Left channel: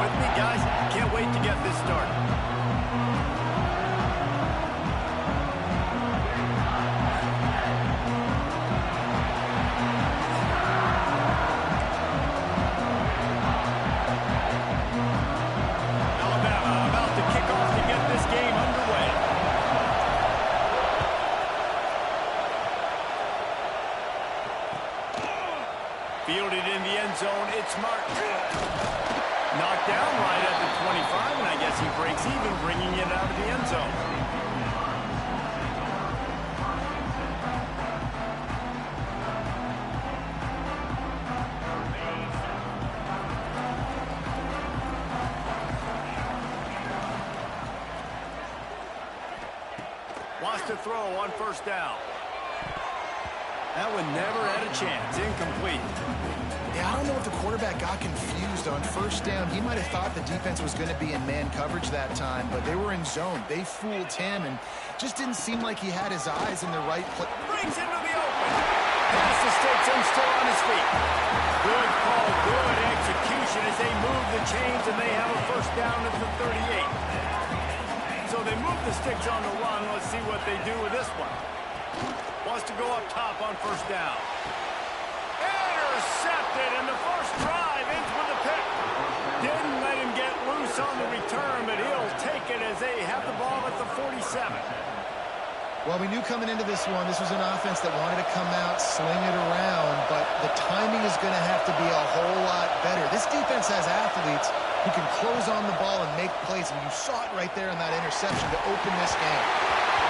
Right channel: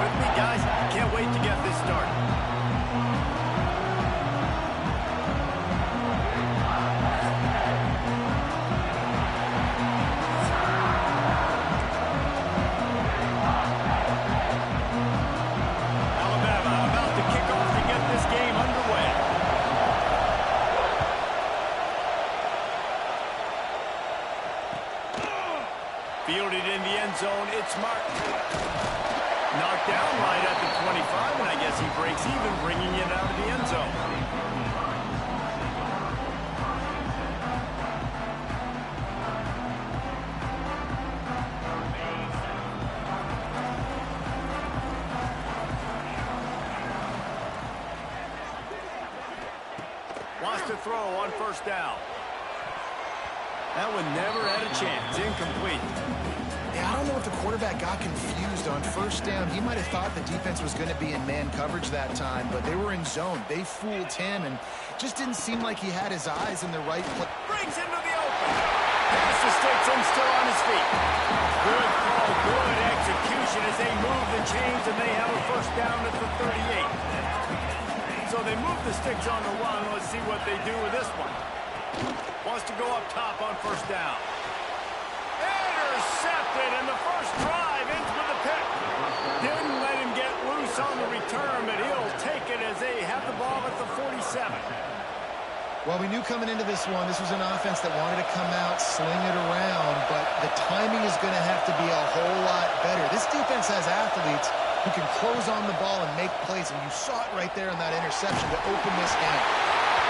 with me, guys? Can't wait to get this started. Alabama about to kick off to get this game underway. Fielded in the end zone, it's Martin. Knocked down right at the 25, and I guess he breaks even, bringing it out of the end zone. Wants to throw on first down. That one never had a chance. Incomplete. Yeah, I don't know if the quarterback got confused on first down. He might have thought the defense was going to be in man coverage that time, but they were in zone. They fooled him, and just didn't seem like he had his eyes in the right place. Brings into the open. Pass the sticks and still on his feet. Good call, good execution as they move the chains, and they have a first down at the 38. So they move the sticks on the run. Let's see what they do with this one. Wants to go up top on first down. Intercepted, and the first drive ends with a pick. Didn't let him get loose on the return, but he'll take it as they have the ball at the 47. Well, we knew coming into this one, this was an offense that wanted to come out, sling it around, but the timing is going to have to be a whole lot better. This defense has athletes who can close on the ball and make plays, and you saw it right there on that interception to open this game.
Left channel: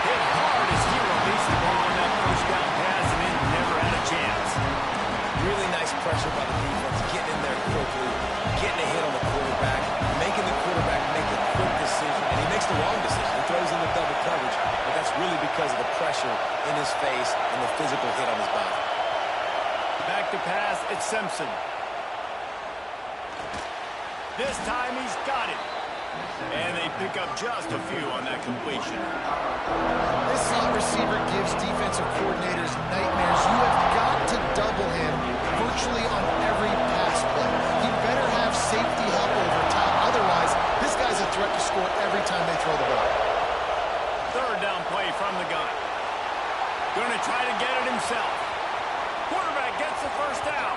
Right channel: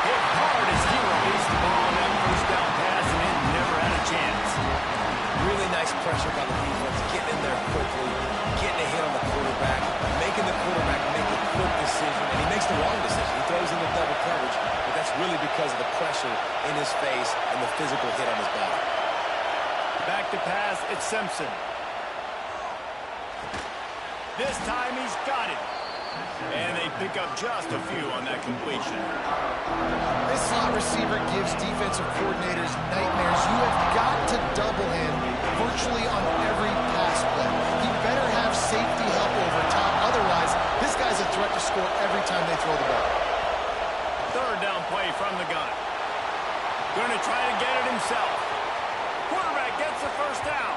Hit hard as he released the ball on that first down pass, and it never had a chance. Really nice pressure by the defense, getting in there quickly, getting a hit on the quarterback, making the quarterback make a quick decision, and he makes the wrong decision. He throws in the double coverage, but that's really because of the pressure in his face and the physical hit on his body. Back to pass, it's Simpson. This time he's got it. And they pick up just a few on that completion. This slot receiver gives defensive coordinators nightmares. You have got to double him virtually on every pass play. He better have safety help over top. Otherwise, this guy's a threat to score every time they throw the ball. Third down play from the gun. Going to try to get it himself. Quarterback gets the first down.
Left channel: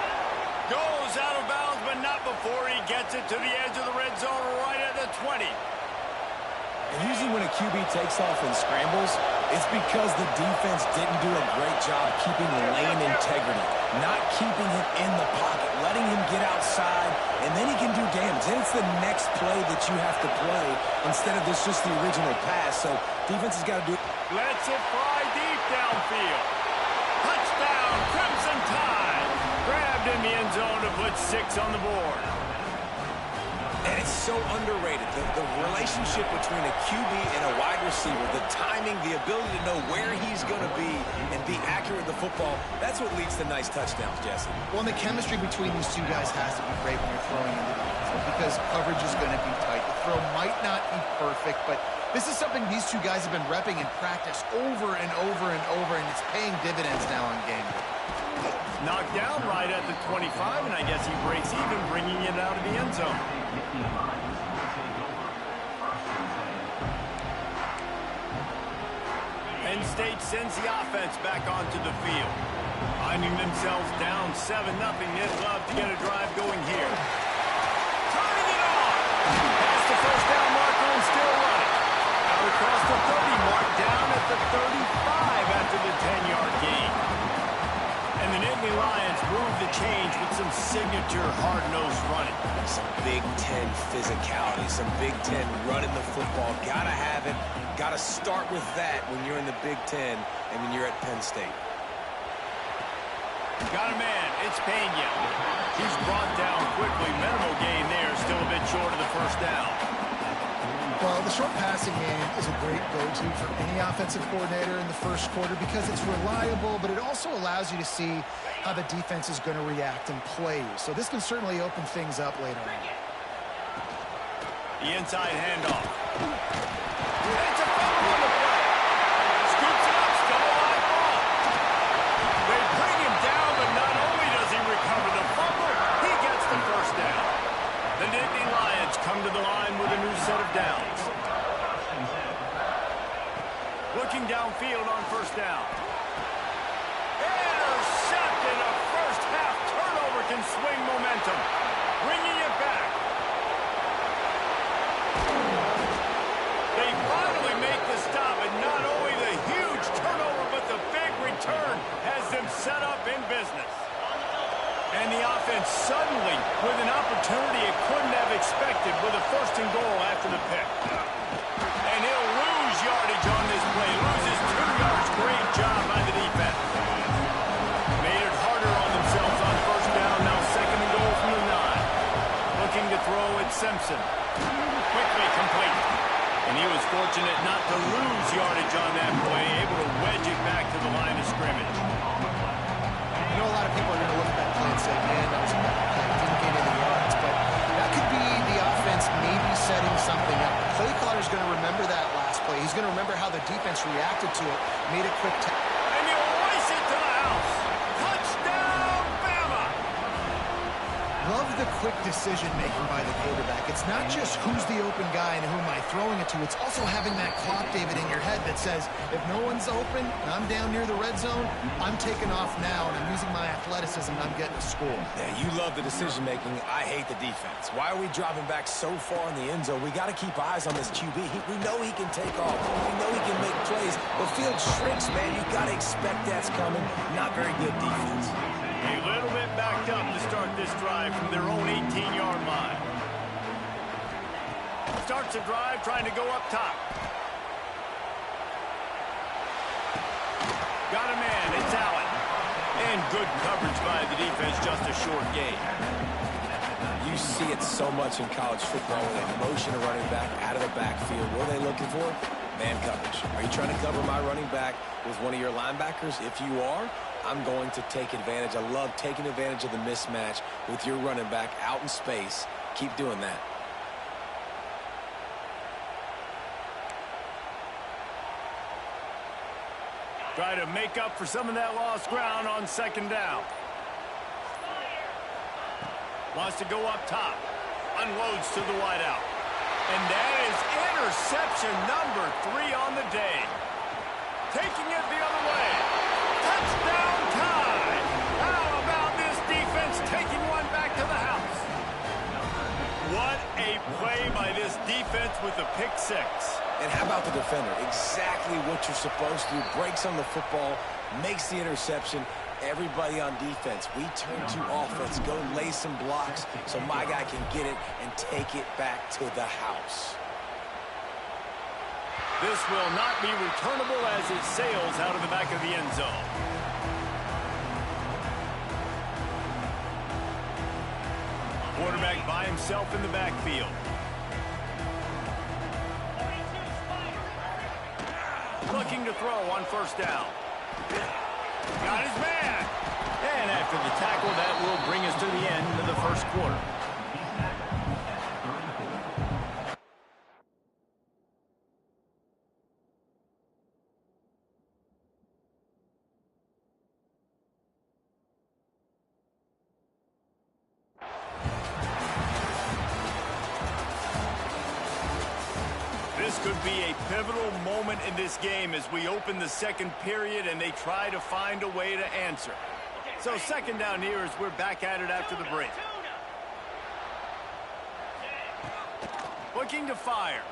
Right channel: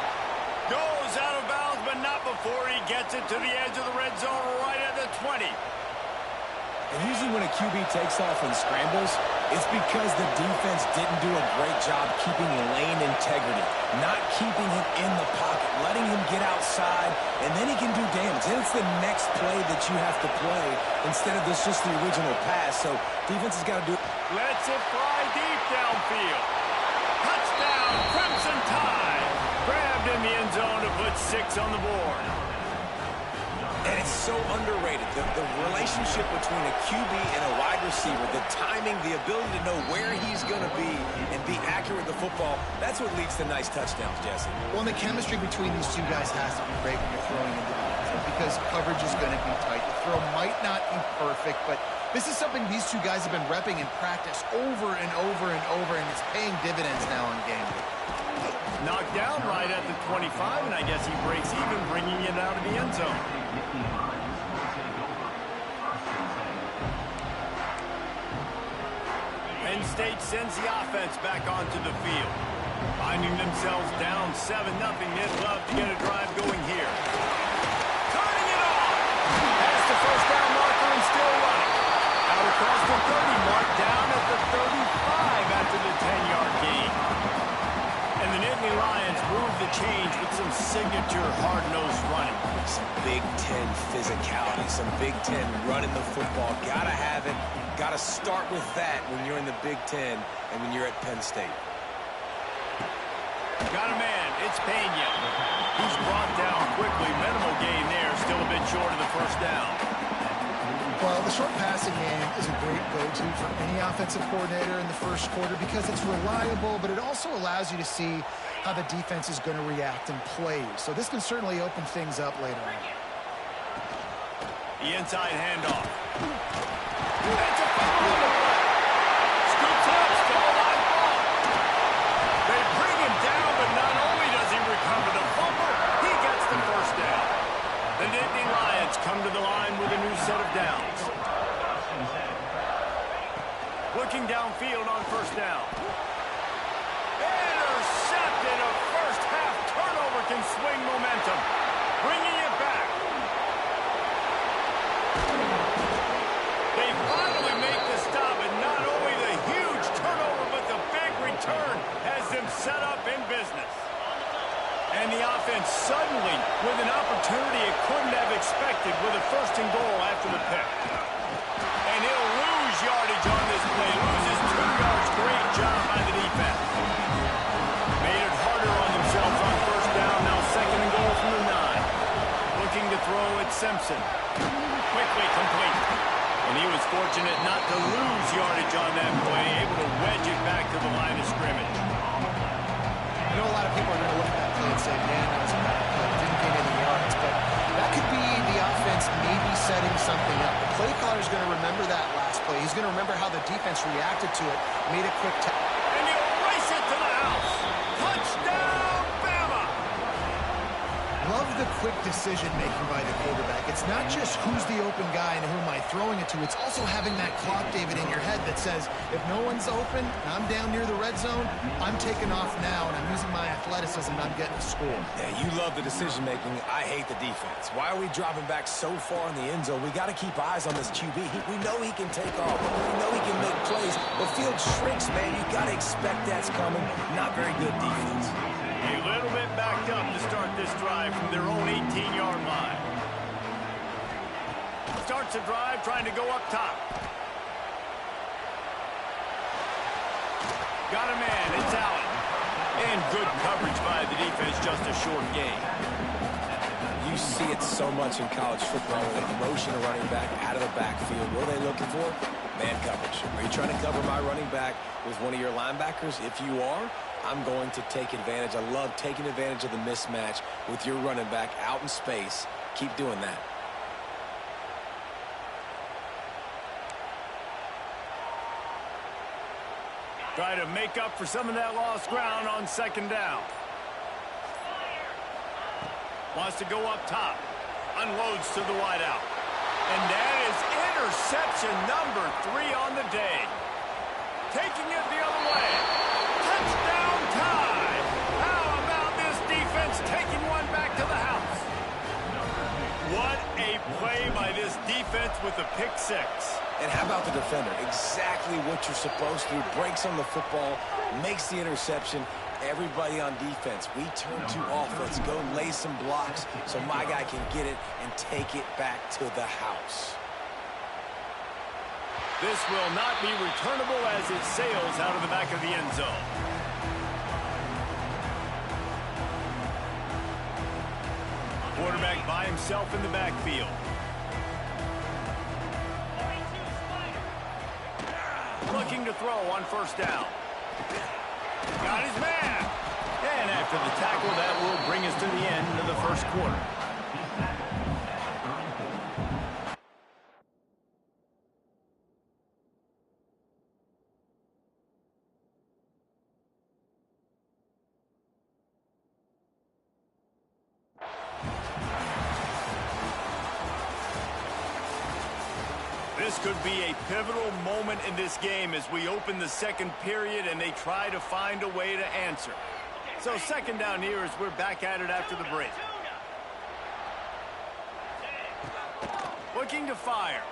Goes out of bounds, but not before he gets it to the edge of the red zone right at the 20. And usually when a QB takes off and scrambles, it's because the defense didn't do a great job keeping lane integrity, not keeping him in the pocket, letting him get outside, and then he can do damage. And it's the next play that you have to play instead of this just the original pass. So defense has got to do it. Lets it fly deep downfield. Touchdown, Crimson Tide. Grabbed in the end zone to put 6 on the board. And it's so underrated. The relationship between a QB and a wide receiver, the timing, the ability to know where he's going to be and be accurate with the football, that's what leads to nice touchdowns, Jesse. Well, and the chemistry between these two guys has to be great when you're throwing into the end zone because coverage is going to be tight. The throw might not be perfect, but this is something these two guys have been repping in practice over and over and over, and it's paying dividends now on game day. Knocked down right at the 25, and I guess he breaks even, bringing it out of the end zone. Penn State sends the offense back onto the field. Finding themselves down 7-0, they'd love to get a drive going here. Turning it on! Past the first down marker and still running. Out across the 30 mark, down at the 35 after the 10-yard gain. And the Nittany Lions move the change with some signature hard-nosed running. Some Big Ten physicality, some Big Ten running the football. Gotta have it. Gotta start with that when you're in the Big Ten and when you're at Penn State. Got a man. It's Pena. He's brought down quickly. Minimal gain there. Still a bit short of the first down. Well, the short passing game is a great go-to for any offensive coordinator in the first quarter because it's reliable, but it also allows you to see how the defense is going to react and play. So this can certainly open things up later on. The inside handoff. It's a fumble on the play. Scoops it up, still a live ball. They bring him down, but not only does he recover the fumble, he gets the first down. The Nittany Lions come to the line with a new set of downs. Looking downfield on first down. Intercepted. A first half turnover can swing momentum. Bringing it back. They finally make the stop, and not only the huge turnover, but the big return has them set up in business. And the offense suddenly, with an opportunity it couldn't have expected, with a first and goal after the pick. And he'll lose yardage on this play. Loses 2 yards. Great job by the defense. Made it harder on themselves on first down. Now second and goal from the 9. Looking to throw at Simpson. Quickly complete. And he was fortunate not to lose yardage on that play. Able to wedge it back to the line of scrimmage. I know a lot of people are going to look at that play and say, man, that was a bad play. Didn't gain any yards. But that could be the offense maybe setting something up. The play caller is going to remember that last play. He's going to remember how the defense reacted to it, made a quick tap. And he'll race it to the house. Touchdown, Bama! Love the quick decision-making by the quarterback. It's not just who's the open guy and who am I throwing it to. It's also having that clock, David, in your head that says, if no one's open and I'm down near the red zone, I'm taking off now, and I'm using my athleticism, and I'm getting a score. Yeah, you love the decision-making. I hate the defense. Why are we dropping back so far in the end zone? We got to keep eyes on this QB. We know he can take off. We know he can make plays. The field shrinks, man. You got to expect that's coming. Not very good defense. A little bit backed up to start this drive from their own 18-yard line. Starts the drive trying to go up top. Got a man. It's Allen. And good coverage by the defense, just a short gain. You see it so much in college football when they motion a running back out of the backfield. What are they looking for? Man coverage. Are you trying to cover my running back with one of your linebackers? If you are, I'm going to take advantage. I love taking advantage of the mismatch with your running back out in space. Keep doing that. Try to make up for some of that lost ground on second down. Wants to go up top. Unloads to the wideout. And that is interception number 3 on the day. Taking it the other way. Touchdown tie. How about this defense taking one back to the house? What a play by this defense with the pick 6. And how about the defender? Exactly what you're supposed to do. Breaks on the football, makes the interception. Everybody on defense, we turn to offense. Go lay some blocks so my guy can get it and take it back to the house. This will not be returnable as it sails out of the back of the end zone. Quarterback by himself in the backfield. Looking to throw on first down. Got his man. And after the tackle, that will bring us to the end of the first quarter. This could be a pivotal moment in this game as we open the second period and they try to find a way to answer. So second down here as we're back at it after the break. Looking to fire.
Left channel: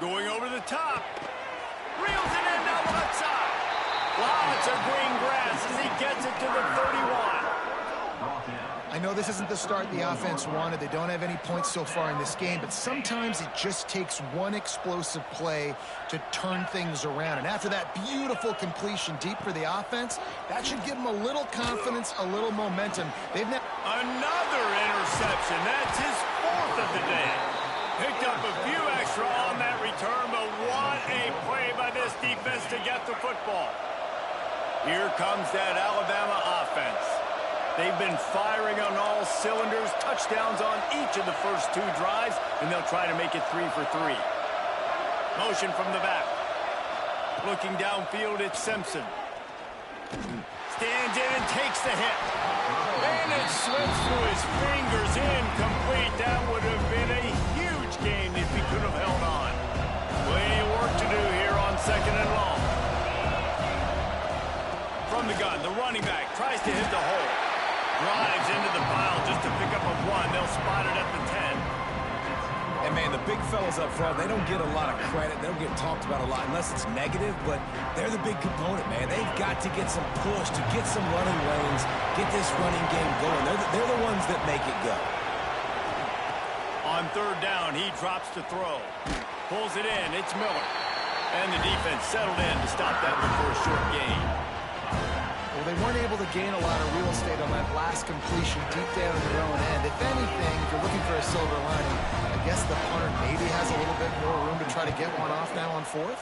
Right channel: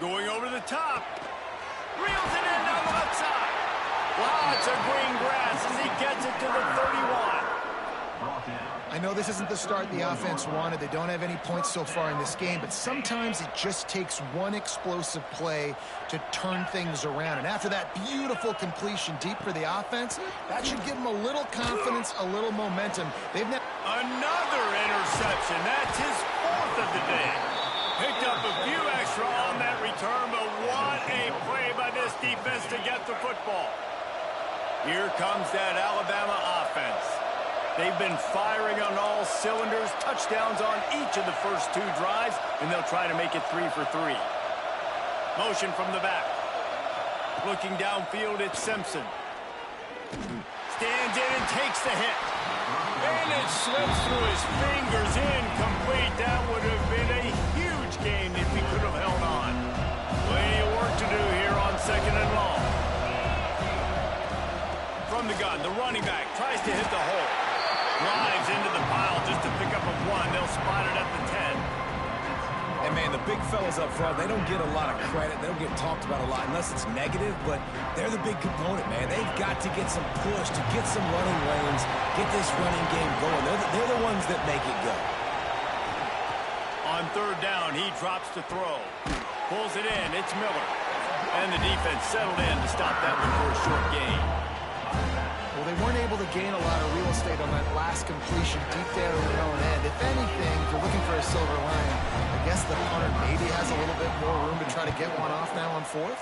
Going over the top. Reels it in down the left side. Lots of green grass as he gets it to the 31. I know this isn't the start the offense wanted. They don't have any points so far in this game, but sometimes it just takes one explosive play to turn things around. And after that beautiful completion deep for the offense, that should give them a little confidence, a little momentum. They've never... Another interception. That's his 4th of the day. Picked up a few extra on that return, but what a play by this defense to get the football. Here comes that Alabama offense. They've been firing on all cylinders, touchdowns on each of the first 2 drives, and they'll try to make it 3 for 3. Motion from the back. Looking downfield, it's Simpson. Stands in and takes the hit. And it slips through his fingers, incomplete. that would have been a huge gain if he could have held on. Plenty of work to do here on 2nd and long. From the gun, the running back tries to hit the hole. Drives into the pile just to pick up a 1. They'll spot it at the 10. And, man, the big fellas up front, they don't get a lot of credit. They don't get talked about a lot unless it's negative, but they're the big component, man. They've got to get some push, to get some running lanes, get this running game going. They're the ones that make it go. On 3rd down, he drops to throw. Pulls it in. It's Miller. And the defense settled in to stop that one for a short gain. Well, they weren't able to gain a lot of real estate on that last completion deep down in their own end. If anything, if you're looking for a silver lining, I guess the punter maybe has a little bit more room to try to get one off now on 4th.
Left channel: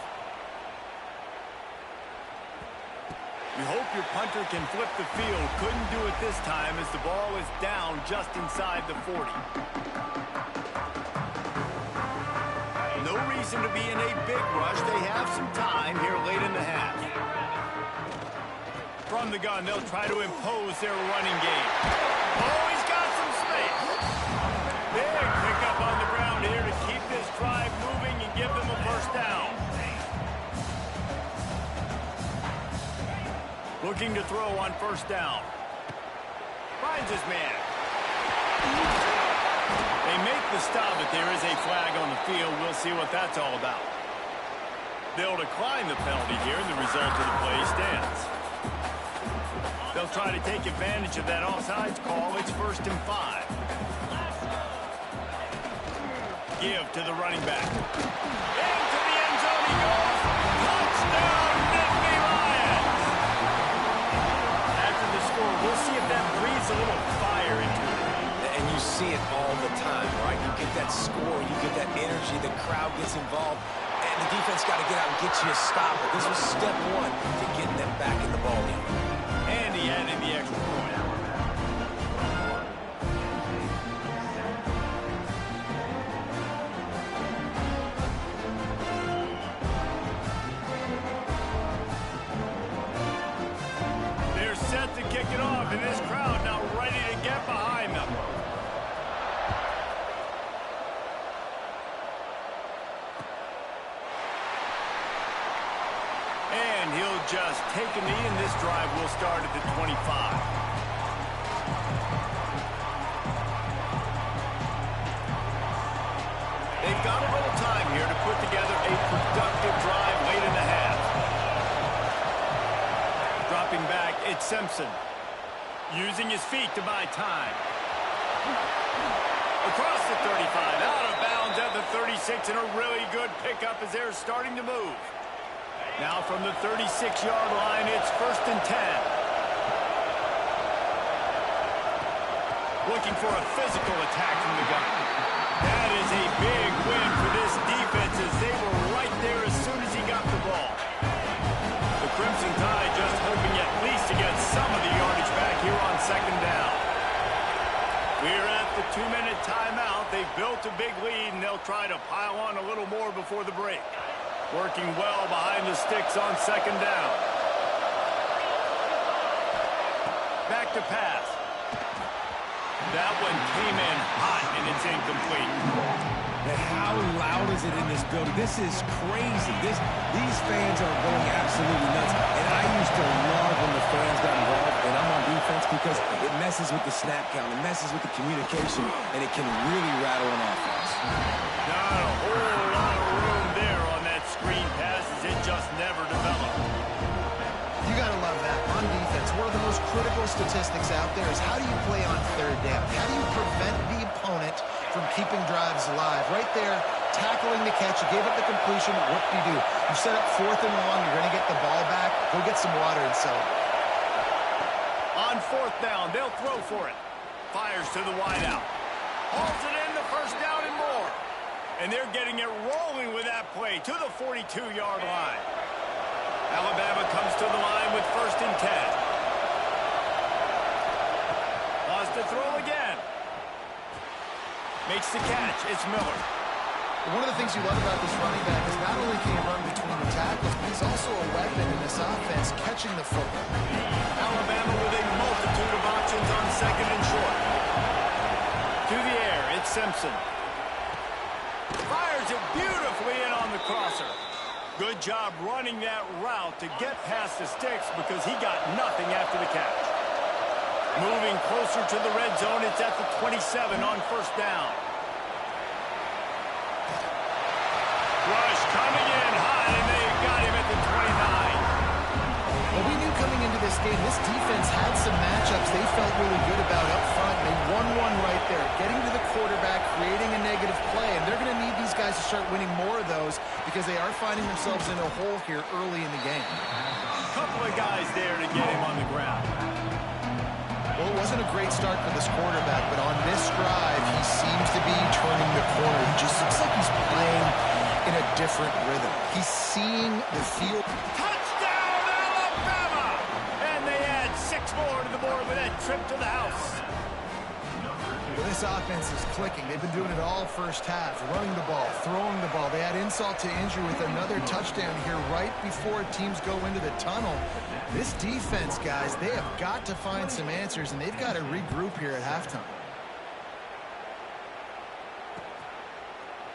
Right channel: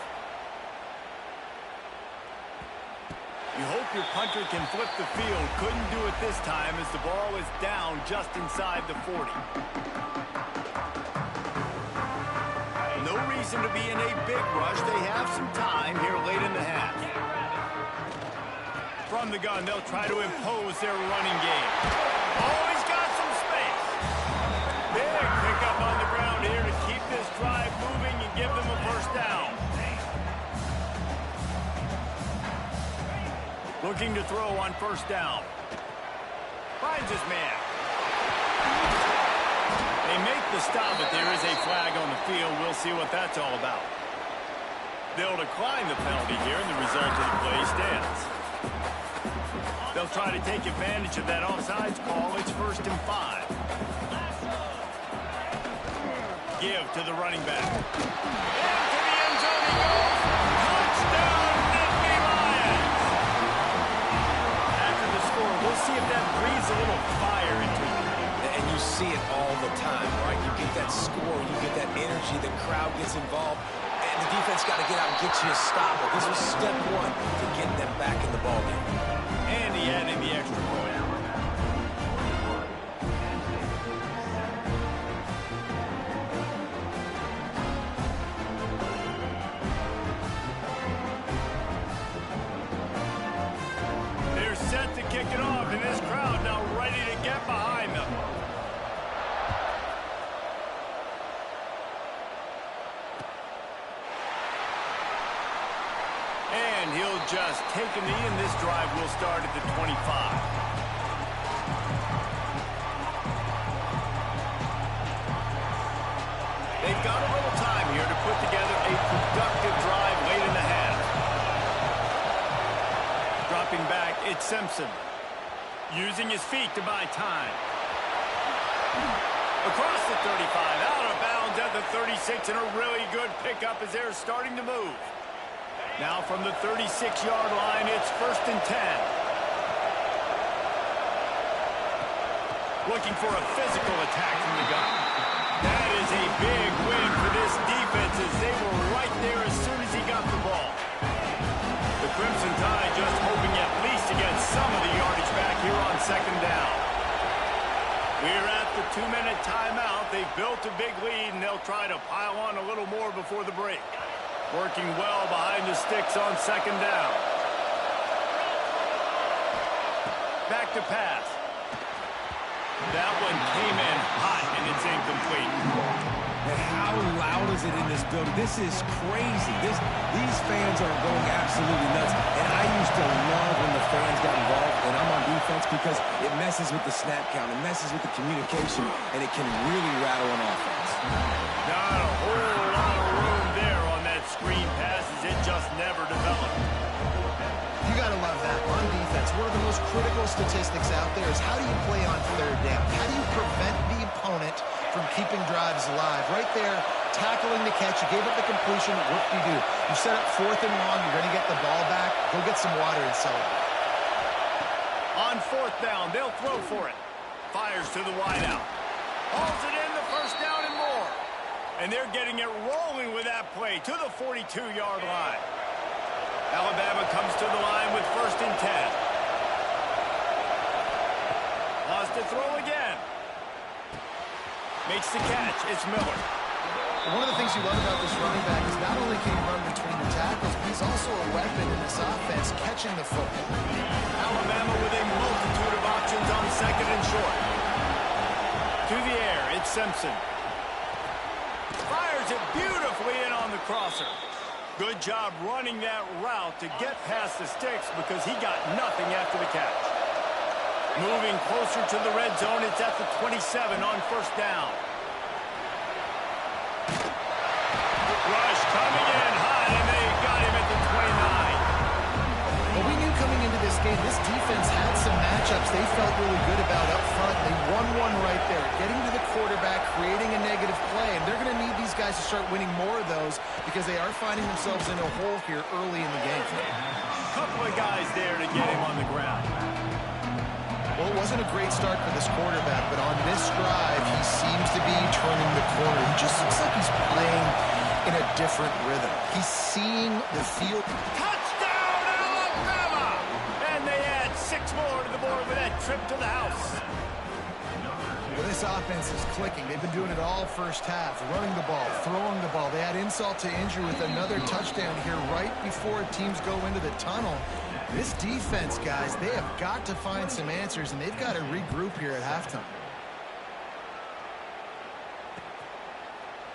You hope your punter can flip the field. Couldn't do it this time as the ball is down just inside the 40. No reason to be in a big rush. They have some time here late in the half. From the gun, they'll try to impose their running game. Oh, he's got some space. Big pickup on the ground here to keep this drive moving and give them a first down. Looking to throw on 1st down. Finds his man. They make the stop, but there is a flag on the field. We'll see what that's all about. They'll decline the penalty here, and the result of the play stands. They'll try to take advantage of that offsides call. It's 1st and 5. Give to the running back. Into the end zone he goes. Touchdown, Nittany Lions! After the score, we'll see if that breathes a little fire into it. And you see it all the time, right? You get that score, you get that energy, the crowd gets involved, and the defense got to get out and get you a stop. But this was step 1 to getting them back in the ballgame. And he added the extra point. They're set to kick it off, and this crowd now ready to get behind them. And he'll just take a knee, and this drive will start at the 25. They've got a little time here to put together a productive drive late in the half. Dropping back, it's Simpson. Using his feet to buy time. Across the 35, out of bounds at the 36, and a really good pickup as they're starting to move. Now from the 36-yard line, it's 1st and 10. Looking for a physical attack from the gun. That is a big win for this defense as they were right there as soon as he got the ball. The Crimson Tide just hoping at least to get some of the yardage back here on 2nd down. We're at the 2-minute timeout. They've built a big lead, and they'll try to pile on a little more before the break. Working well behind the sticks on 2nd down. Back to pass. That one came in hot, and it's incomplete. And how loud is it in this building? This is crazy. These fans are going absolutely nuts. And I used to love when the fans got involved, and I'm on defense because it messes with the snap count. It messes with the communication, and it can really rattle an offense. Not a whole lot of room there on that screen pass as it just never developed. You got to love that. On defense, one of the most critical statistics out there is how do you play on 3rd down? How do you prevent the opponent from keeping drives alive? Right there, tackling the catch. You gave up the completion. Whoop-de-doo. You set up 4th and long. You're going to get the ball back. Go get some water and celebrate. On 4th down, they'll throw for it. Fires to the wideout. Hauls it in, the 1st down and more. And they're getting it rolling with that play to the 42-yard line. Alabama comes to the line with 1st and 10. Wants to throw again. Makes the catch. It's Miller. One of the things you love about this running back is not only can he run between the tackles, but he's also a weapon in this offense catching the football. Alabama with a multitude of options on 2nd and short. To the air, it's Simpson. Fires it beautifully in on the crosser. Good job running that route to get past the sticks because he got nothing after the catch. Moving closer to the red zone, it's at the 27 on first down. Rush coming in hot, and they got him at the 29. Well, we knew coming into this game, this defense had some matchups they felt really good about up front. They won one right there, getting to the quarterback, creating a negative play, and they're going to need these guys to start winning more of those because they are finding themselves in a hole here early in the game. Couple of guys there to get him on the ground. Well, it wasn't a great start for this quarterback, but on this drive, he seems to be turning the corner. He just looks like he's playing in a different rhythm. He's seeing the field. Touchdown, Alabama! And they add 6 more to the board with that trip to the house. Well, this offense is clicking. They've been doing it all first half, running the ball, throwing the ball. They add insult to injury with another touchdown here right before teams go into the tunnel. This defense, guys, they have got to find some answers, and they've got to regroup here at halftime.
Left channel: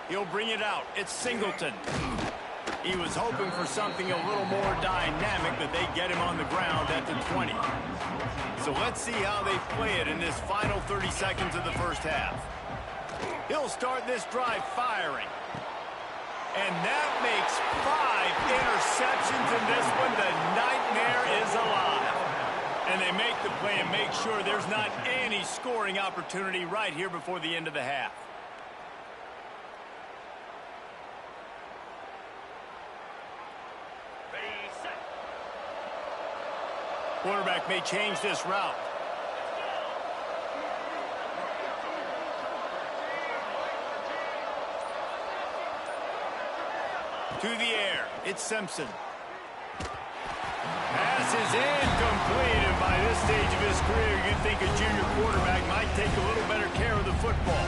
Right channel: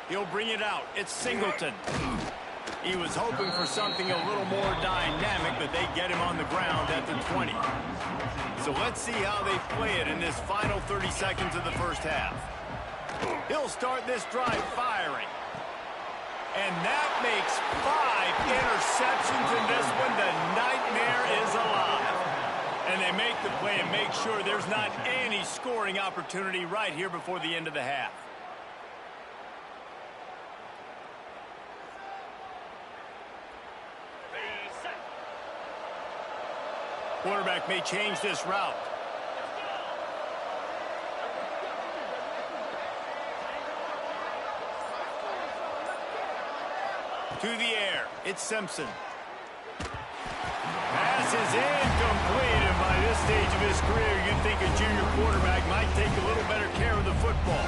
He'll bring it out. It's Singleton. He was hoping for something a little more dynamic, but they get him on the ground at the 20. So let's see how they play it in this final 30 seconds of the first half. He'll start this drive firing. And that makes 5 interceptions in this one. The nightmare is alive. And they make the play and make sure there's not any scoring opportunity right here before the end of the half. Quarterback may change this route. To the air, it's Simpson. Pass is incomplete, and by this stage of his career, you'd think a junior quarterback might take a little better care of the football.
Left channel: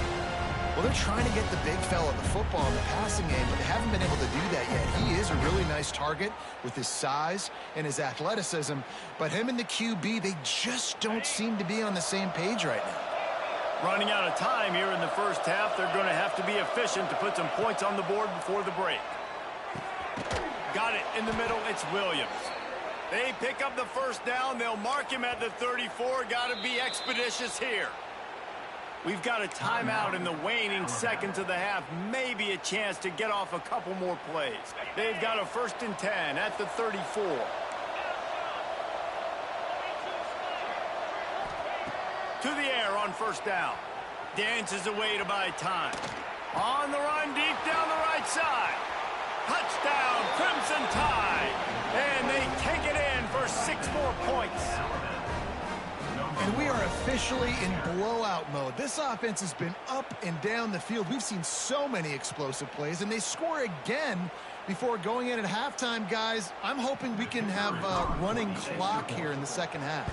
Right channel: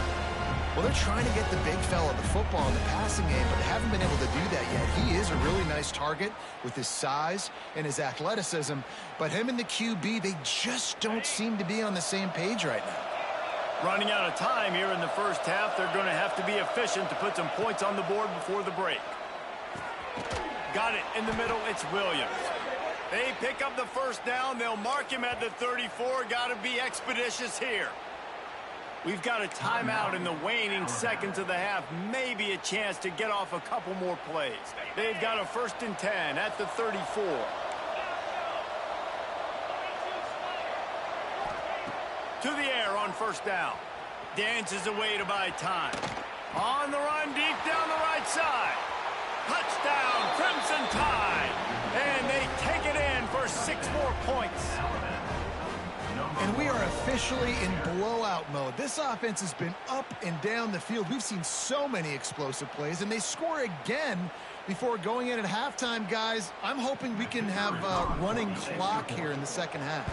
Well, they're trying to get the big fella the football in the passing game, but they haven't been able to do that yet. He is a really nice target with his size and his athleticism, but him and the QB, they just don't seem to be on the same page right now. Running out of time here in the first half, they're going to have to be efficient to put some points on the board before the break. Got it in the middle, it's Williams. They pick up the first down, they'll mark him at the 34. Got to be expeditious here. We've got a timeout in the waning seconds of the half. Maybe a chance to get off a couple more plays. They've got a 1st and 10 at the 34. To the air on first down. Dances away to buy time. On the run, deep down the right side. Touchdown, Crimson Tide. And they take it in for 6 more points. And we are officially in blowout mode. This offense has been up and down the field. We've seen so many explosive plays, and they score again before going in at halftime, guys. I'm hoping we can have a running clock here in the second half.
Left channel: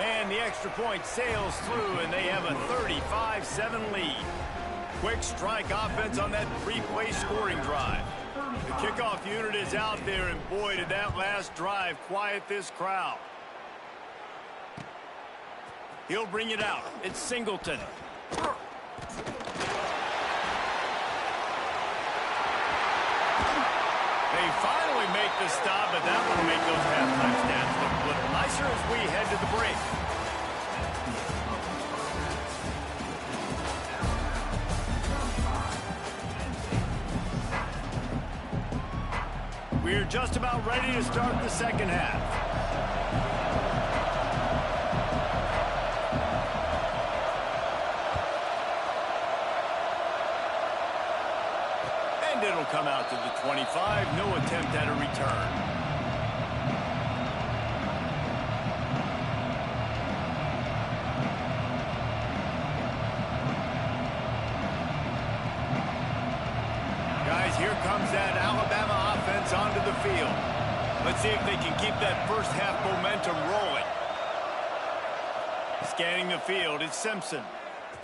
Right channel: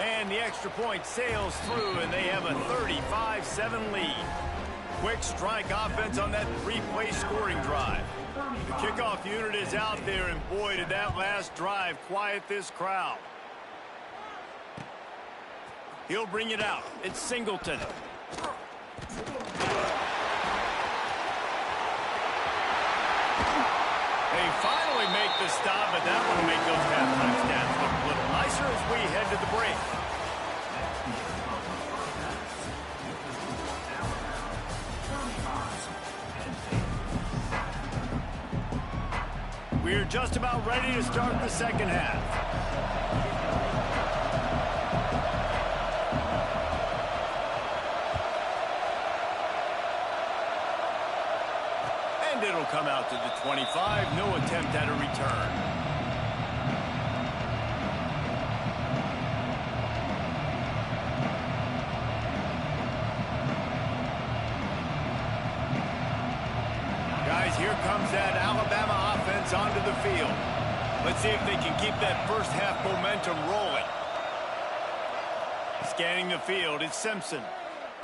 And the extra point sails through, and they have a 35-7 lead. Quick strike offense on that 3-play scoring drive. The kickoff unit is out there, and boy, did that last drive quiet this crowd. He'll bring it out. It's Singleton. They finally make the stop, but that will make those halftime stats look a little nicer as we head to the break. We're just about ready to start the second half. And it'll come out to the 25. No attempt at a return. Guys, here comes that Alabama offense onto the field. Let's see if they can keep that first half momentum rolling. Scanning the field, it's Simpson.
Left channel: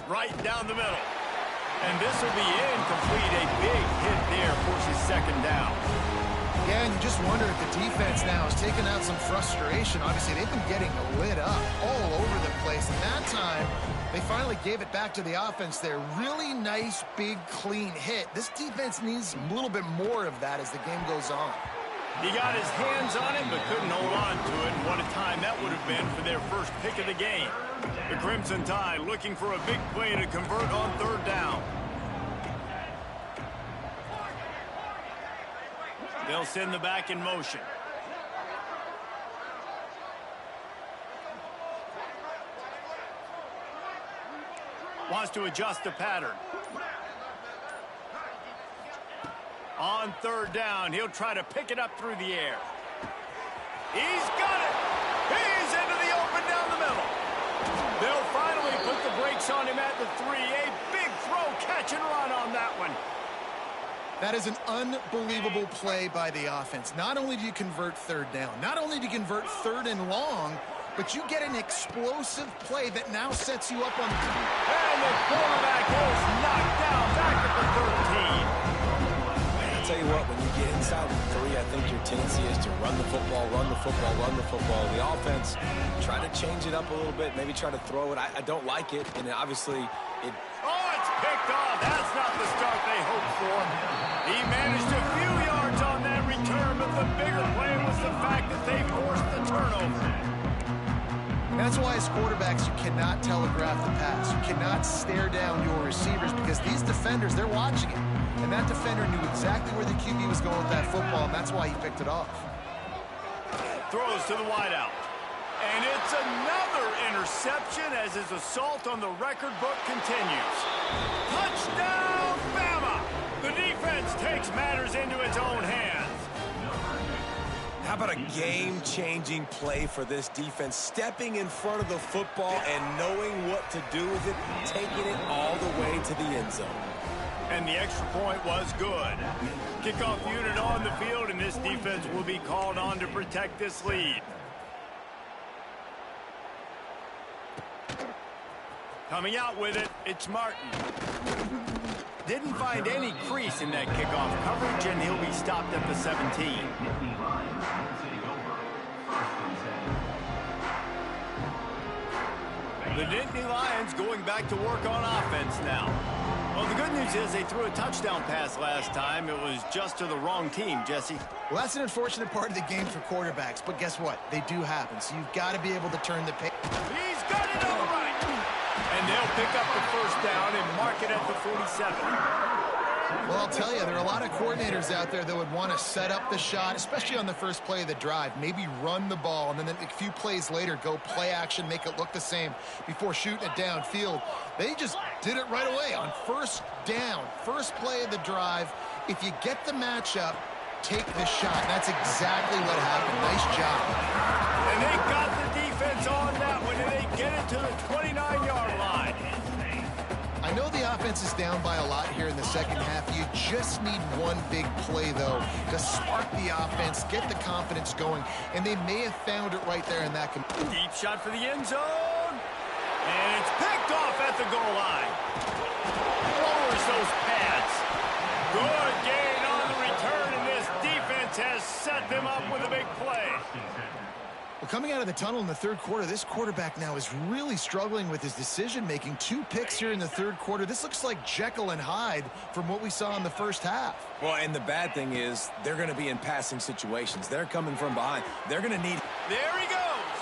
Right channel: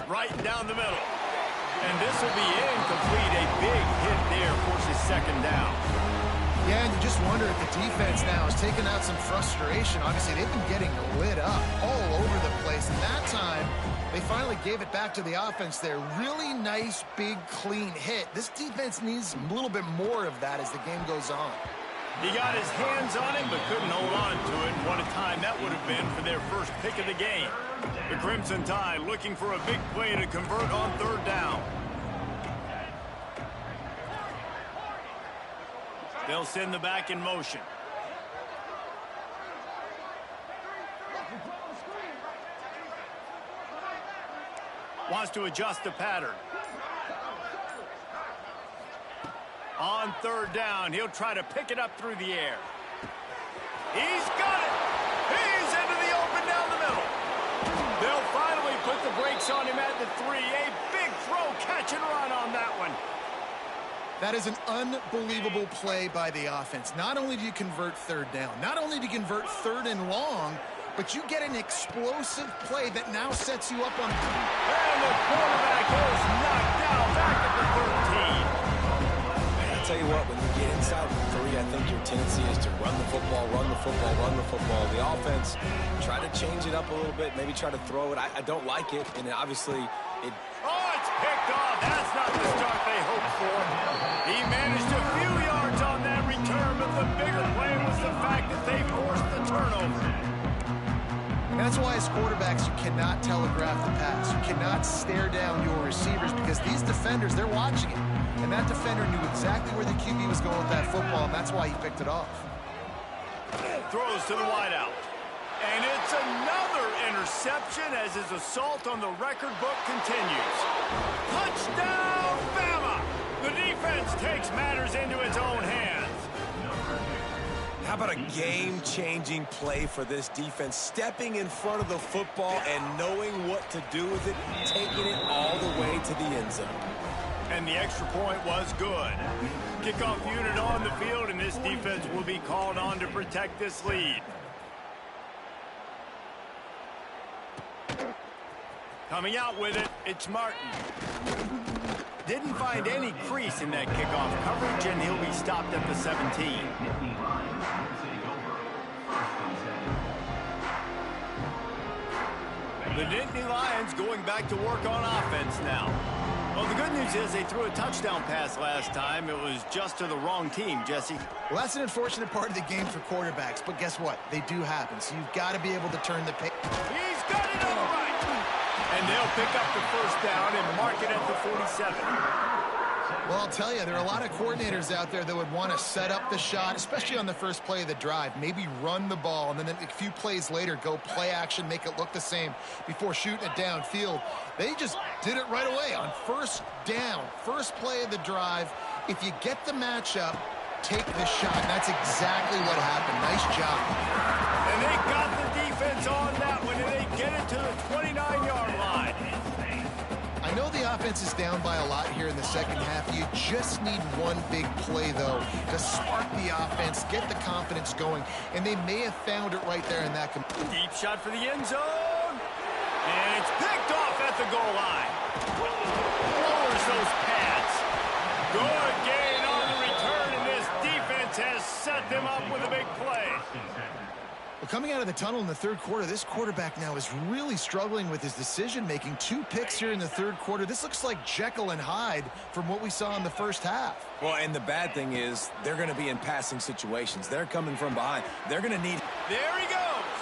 Right down the middle. And this will be incomplete. A big hit there forces second down. Yeah, and you just wonder if the defense now has taken out some frustration. Obviously, they've been getting lit up all over the place, and that time they finally gave it back to the offense there. Really nice, big, clean hit. This defense needs a little bit more of that as the game goes on. He got his hands on it, but couldn't hold on to it, and what a time that would have been for their first pick of the game. The Crimson Tide looking for a big play to convert on third down. They'll send the back in motion. Wants to adjust the pattern. On third down, he'll try to pick it up through the air. He's got it! He's into the open down the middle. They'll finally put the brakes on him at the 3. A big throw, catch and run on that one. That is an unbelievable play by the offense. Not only do you convert third down, not only do you convert third and long, but you get an explosive play that now sets you up on... And the quarterback is knocked down back at the 13. I'll tell you what, when you get inside the 3, I think your tendency is to run the football, run the football, run the football. The offense, try to change it up a little bit, maybe try to throw it. I don't like it, and obviously it... Oh, it's picked off. That's not the start they hoped for. He managed a few yards on that return, but the bigger play was the fact that they forced the turnover. And that's why as quarterbacks, you cannot telegraph the pass. You cannot stare down your receivers because these defenders, they're watching it. And that defender knew exactly where the QB was going with that football, and that's why he picked it off. Throws to the wideout. And it's another interception as his assault on the record book continues. Touchdown, Bama! The defense takes matters into its own hands. How about a game-changing play for this defense? Stepping in front of the football and knowing what to do with it, taking it all the way to the end zone. And the extra point was good. Kickoff unit on the field, and this defense will be called on to protect this lead. Coming out with it, it's Martin. Didn't find any crease in that kickoff coverage, and he'll be stopped at the 17. The Nittany Lions going back to work on offense now. Well, the good news is they threw a touchdown pass last time. It was just to the wrong team, Jesse. Well, that's an unfortunate part of the game for quarterbacks, but guess what? They do happen, so you've got to be able to turn the page. He's got it all right. And they'll pick up the first down and mark it at the 47. Well, I'll tell you, there are a lot of coordinators out there that would want to set up the shot, especially on the first play of the drive, maybe run the ball, and then a few plays later go play action, make it look the same before shooting it downfield. They just did it right away on first down, first play of the drive. If you get the matchup, take the shot. And that's exactly what happened. Nice job. And they got the defense on that one, and they get it to the 29-yard line. I know the offense is down by a lot here in the second half. You just need one big play, though, to spark the offense, get the confidence going, and they may have found it right there in that. Deep shot for the end zone, and it's picked off at the goal line. Lowers those pads. Good gain on the return, and this defense has set them up with a big play. Well, coming out of the tunnel in the third quarter, this quarterback now is really struggling with his decision-making. 2 picks here in the third quarter. This looks like Jekyll and Hyde from what we saw in the first half. Well, and the bad thing is they're going to be in passing situations. They're coming from behind. They're going to need... There he goes.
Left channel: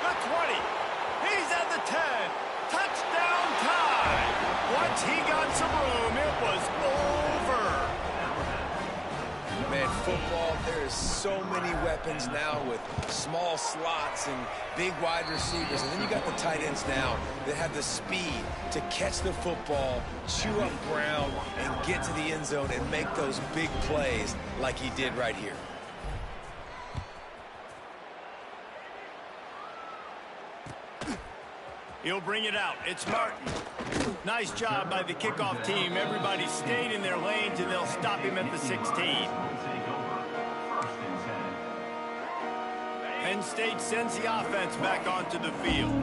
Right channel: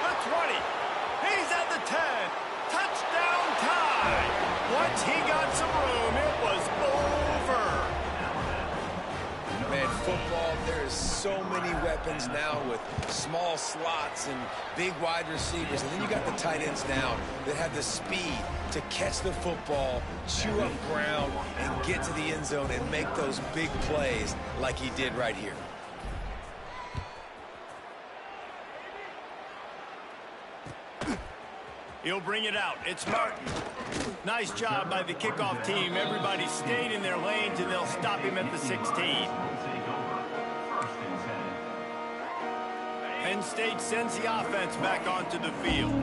The 20. He's at the 10. Touchdown tie. Once he got some room, it was over. Man, football, there is so many weapons now with small slots and big wide receivers. And then you got the tight ends now that have the speed to catch the football, chew up ground, and get to the end zone and make those big plays like he did right here. He'll bring it out. It's Martin. Nice job by the kickoff team. Everybody stayed in their lanes, and they'll stop him at the 16. Penn State sends the offense back onto the field.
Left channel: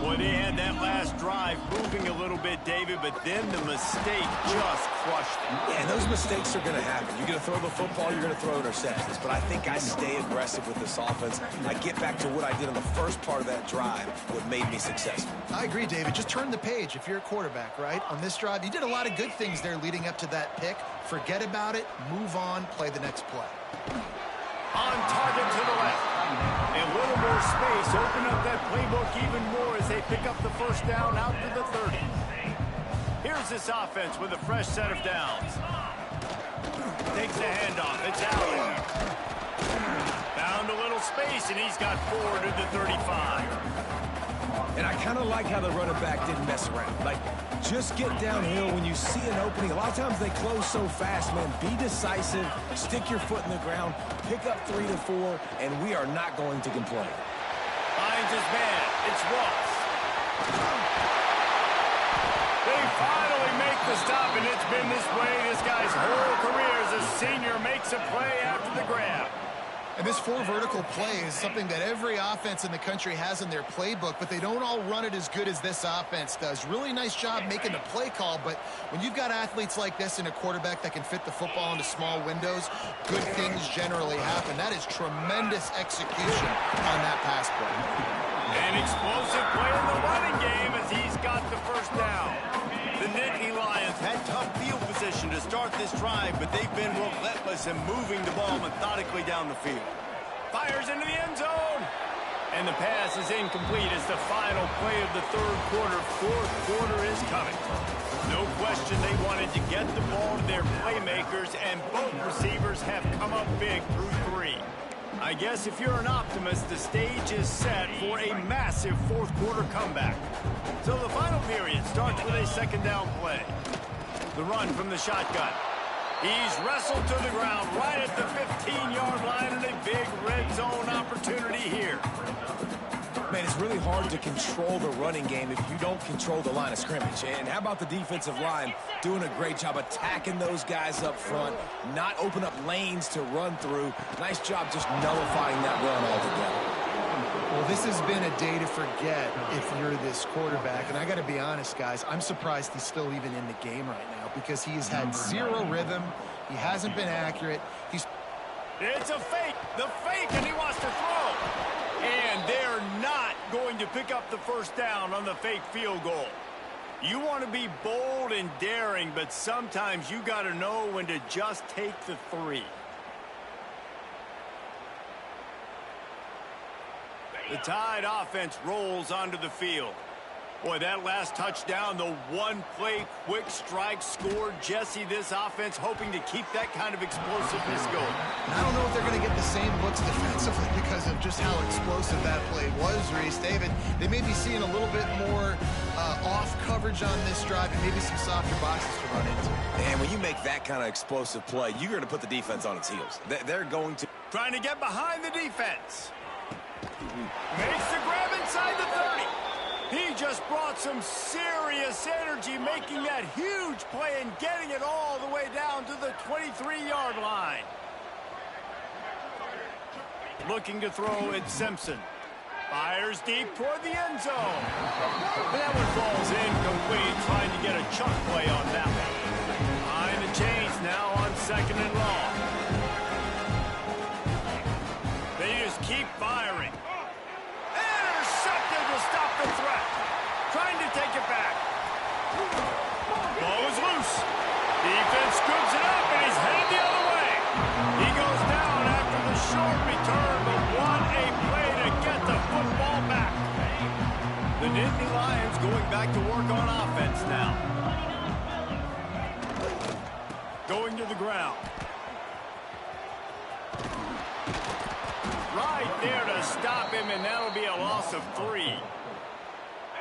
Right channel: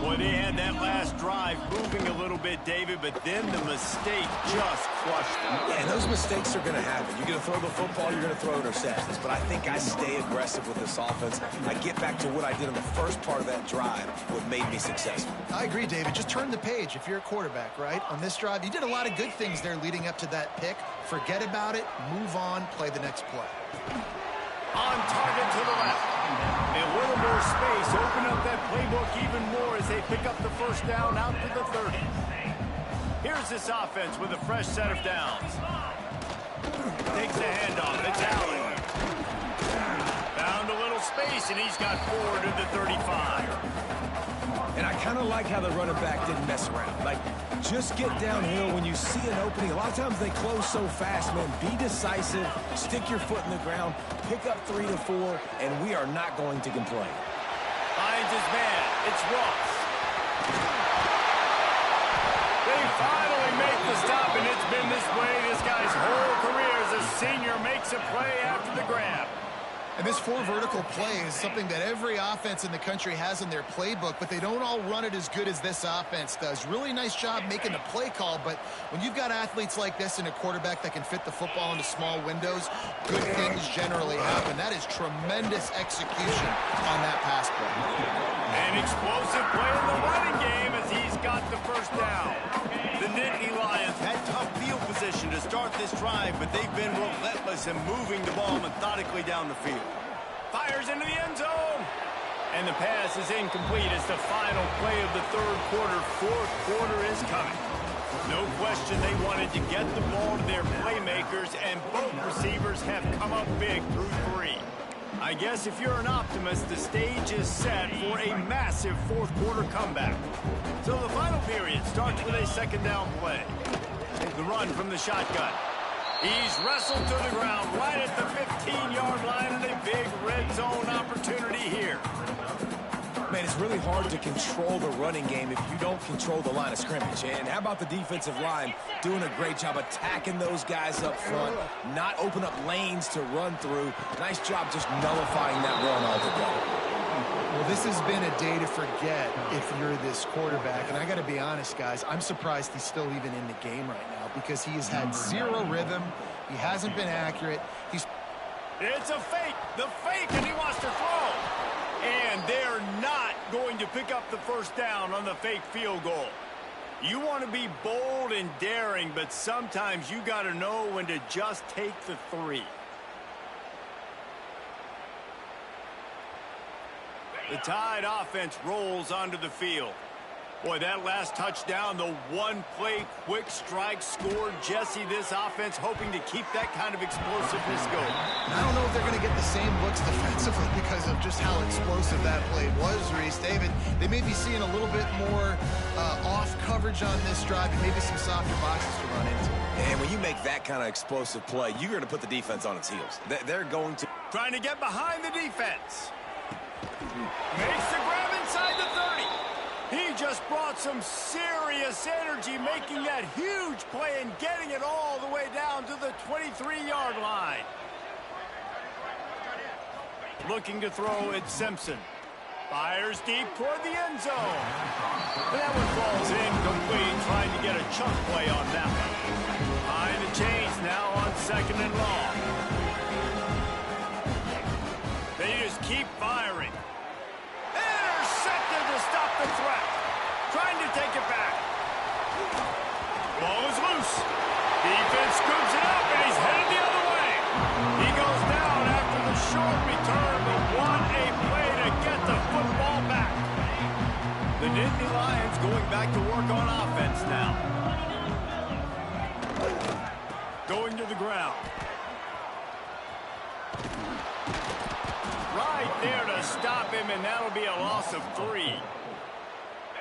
Boy, they had that last drive moving a little bit, David, but then the mistake just crushed them. Yeah, and those mistakes are going to happen. You're going to throw the football, you're going to throw interceptions. But I think I stay aggressive with this offense. I get back to what I did in the first part of that drive, what made me successful. I agree, David. Just turn the page if you're a quarterback, right? On this drive, you did a lot of good things there leading up to that pick. Forget about it, move on, play the next play. On target to the left. A little more space. Open up that playbook even more as they pick up the first down out to the 30. Here's this offense with a fresh set of downs. Takes the handoff. It's Allen. Found a little space, and he's got 4 to the 35. And I kind of like how the running back didn't mess around. Like, just get downhill when you see an opening. A lot of times they close so fast, man. Be decisive, stick your foot in the ground, pick up 3 to 4, and we are not going to complain. Finds his man. It's Ross. They finally make the stop, and it's been this way this guy's whole career as a senior. Makes a play after the grab. And this 4 vertical play is something that every offense in the country has in their playbook, but they don't all run it as good as this offense does. Really nice job making the play call, but when you've got athletes like this and a quarterback that can fit the football into small windows, good things generally happen. That is tremendous execution on that pass play. An explosive play in the running game as he's got the first down. The Nittany Lions had tough field position to start this drive, but they've been relentless in moving the ball methodically down the field. Fires into the end zone. And the pass is incomplete as the final play of the third quarter. Fourth quarter is coming. No question they wanted to get the ball to their playmakers, and both receivers have come up big through 3. I guess if you're an optimist, the stage is set for a massive fourth quarter comeback. So the final period starts with a second down play. The run from the shotgun. He's wrestled to the ground right at the 15-yard line, and a big red zone opportunity here. Man, it's really hard to control the running game if you don't control the line of scrimmage. And how about the defensive line doing a great job attacking those guys up front, not open up lanes to run through. Nice job just nullifying that run altogether. Well, this has been a day to forget if you're this quarterback. And I got to be honest, guys, I'm surprised he's still even in the game right now because he has had 0 rhythm. He hasn't been accurate. It's a fake. The fake, and he wants to throw. And they're not going to pick up the first down on the fake field goal. You want to be bold and daring, but sometimes you got to know when to just take the 3. The Tide offense rolls onto the field. Boy, that last touchdown, the one-play quick strike scored. Jesse, this offense hoping to keep that kind of explosiveness going. I don't know if they're going to get the same looks defensively because of just how explosive that play was, Reese. David, they may be seeing a little bit more off coverage on this drive and maybe some softer boxes to run into. And when you make that kind of explosive play, you're going to put the defense on its heels. They're going to... Trying to get behind the defense. Makes the grab inside the 30. He just brought some serious energy, making that huge play and getting it all the way down to the 23-yard line. Looking to throw it, Simpson. Fires deep toward the end zone. But that one falls incomplete, trying to get a chunk play on that one. Behind the chains now on 2nd and long. They just keep firing. Intercepted to stop the threat. Trying to take it back. Ball is loose. Defense scoops it up, and he's headed the other way. He goes down after the short return, but what a play to get the football back. The Nittany Lions going back to work on offense now. Going to the ground. Right there to stop him, and that'll be a loss of 3.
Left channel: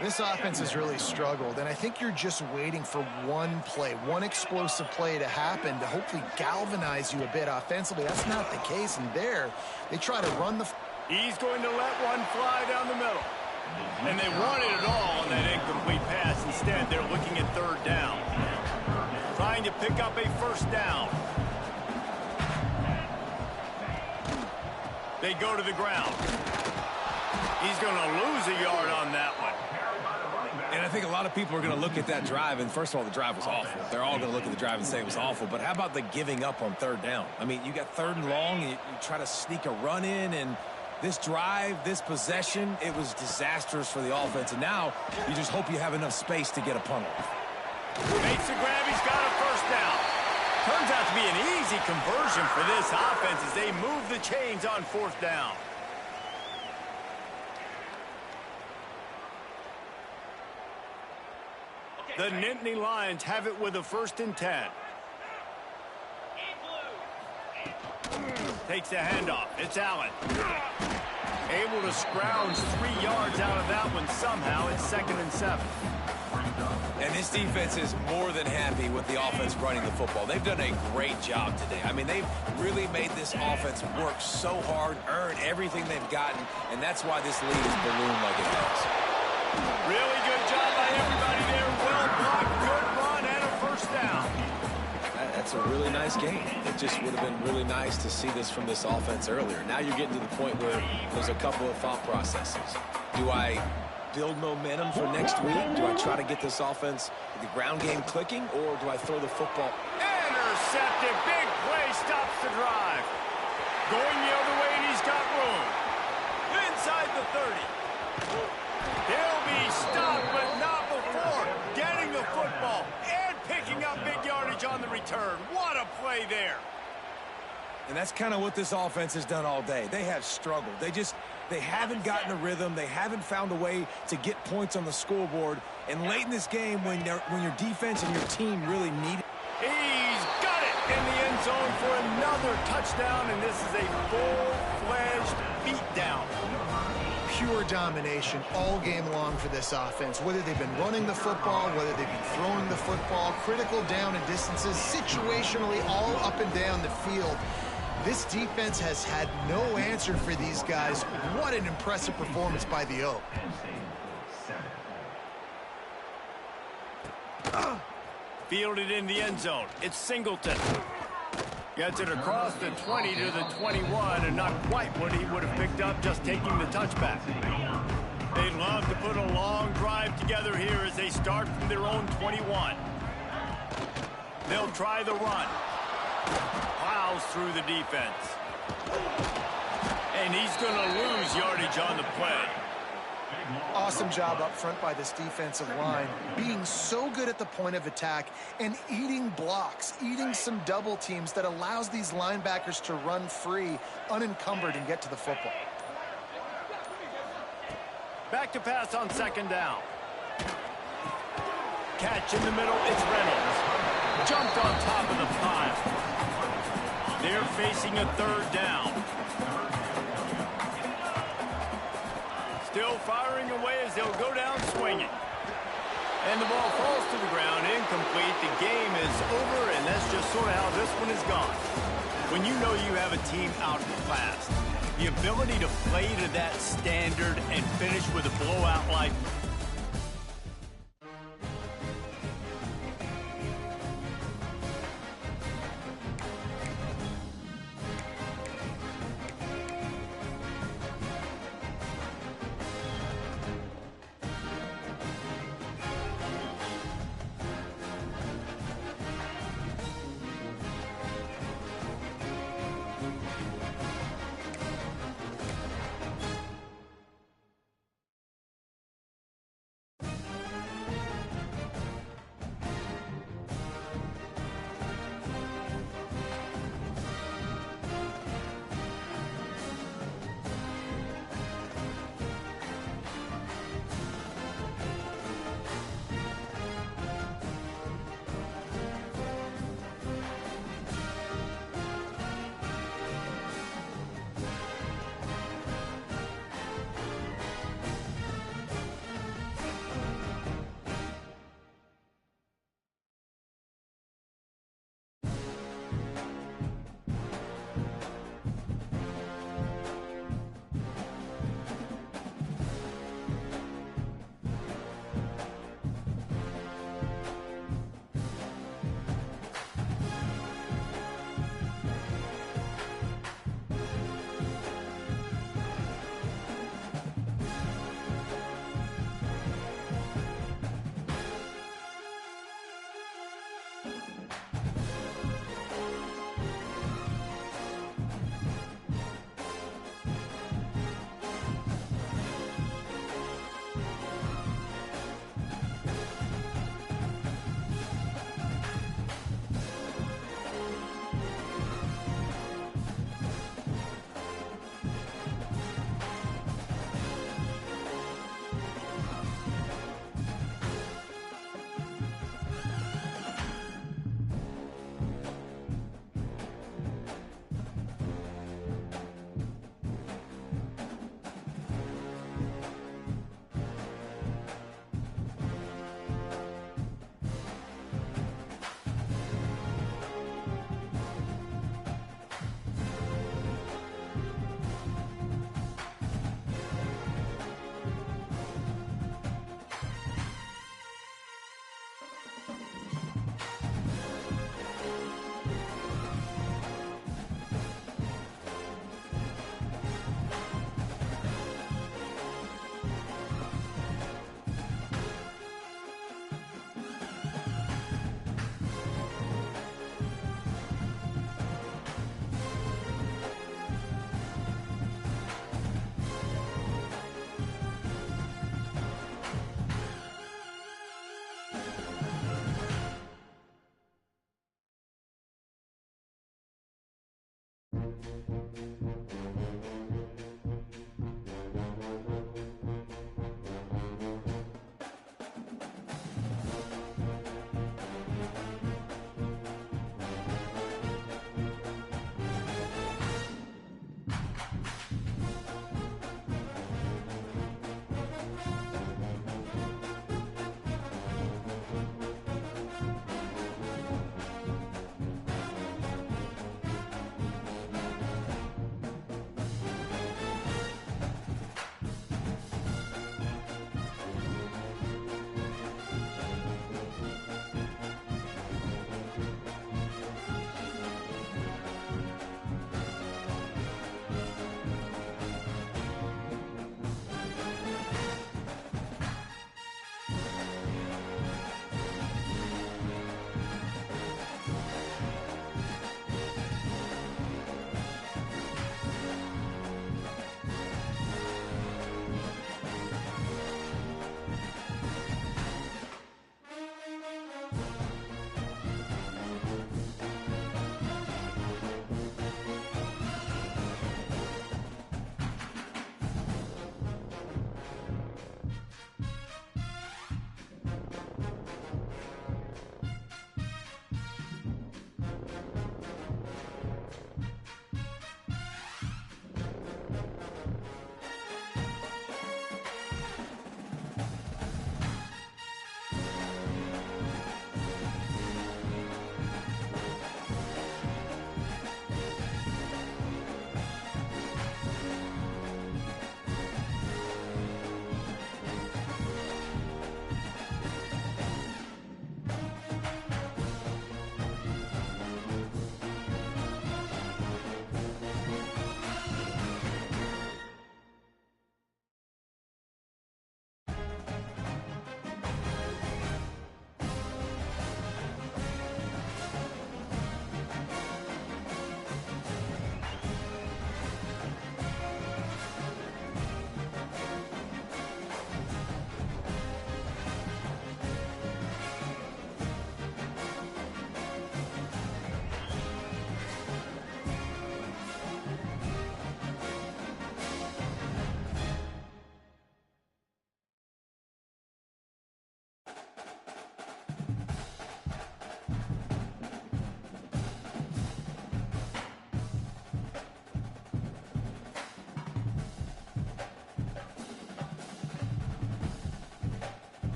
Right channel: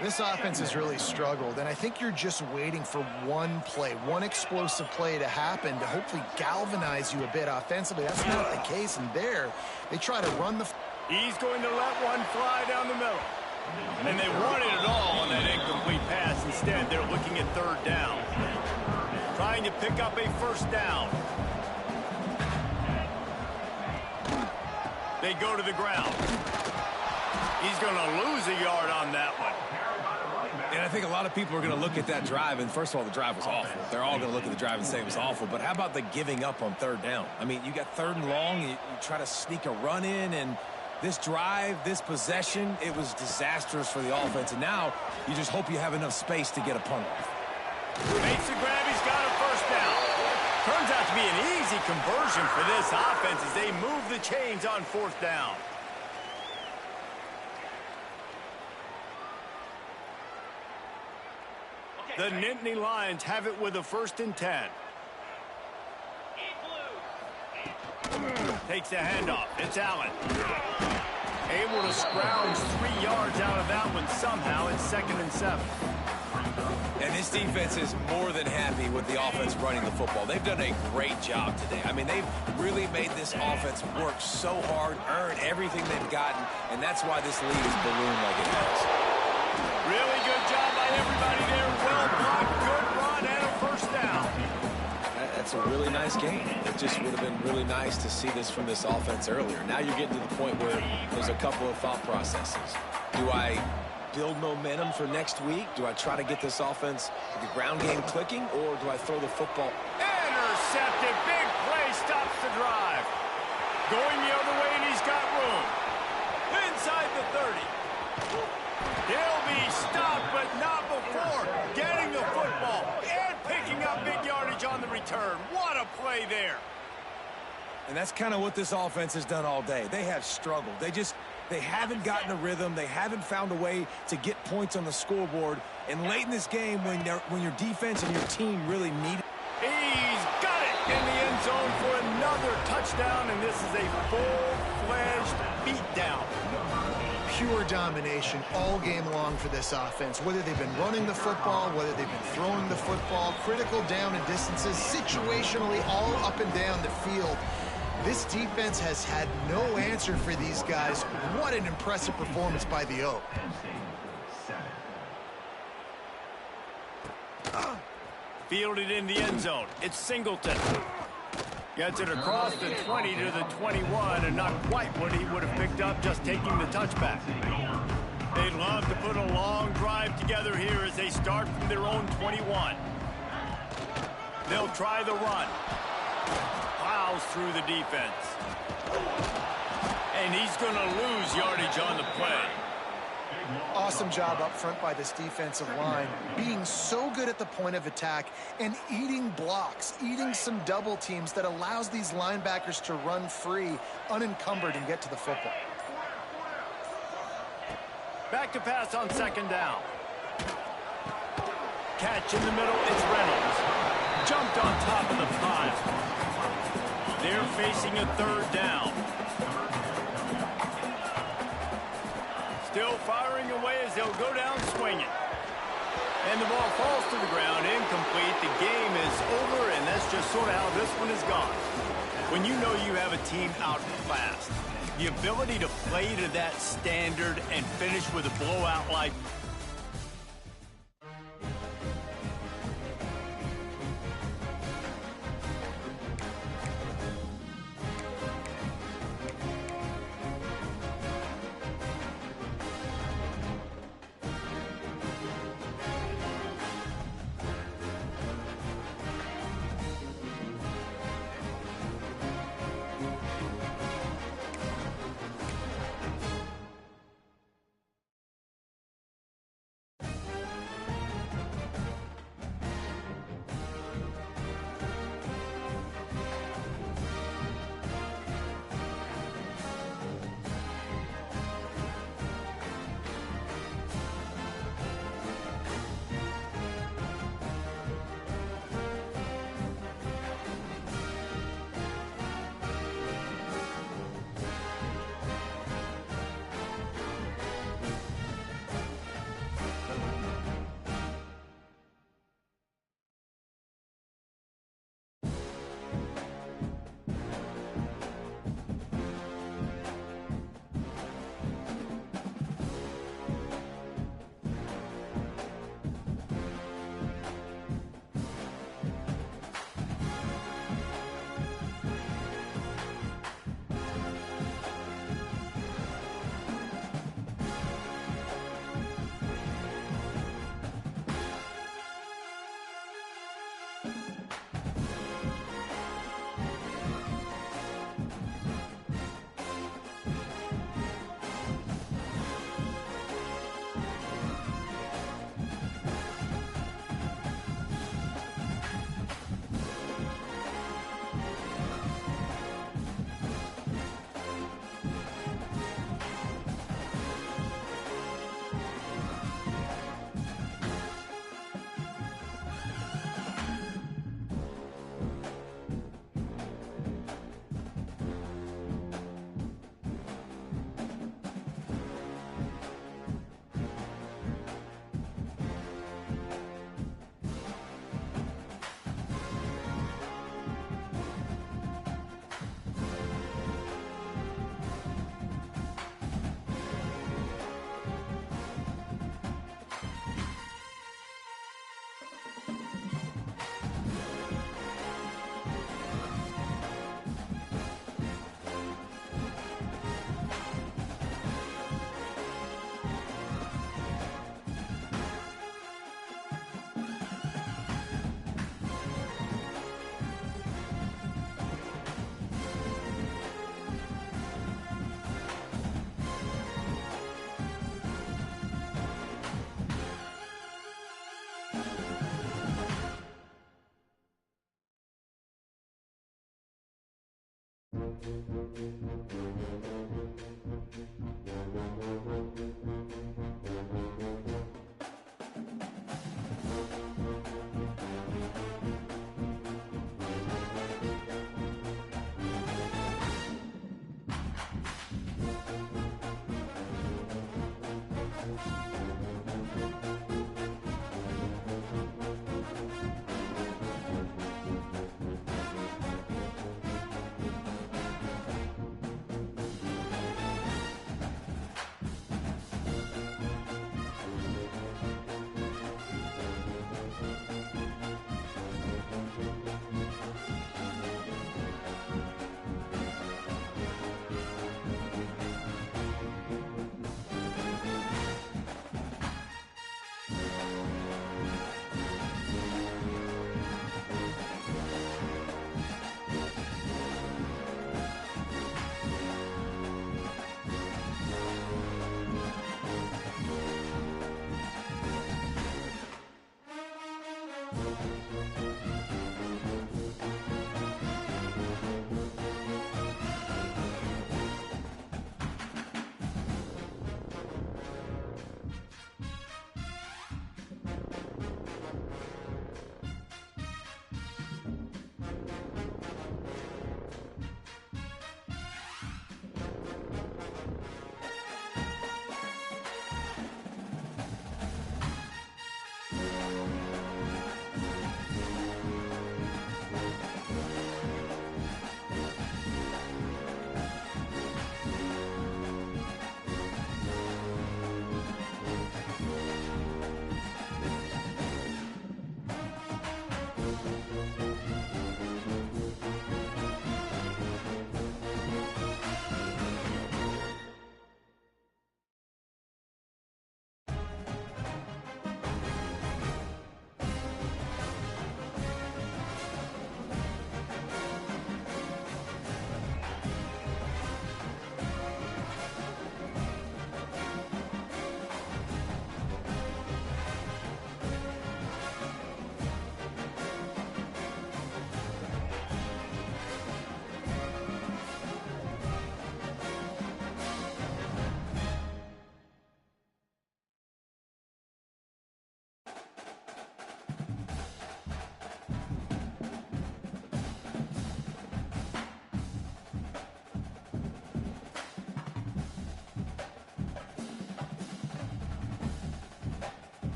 This offense has really struggled, and I think you're just waiting for one play, one explosive play to happen to hopefully galvanize you a bit offensively. That's not the case, and there, they try to run the... He's going to let one fly down the middle. And they wanted it all on that incomplete pass. Instead, they're looking at 3rd down. Trying to pick up a first down. They go to the ground. He's going to lose a yard on that one. And I think a lot of people are going to look at that drive, and first of all, the drive was awful. They're all going to look at the drive and say it was awful, but how about the giving up on third down? I mean, you got third and long, you try to sneak a run in, and this drive, this possession, it was disastrous for the offense, and now you just hope you have enough space to get a punt off. Makes the grab, he's got a first down. Turns out to be an easy conversion for this offense as they move the chains on fourth down. The Nittany Lions have it with a 1st and 10. Takes the handoff. It's Allen. Able to scrounge 3 yards out of that one somehow. It's 2nd and 7. And this defense is more than happy with the offense running the football. They've done a great job today. I mean, they've really made this offense work so hard, earn everything they've gotten, and that's why this lead is ballooned like it has. Really good job by everybody there. Well blocked, good run, and a first down. That's a really nice game. It just would have been really nice to see this from this offense earlier. Now you're getting to the point where there's a couple of thought processes. Do I build momentum for next week? Do I try to get this offense, the ground game clicking, or do I throw the football? Intercepted. Big play stops the drive. Going the other way, and he's got room. Inside the 30. He'll be stopped, but not before getting the football and picking up big yardage on the return. What a play there. And that's kind of what this offense has done all day. They have struggled. They haven't gotten a rhythm. They haven't found a way to get points on the scoreboard. And late in this game, when your defense and your team really need it. He's got it in the end zone for another touchdown, and this is a full-fledged beatdown. Pure domination all game long for this offense. Whether they've been running the football, whether they've been throwing the football, critical down and distances, situationally all up and down the field. This defense has had no answer for these guys. What an impressive performance by the Oak. Fielded in the end zone. It's Singleton. Gets it across the 20 to the 21, and not quite what he would have picked up just taking the touchback. They'd love to put a long drive together here as they start from their own 21. They'll try the run. Plows through the defense. And he's going to lose yardage on the play. Awesome job up front by this defensive line, being so good at the point of attack and eating blocks, eating some double teams that allows these linebackers to run free, unencumbered, and get to the football. Back to pass on 2nd down. Catch in the middle, it's Reynolds. Jumped on top of the pile. They're facing a 3rd down. Still firing away as they'll go down swinging. And the ball falls to the ground, incomplete. The game is over, and that's just sort of how this one is gone. When you know you have a team outclassed, the ability to play to that standard and finish with a blowout like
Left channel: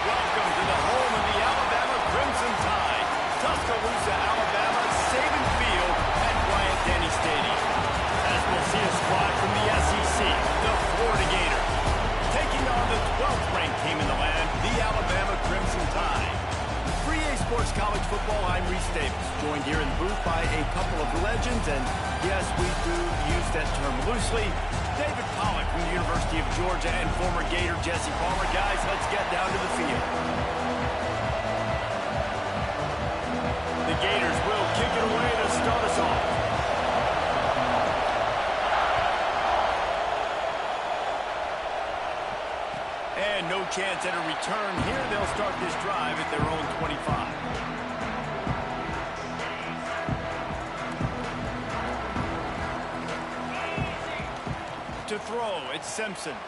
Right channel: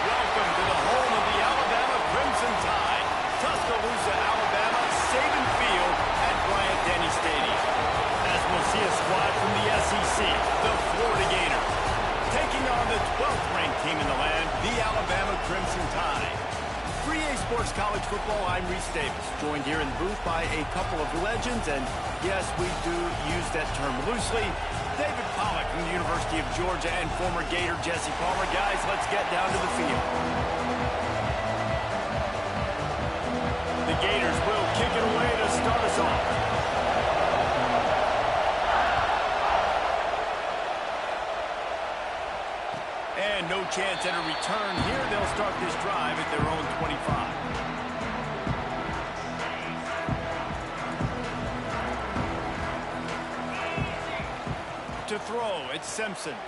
Welcome to the home of the Alabama Crimson Tide, Tuscaloosa, Alabama, Saban Field at Bryant-Denny Stadium. As we'll see a squad from the SEC, the Florida Gators, taking on the 12th ranked team in the land, the Alabama Crimson Tide. For EA Sports College Football, I'm Reese Davis, joined here in the booth by a couple of legends, and yes, we do use that term loosely. David Pollack from the University of Georgia and former Gator Jesse Palmer. Guys, let's get down to the field. The Gators will kick it away to start us off. And no chance at a return here. They'll start this drive at their own 25. To throw, it's Simpson.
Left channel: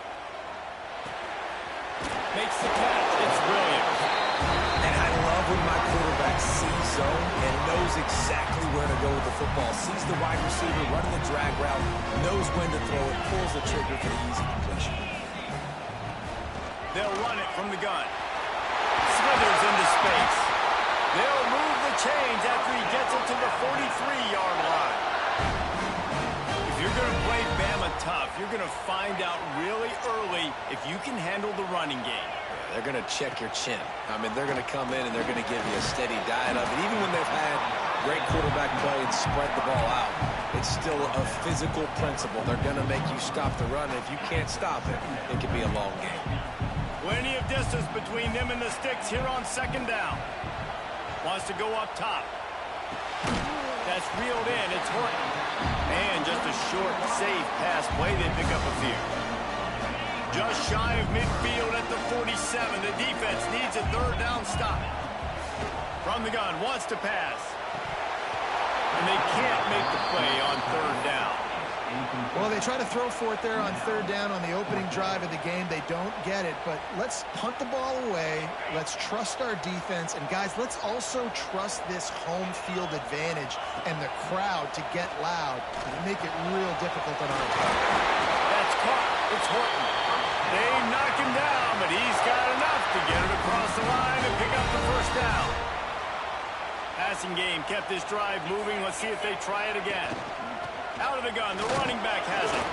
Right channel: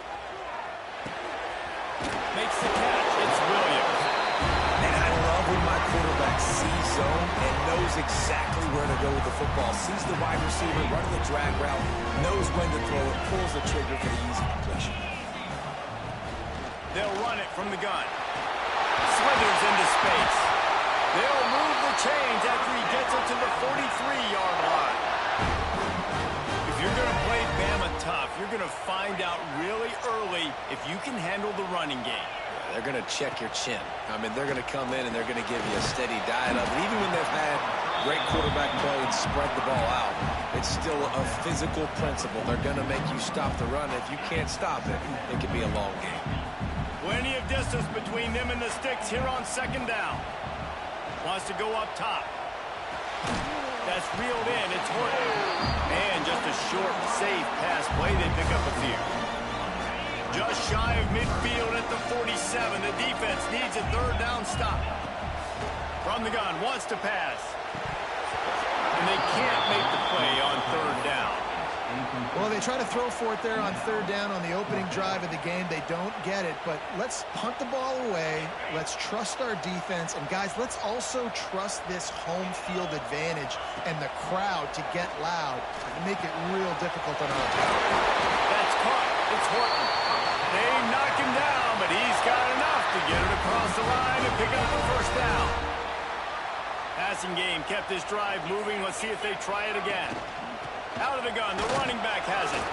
Makes the catch, it's Williams. And I love when my quarterback sees zone and knows exactly where to go with the football. Sees the wide receiver running the drag route, knows when to throw it, pulls the trigger for the easy completion. They'll run it from the gun. Slithers into space. They'll move the chains after he gets it to the 43-yard line. If you're going to play Bama tough, you're going to find out really early if you can handle the running game. Yeah, they're going to check your chin. I mean, they're going to come in and they're going to give you a steady diet of it. Even when they've had great quarterback play and spread the ball out, it's still a physical principle. They're going to make you stop the run. If you can't stop it, it could be a long game. Plenty of distance between them and the sticks here on second down. Wants to go up top. That's reeled in. It's Horton. And just a short, safe pass play. They pick up a few. Just shy of midfield at the 47. The defense needs a third down stop. From the gun, wants to pass. And they can't make the play on third down. Well, they try to throw for it there on third down on the opening drive of the game. They don't get it, but let's punt the ball away. Let's trust our defense. And, guys, let's also trust this home field advantage and the crowd to get loud and make it real difficult on our opponent. That's caught. It's Horton. They knock him down, but he's got enough to get it across the line and pick up the first down. Passing game kept this drive moving. Let's see if they try it again. Out of the gun, the running back has it.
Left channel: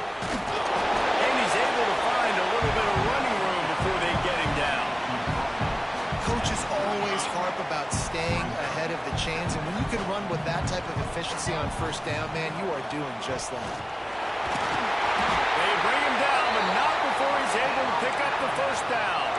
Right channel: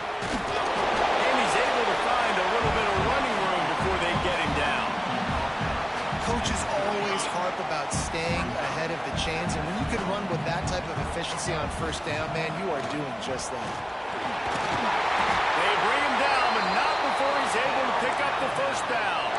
And he's able to find a little bit of running room before they get him down. Coaches always harp about staying ahead of the chains, and when you can run with that type of efficiency on first down, man, you are doing just that. They bring him down, but not before he's able to pick up the first down.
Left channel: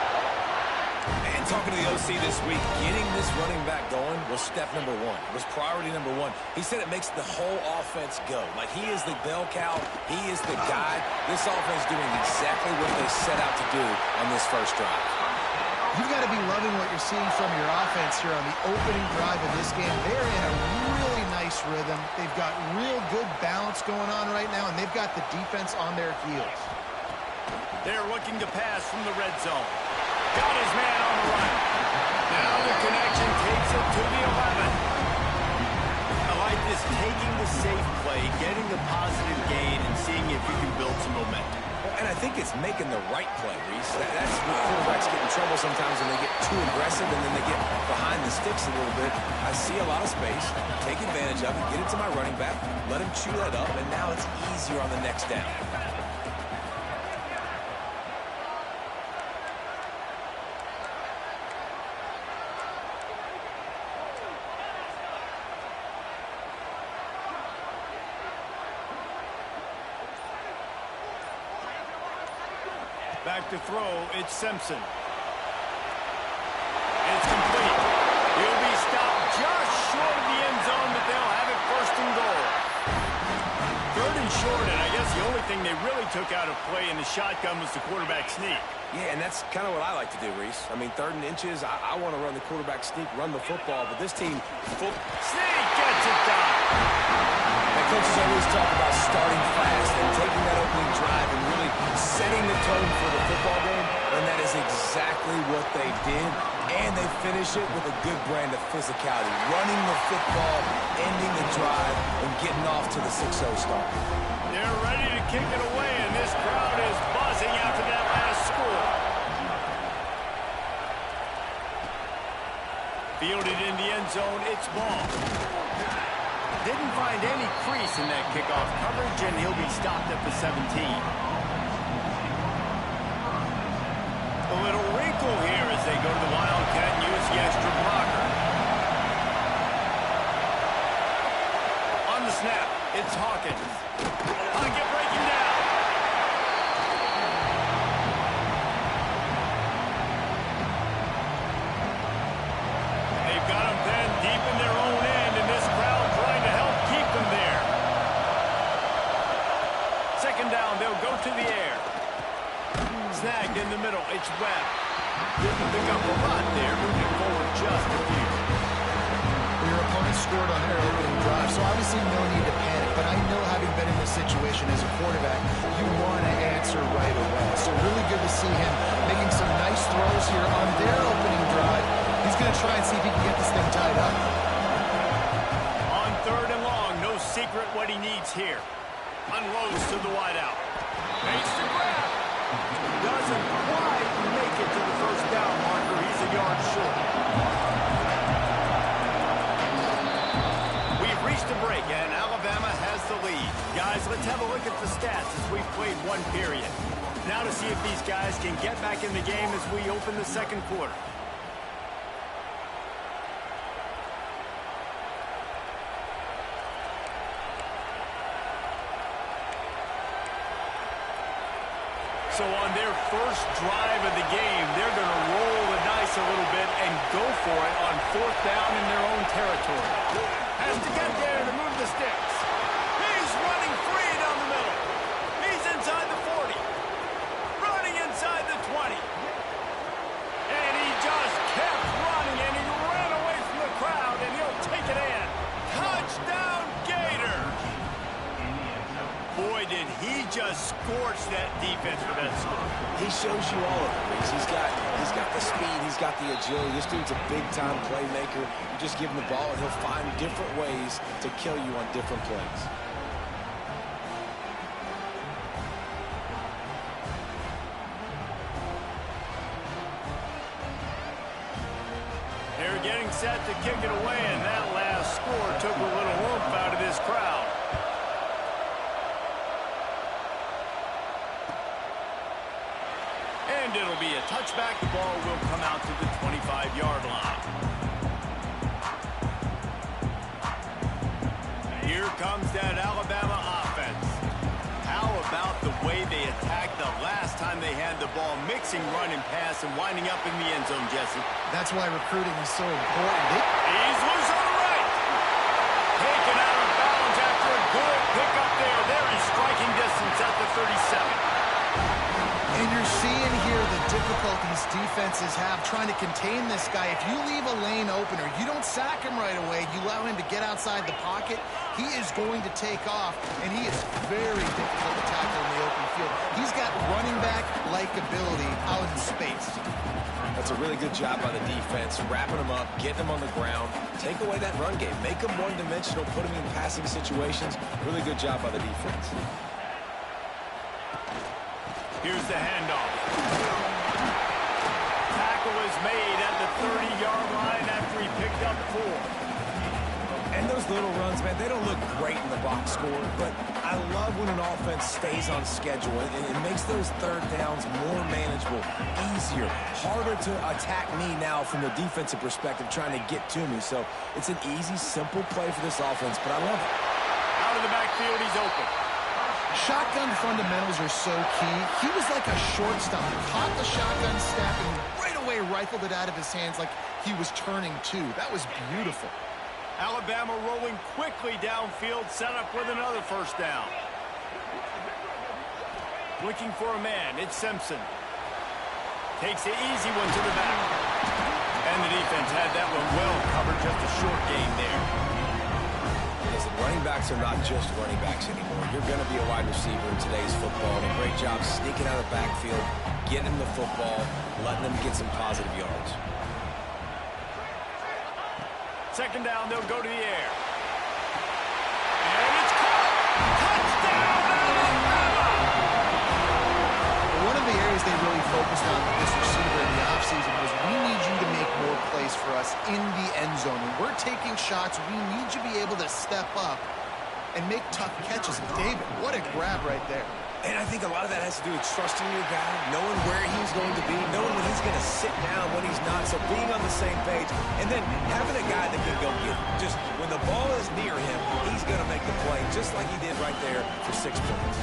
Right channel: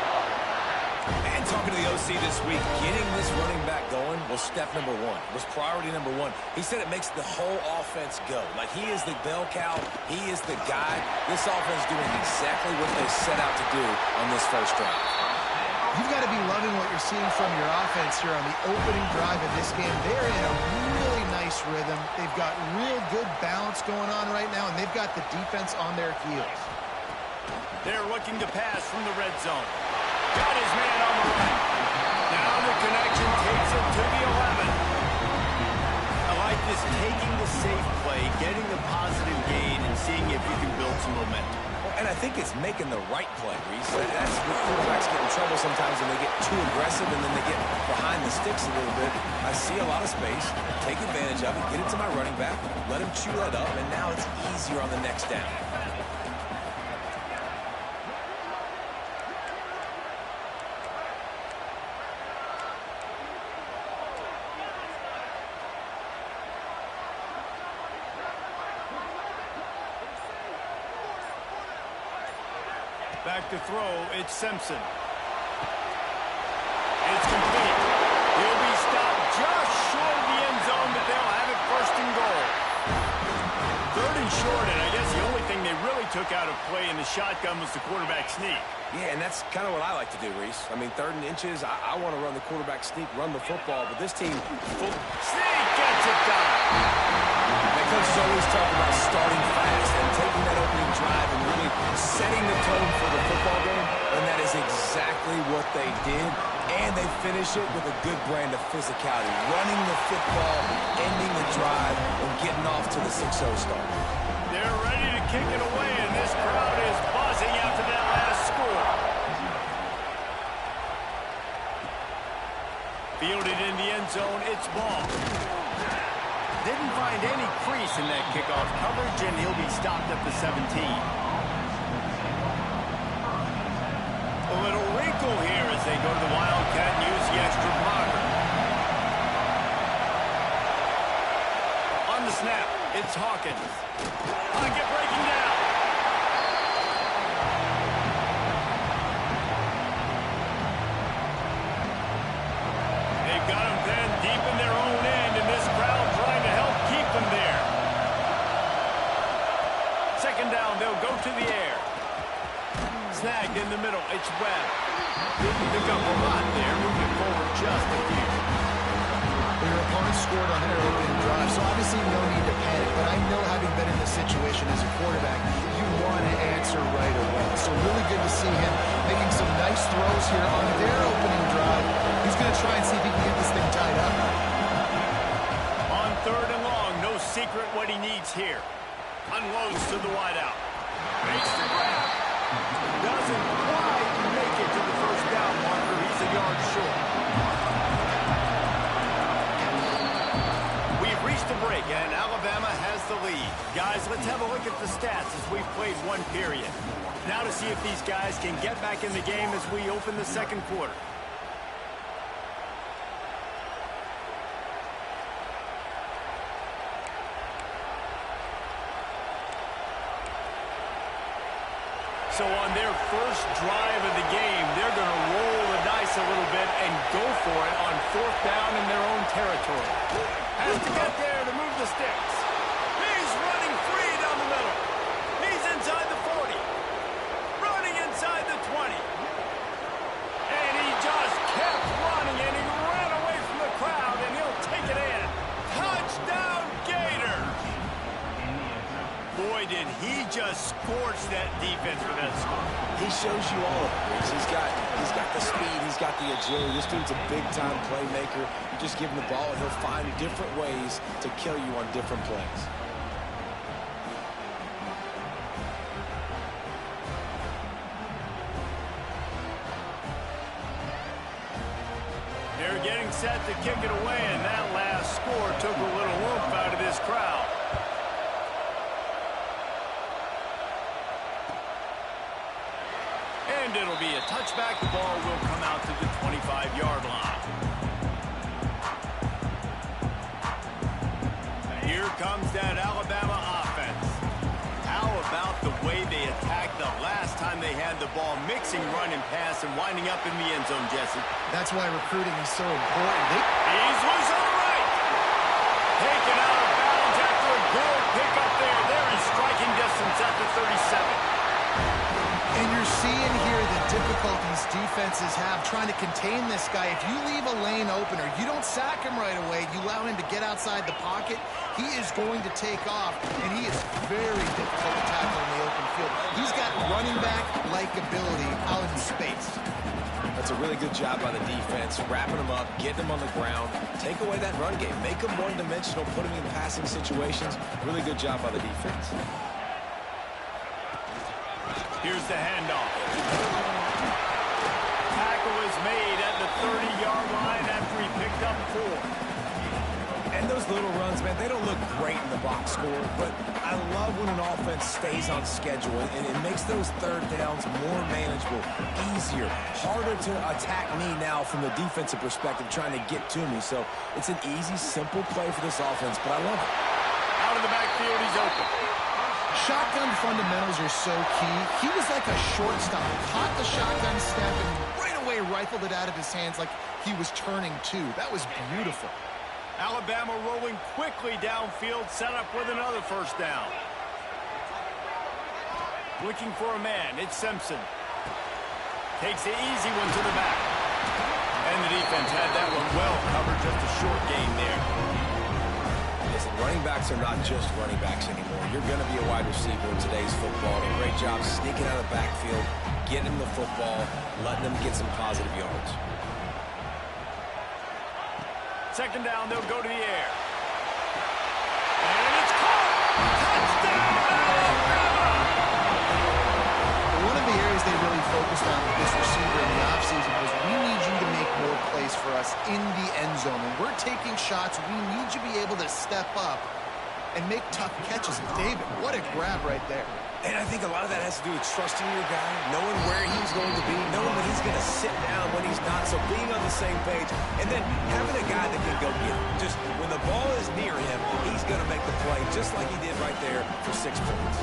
And talking to the OC this week, getting this running back going was step number one. It was priority number one. He said it makes the whole offense go. Like, he is the bell cow. He is the guy. This offense doing exactly what they set out to do on this first drive. You've got to be loving what you're seeing from your offense here on the opening drive of this game. They're in a really nice rhythm. They've got real good balance going on right now, and they've got the defense on their heels. They're looking to pass from the red zone. Got his man on the run. Now the connection takes it to the 11. I like this, taking the safe play, getting the positive gain, and seeing if you can build some momentum. Well, and I think it's making the right play, Reese. That's where quarterbacks get in trouble sometimes when they get too aggressive and then they get behind the sticks a little bit. I see a lot of space, take advantage of it, get it to my running back, let him chew that up, and now it's easier on the next down. Back to throw, it's Simpson. It's complete. He'll be stopped just short of the end zone, but they'll have it first and goal. Third and short, and I guess the only thing they really took out of play in the shotgun was the quarterback sneak. Yeah, and that's kind of what I like to do, Reese. I mean, 3rd and inches, I want to run the quarterback sneak, run the football, but this team... Sneak gets it done. The coaches always talk about starting fast and taking that opening drive and really setting the tone for the football game, and that is exactly what they did, and they finish it with a good brand of physicality, running the football, ending the drive, and getting off to the 6-0 start. They're ready to kick it away, and this crowd is buzzing after that last score. Fielded in the end zone, it's ball. Didn't find any crease in that kickoff coverage, and he'll be stopped at the 17. A little wrinkle here as they go to the Wildcat and use the extra blocker. On the snap, it's Hawkins. Pocket breaking down. They've got him then deep in their own end, and this crowd trying to help keep them there. Second down, they'll go to the air. Snagged in the middle, it's Webb. Didn't pick up a lot there, moving forward just a few. Well, your opponent scored on their opening drive, so obviously no need to panic. But I know, having been in this situation as a quarterback, you want to answer right away. So really good to see him making some nice throws here on their opening drive. He's going to try and see if he can get this thing tied up. On 3rd and long, no secret what he needs here. Unloads to the wideout. Makes the grab. Doesn't quite make it to the first down marker. He's a yard short. We've reached a break, and Alabama has the lead. Guys, let's have a look at the stats as we've played one period. Now to see if these guys can get back in the game as we open the second quarter. So on their first drive of the game, they're going to roll the dice a little bit and go for it on 4th down in their own territory. Has to get there to move the sticks. He's running free down the middle. He's inside the 40. Running inside the 20. And he just kept running, and he ran away from the crowd, and he'll take it in. Touchdown, Gators! Boy, did he just scorch that defense for that score. He shows you all of it, Reese. He's got the speed, he's got the agility. This dude's a big-time playmaker. You just give him the ball, and he'll find different ways to kill you on different plays. They're getting set to kick it away, and that last score took a little oomph out of this crowd. And it'll be a touchback. The ball will come out to the 25-yard line. Here comes that Alabama offense. How about the way they attacked the last time they had the ball, mixing run and pass and winding up in the end zone, Jesse? That's why recruiting is so important. He's loose on the right. Taken out of bounds after a good pickup there. They're in striking distance at the 37. And you're seeing here the difficulties defenses have trying to contain this guy. If you leave a lane open or you don't sack him right away, you allow him to get outside the pocket, he is going to take off, and he is very difficult to tackle in the open field. He's got running back-like ability out in space. That's a really good job by the defense, wrapping him up, getting him on the ground, take away that run game, make him one-dimensional, put him in passing situations. Really good job by the defense. Here's the handoff. Tackle is made at the 30-yard line after he picked up 4. And those little runs, man, they don't look great in the box score, but I love when an offense stays on schedule, and it makes those third downs more manageable, easier, harder to attack me now from the defensive perspective trying to get to me. So it's an easy, simple play for this offense, but I love it. Out of the backfield, he's open. Shotgun fundamentals are so key. He was like a shortstop, caught the shotgun step and right away rifled it out of his hands like he was turning two. That was beautiful. Alabama rolling quickly downfield, set up with another first down. Looking for a man, it's Simpson. Takes the easy one to the back. And the defense had that one well covered, just a short gain there. Listen, running backs are not just running backs anymore. You're going to be a wide receiver in today's football. And a great job sneaking out of the backfield, getting them the football, letting them get some positive yards. Second down, they'll go to the air. And it's caught! Touchdown, Alabama! One of the areas they really focused on with this receiver in the offseason was we need you to make more plays for us in the end zone. When we're taking shots, we need you to be able to step up and make tough catches. And David, what a grab right there. And I think a lot of that has to do with trusting your guy, knowing where he's going to be, knowing when he's going to sit down, when he's not, so being on the same page, and then having a guy that can go get it. Just when the ball is near him, he's going to make the play, just like he did right there for 6 points.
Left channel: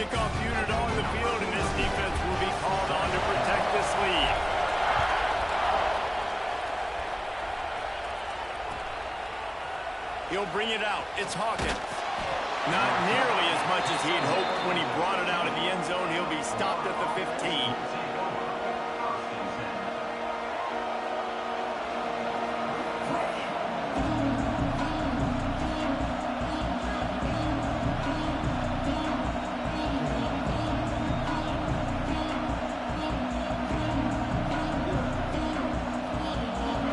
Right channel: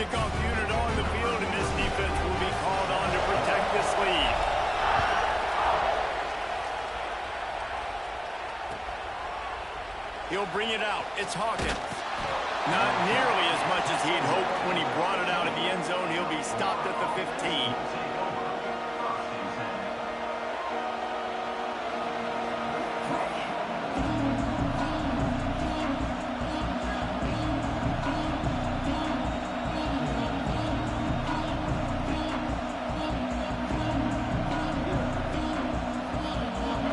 Kickoff unit on the field, and this defense will be called on to protect this lead. He'll bring it out. It's Hawkins. Not nearly as much as he'd hoped when he brought it out of the end zone. He'll be stopped at the 15.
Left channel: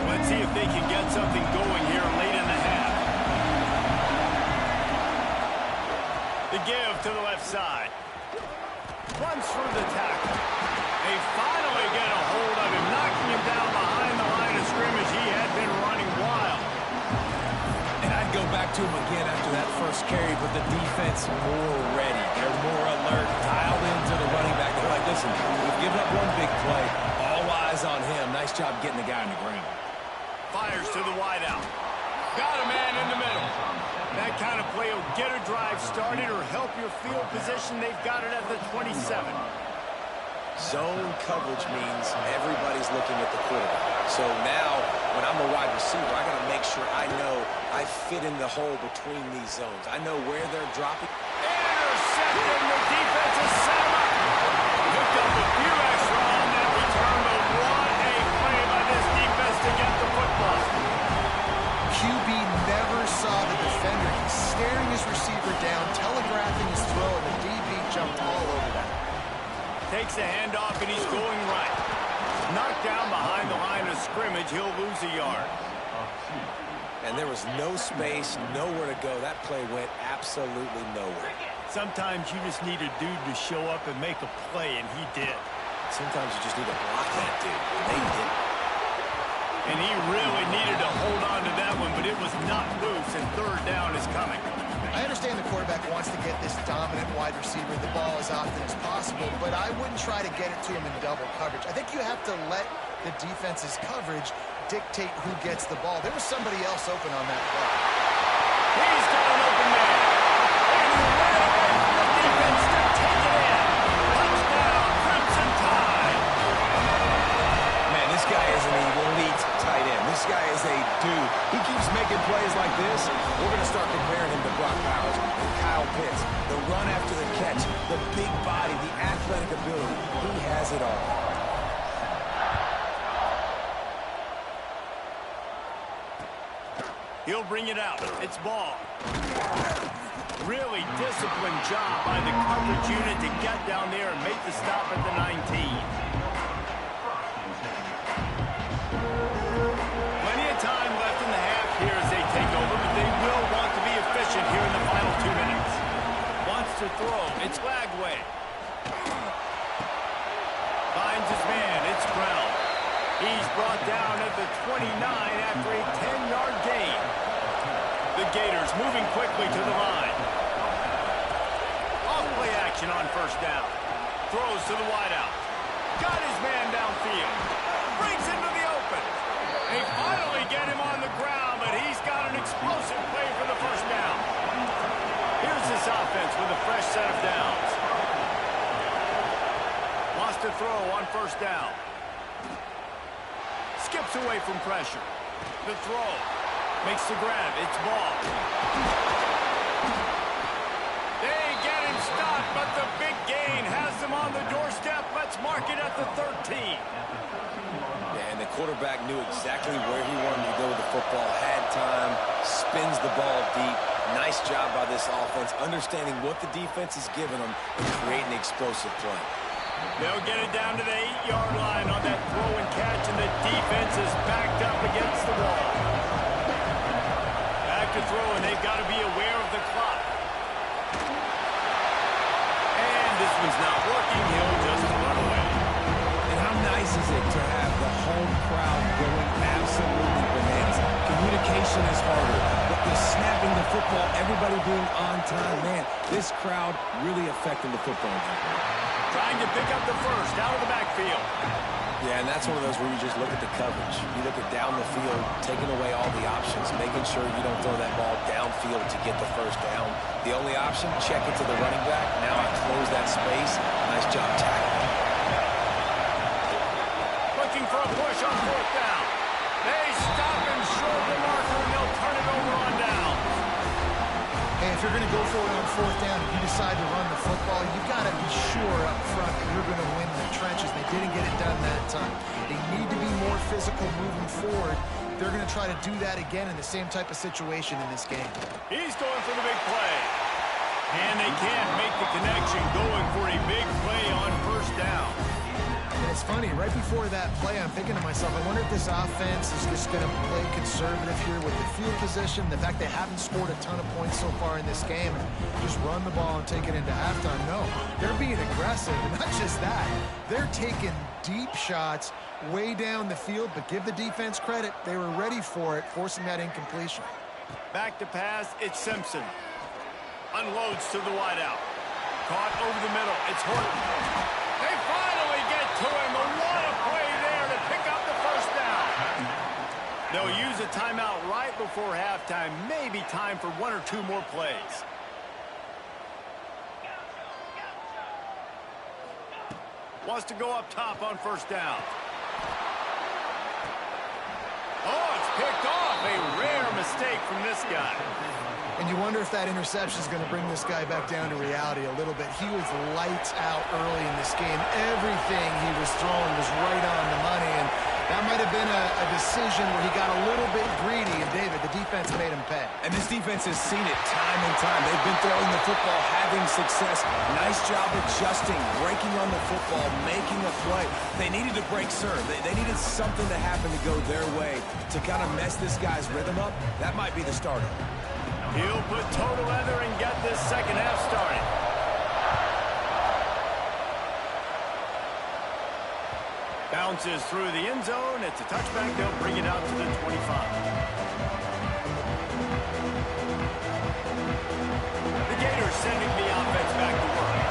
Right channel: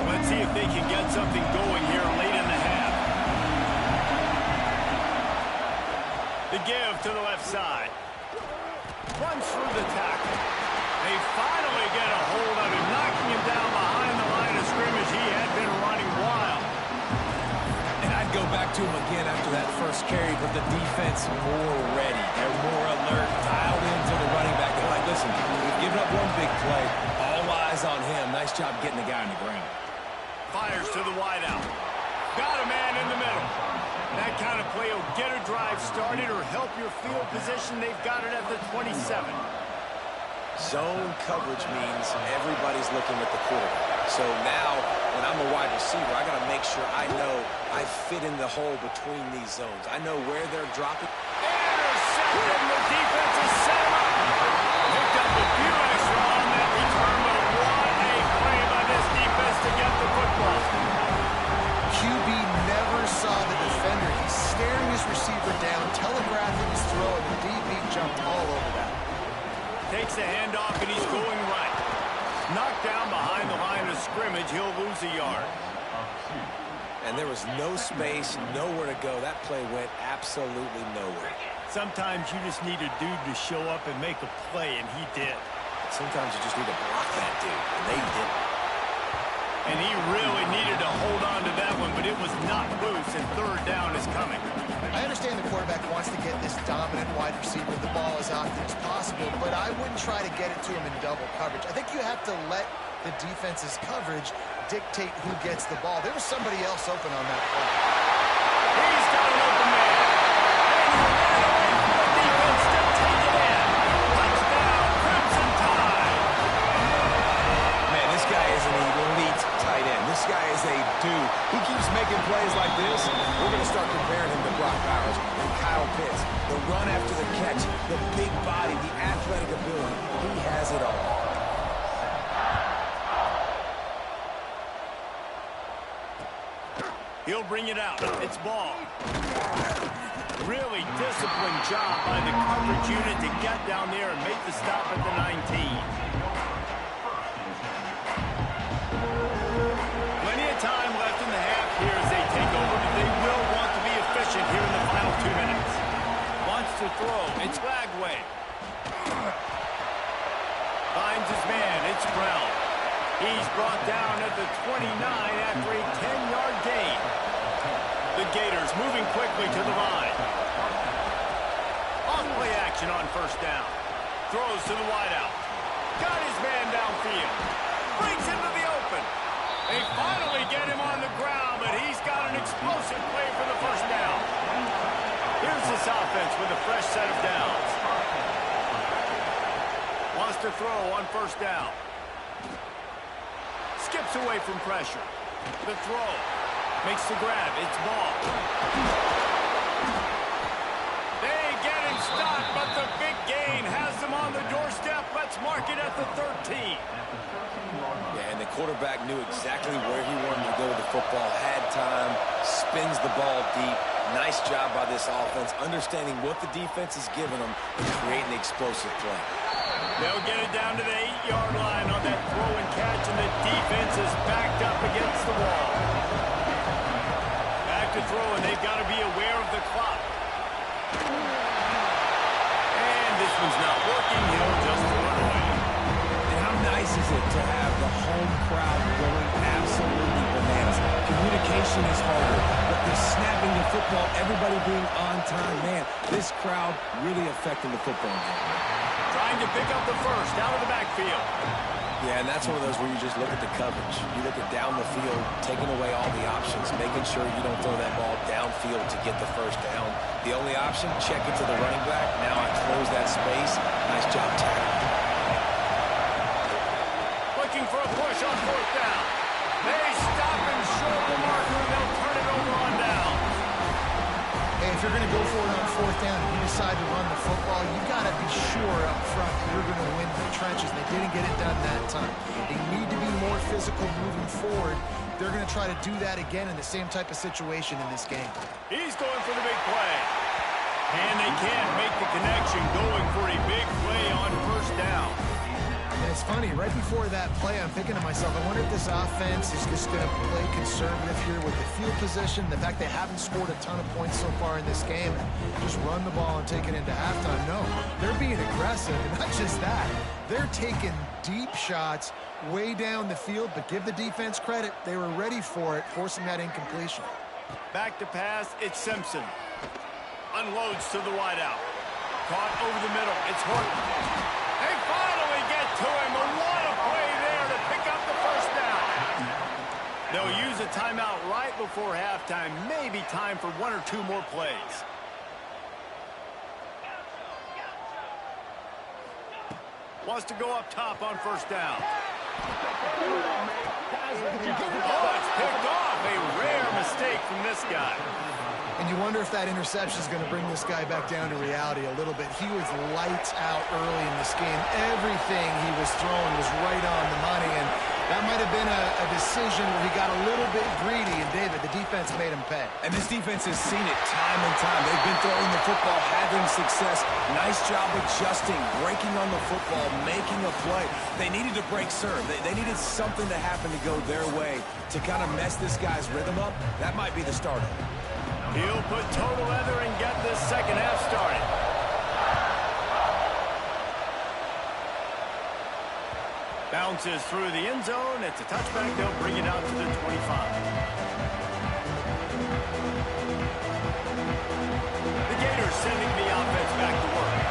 Let's see if they can get something going here late in the half. The give to the left side. Runs through the tackle. They finally get a hold of him, knocking him down behind the line of scrimmage. He had been running wild. And I'd go back to him again after that first carry, but the defense more ready. They're more alert, dialed into the running back. They're like, listen, we've given up one big play. All eyes on him. Nice job getting the guy on the ground. Fires to the wideout. Got a man in the middle. That kind of play will get a drive started or help your field position. They've got it at the 27. Zone coverage means everybody's looking at the quarterback. So now, when I'm a wide receiver, I got to make sure I know I fit in the hole between these zones. I know where they're dropping. Intercepted. The defense has set him up. Picked up a few extra on that return, but what a play by this defense to get the football. QB never saw the defender. He's staring his receiver down, telegraphing his throw, and the DB jumped all over that. Takes the handoff, and he's going right. Knocked down behind the line of scrimmage. He'll lose a yard. And there was no space, nowhere to go. That play went absolutely nowhere. Sometimes you just need a dude to show up and make a play, and he did. Sometimes you just need to block that dude, and they didn't. And he really needed to hold on to that one, but it was not loose, and third down is coming. I understand the quarterback wants to get this dominant wide receiver the ball as often as possible, but I wouldn't try to get it to him in double coverage. I think you have to let the defense's coverage dictate who gets the ball. There was somebody else open on that play. He's got an open man. And he ran away from the defense to take it in. Touchdown, Crimson Tide. Man, this guy is an elite tight end. This guy is a dude. He keeps making plays like this. We're going to start comparing him to Brock Bowers and Kyle Pitts. The run after the catch, the big body, the athletic ability. He has it all. He'll bring it out. It's ball. Really disciplined job by the coverage unit to get down there and make the stop at the 19. Plenty of time left in the half here as they take over, but they will want to be efficient here in the final 2 minutes. Wants to throw. It's Lagway. Finds his man. It's Brown. He's brought down at the 29 after a 10-yard gain. The Gators moving quickly to the line. Off-play action on first down. Throws to the wideout. Got his man downfield. Breaks into the open. They finally get him on the ground, but he's got an explosive play for the first down. Here's this offense with a fresh set of downs. Wants to throw on first down. Skips away from pressure. The throw. Makes the grab. It's ball. They get him stopped, but the big gain has them on the doorstep. Let's mark it at the 13. Yeah, and the quarterback knew exactly where he wanted to go with the football. Had time. Spins the ball deep. Nice job by this offense, understanding what the defense is giving them and creating the explosive play. They'll get it down to the 8-yard line on that throw and catch, and the defense is backed up against the wall. Back to throw, and they've got to be aware of the clock. And this one's not working. He'll just run away. And how nice is it to have the home crowd going absolutely bananas? Communication is harder, but the snapping the football, everybody being on time, man, this crowd really affecting the football game. Trying to pick up the first out of the backfield. Yeah, and that's one of those where you just look at the coverage. You look at down the field, taking away all the options, making sure you don't throw that ball downfield to get the first down. The only option, check it to the running back. Now I close that space. Nice job tackling. Looking for a push on fourth down. They stop him short of the marker, and they'll turn it over on down. Hey, if you're going to go for it on fourth down, if you decide to run the football, you've got to be sure up front that you're going to win the trenches. They didn't get it done that time. They need to be more physical moving forward. They're going to try to do that again in the same type of situation in this game. He's going for the big play. And they can't make the connection, going for a big play on first down. And it's funny, right before that play, I'm thinking to myself, I wonder if this offense is just going to play conservative here with the field position, the fact they haven't scored a ton of points so far in this game, and just run the ball and take it into halftime. No, they're being aggressive, and not just that. They're taking deep shots way down the field, but give the defense credit. They were ready for it, forcing that incompletion. Back to pass, it's Simpson. Unloads to the wideout. Caught over the middle, it's Horton. They finally get to him, and what a play there to pick up the first down. They'll use a timeout right before halftime. Maybe time for one or two more plays. Wants to go up top on first down. Oh, it's picked off. A rare mistake from this guy. And you wonder if that interception is going to bring this guy back down to reality a little bit. He was lights out early in this game. Everything he was throwing was right on the money, and that might have been a decision where he got a little bit greedy, and David, the defense made him pay. And this defense has seen it time and time. They've been throwing the football, having success. Nice job adjusting, breaking on the football, making a play. They needed to break serve. They needed something to happen to go their way to kind of mess this guy's rhythm up. That might be the starter. He'll put total leather and get this second half started. Bounces through the end zone. It's a touchback. They'll bring it out to the 25. The Gators sending the offense back to work.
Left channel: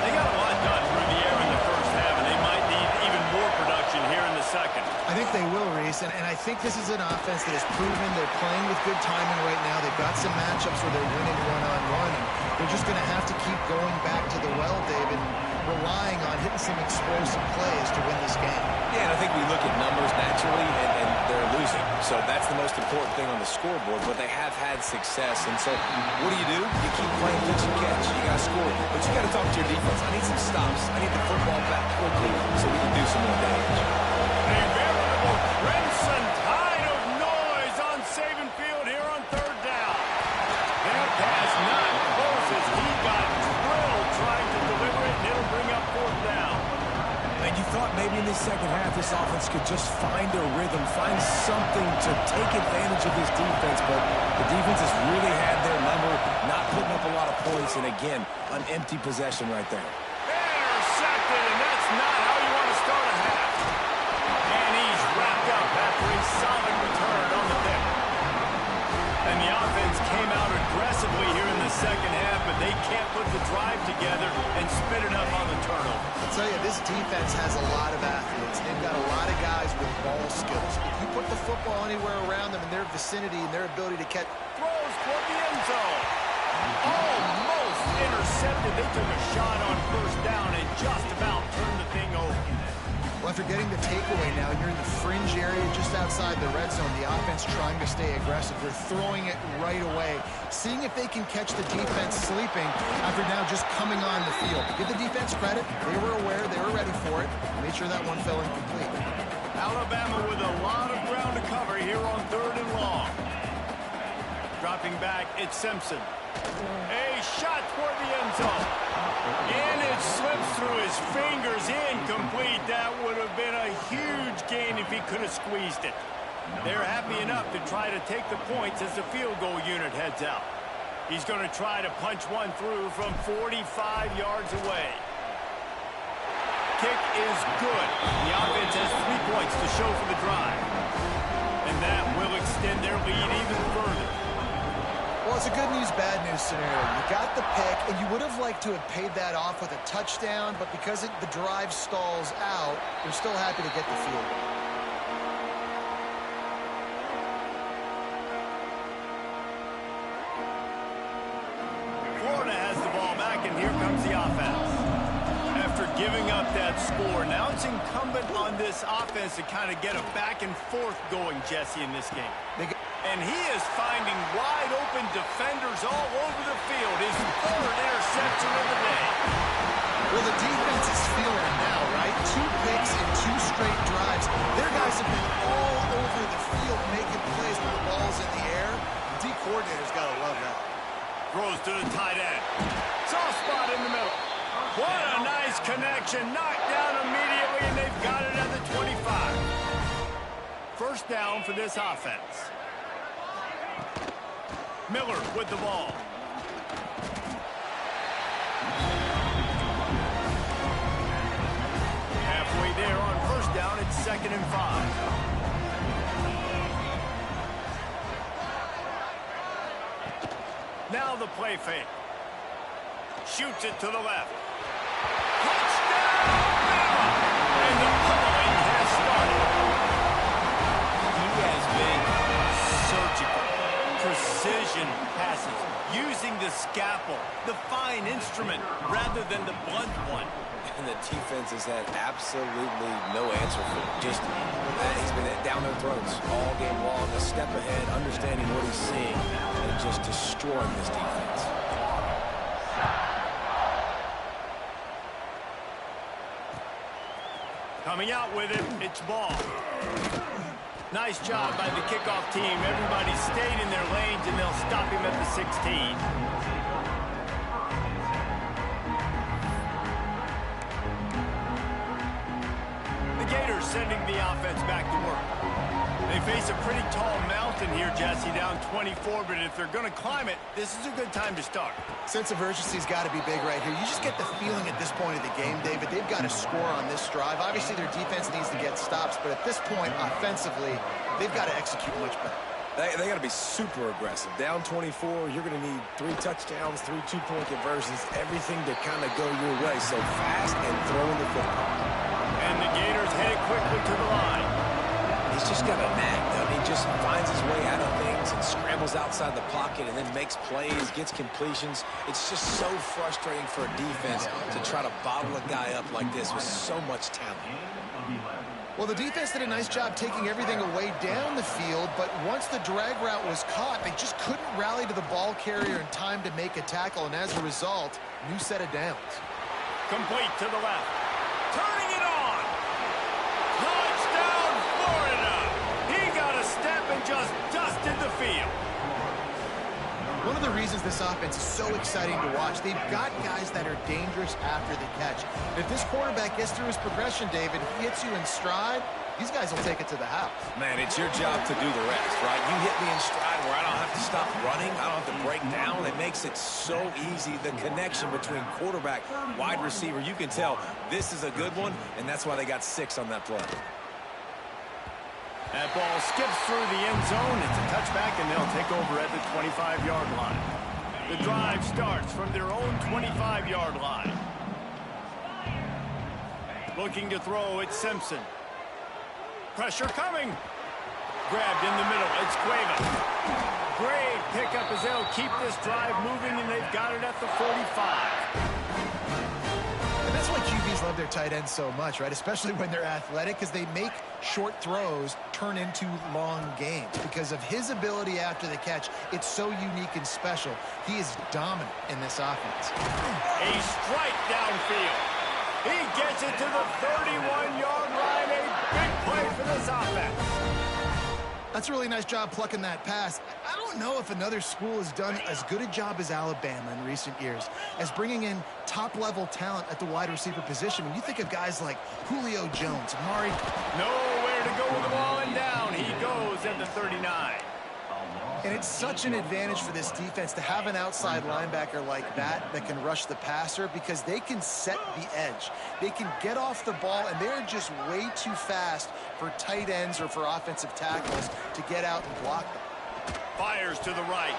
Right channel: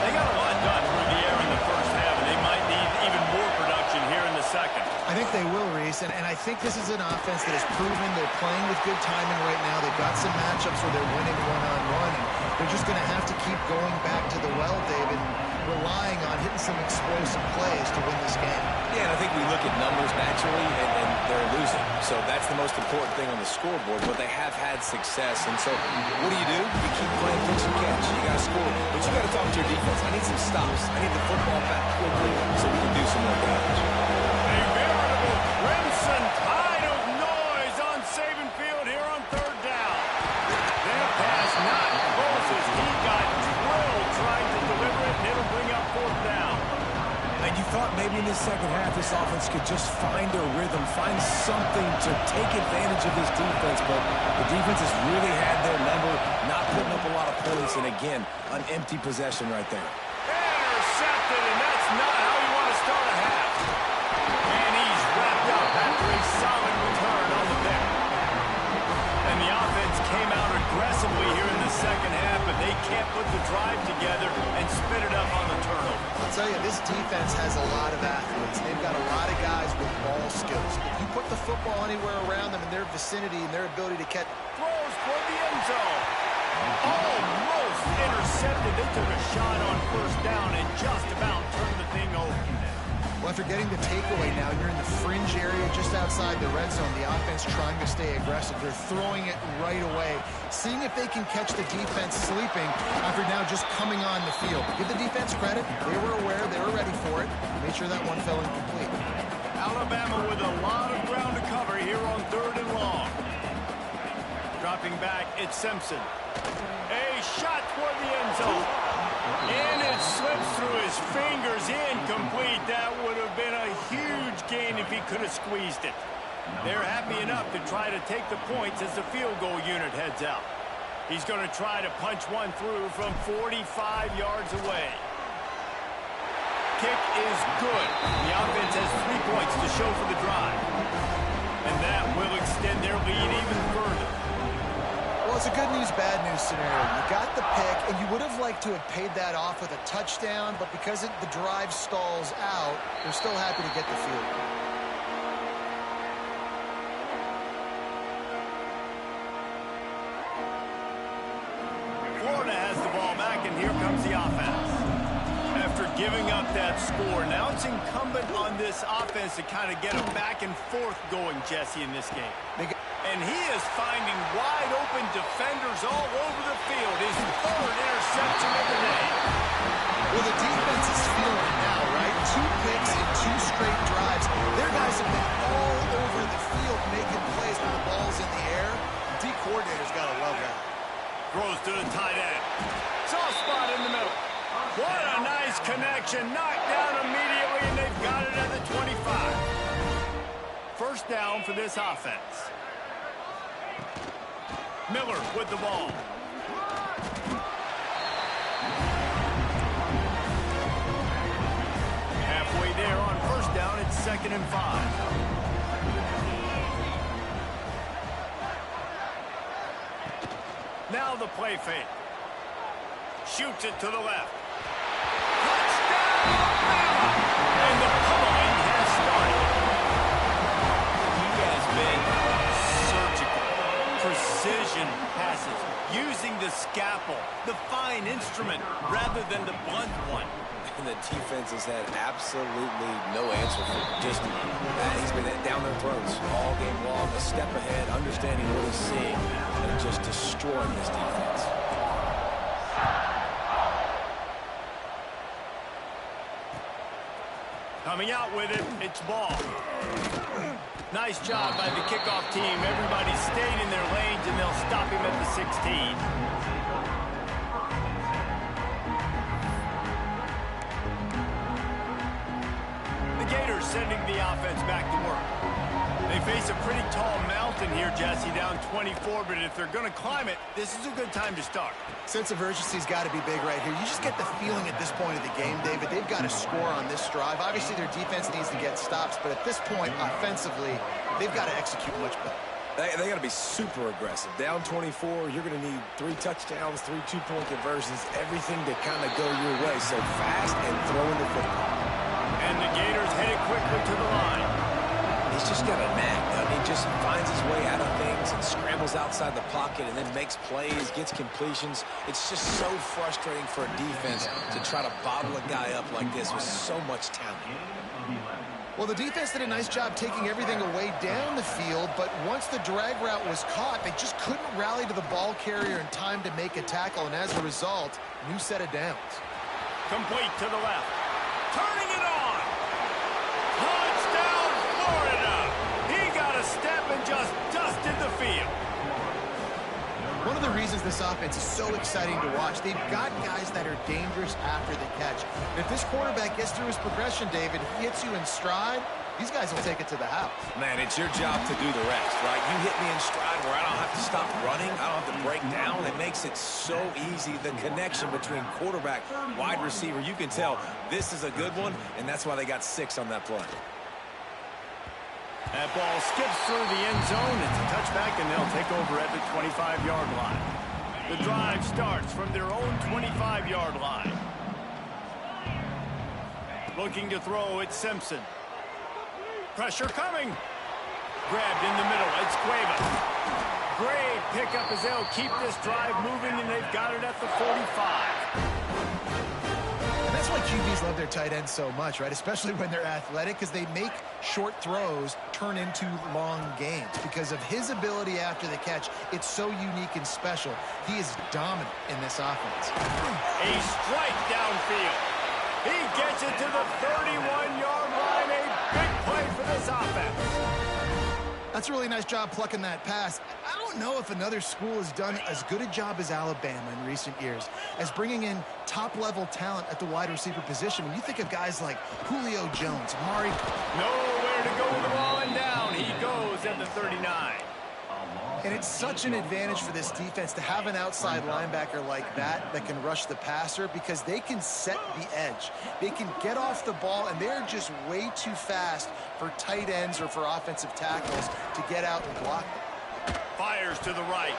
They got a lot done through the air in the first half, and they might need even more production here in the second. I think they will, Reese, and I think this is an offense that has proven they're playing with good timing right now. They've got some matchups where they're winning one-on-one, and they're just going to have to keep going back to the well, David, and relying on hitting some explosive plays to win this game. Yeah, and I think we look at numbers naturally, and they're losing. So that's the most important thing on the scoreboard, but they have had success. And so what do? You keep playing pitch and catch. You got to score. But you got to talk to your defense. I need some stops. I need the football back quickly so we can do some more damage. A veritable crimson tide of noise on Saban Field here on third down. That pass not close as he got drilled trying to deliver it, and it'll bring up fourth down. And you thought maybe in this second half this offense could just find a rhythm, find something to take advantage of this defense, but the defense has really had their number, not putting up a lot of points, and again, an empty possession right there. Intercepted, and that's not how you want to start a half. And he's wrapped up after a solid return on the pick. And the offense came out aggressively here in the second half, but they can't put the drive together and spit it up on the turnover. I'll tell you, this defense has a lot of athletes. They've got a lot of guys with ball skills. If you put the football anywhere around them in their vicinity and their ability to catch... Throws toward the end zone. Almost intercepted. They took a shot on first down and just about turned the thing over. Well, after getting the takeaway now, you're in the fringe area just outside the red zone. The offense trying to stay aggressive. They're throwing it right away, seeing if they can catch the defense sleeping after now just coming on the field. But give the defense credit. They were aware. They were ready for it. Made sure that one fell incomplete. Alabama with a lot of ground to cover here on third and long. Dropping back, it's Simpson. A shot toward the end zone. And it slips through his fingers, incomplete. That would have been a huge gain if he could have squeezed it. They're happy enough to try to take the points as the field goal unit heads out. He's going to try to punch one through from 45 yards away. Kick is good. The offense has 3 points to show for the drive. And that will extend their lead even further. Well, it's a good news, bad news scenario. You got the pick, and you would have liked to have paid that off with a touchdown, but because the drive stalls out, they're still happy to get the field goal. Florida has the ball back, and here comes the offense. After giving up that score, now it's incumbent on this offense to kind of get a back and forth going, Jesse, in this game. And he is finding wide-open defenders all over the field. His third interception of the day. Well, the defense is feeling it now, right? 2 picks in 2 straight drives. Their guys have been all over the field making plays when the ball's in the air. D coordinator's got to love that. Throws to the tight end. Soft spot in the middle. What a nice connection. Knocked down immediately, and they've got it at the 25. First down for this offense. Miller with the ball. Halfway there on first down, it's 2nd and 5. Now the play fake. Shoots it to the left. Touchdown, Bama! And the pummeling has started. He has been surgical. Precision passes, using the scalpel, the fine instrument, rather than the blunt one. And the defense has had absolutely no answer for it. Just, he's been down their throats all game long, a step ahead, understanding what he's seeing, and just destroying this defense. Coming out with it, it's Ball. Nice job by the kickoff team. Everybody stayed in their lanes, and they'll stop him at the 16. The Gators sending the offense back to work. They face a pretty tall mountain here, Jesse, down 24, but if they're going to climb it, this is a good time to start. Sense of urgency's got to be big right here. You just get the feeling at this point of the game, David, they've got to score on this drive. Obviously, their defense needs to get stops, but at this point, offensively, they've got to execute much better. They got to be super aggressive. Down 24, you're going to need 3 touchdowns, 3 two-point conversions, everything to kind of go your way. So fast and throwing the football. And the Gators headed quickly to the line. He's just got a knack. I mean, he just finds his way out of things and scrambles outside the pocket and then makes plays, gets completions. It's just so frustrating for a defense to try to bottle a guy up like this with so much talent. Well, the defense did a nice job taking everything away down the field, but once the drag route was caught, they just couldn't rally to the ball carrier in time to make a tackle, and as a result, new set of downs. Complete to the left. Turning it on. Touchdown, Florida. He got a step and just dusted the field. One of the reasons this offense is so exciting to watch, they've got guys that are dangerous after the catch. And if this quarterback gets through his progression, David, he hits you in stride, these guys will take it to the house. Man, it's your job to do the rest, right? You hit me in stride where I don't have to stop running. I don't have to break down. It makes it so easy. The connection between quarterback, wide receiver, you can tell this is a good one, and that's why they got 6 on that play. That ball skips through the end zone. It's a touchback, and they'll take over at the 25-yard line. The drive starts from their own 25-yard line. Looking to throw, it's Simpson. Pressure coming. Grabbed in the middle, it's Cuevas. Great pickup as they'll keep this drive moving, and they've got it at the 45. And that's why QBs love their tight ends so much, right? Especially when they're athletic, because they make short throws turn into long games. Because of his ability after the catch, it's so unique and special. He is dominant in this offense. A strike downfield. He gets it to the 31-yard line. A big play for this offense. That's a really nice job plucking that pass. I don't know if another school has done as good a job as Alabama in recent years as bringing in top-level talent at the wide receiver position. When you think of guys like Julio Jones, Amari. Nowhere to go with the ball, and down he goes at the 39. And it's such an advantage for this defense to have an outside linebacker like that can rush the passer, because they can set the edge. They can get off the ball, and they're just way too fast for tight ends or for offensive tackles to get out and block them. Fires to the right,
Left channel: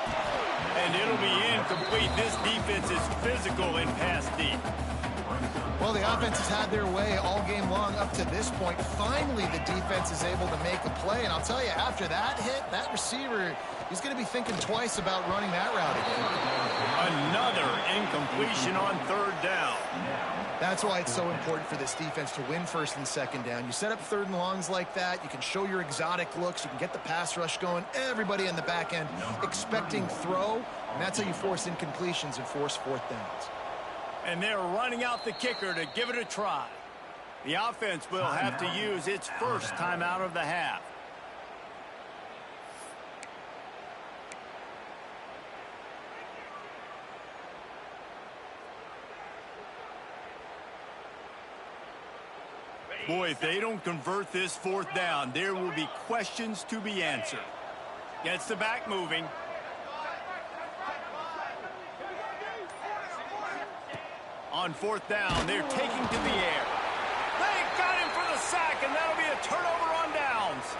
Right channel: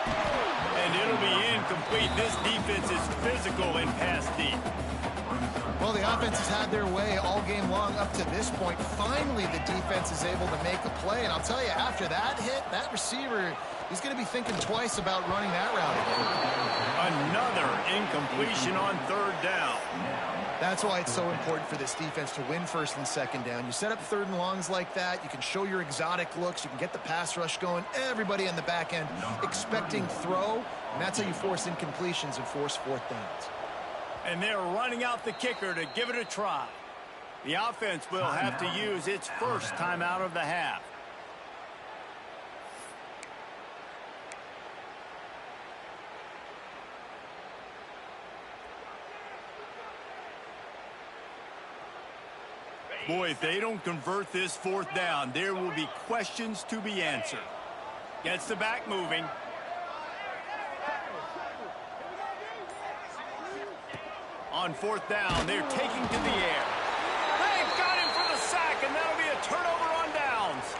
and it'll be incomplete. This defense is physical in pass deep. Well, the offense has had their way all game long up to this point. Finally, the defense is able to make a play. And I'll tell you, after that hit, that receiver, he's going to be thinking twice about running that route again. Another incompletion on 3rd down. That's why it's so important for this defense to win 1st and 2nd down. You set up 3rd and longs like that. You can show your exotic looks. You can get the pass rush going. Everybody in the back end expecting throw. And that's how you force incompletions and force 4th downs. And they're running out the kicker to give it a try. The offense will have to use its first timeout of the half. Boy, if they don't convert this 4th down, there will be questions to be answered. Gets the back moving. On 4th down, they're taking to the air. They got him for the sack, and that'll be a turnover on downs.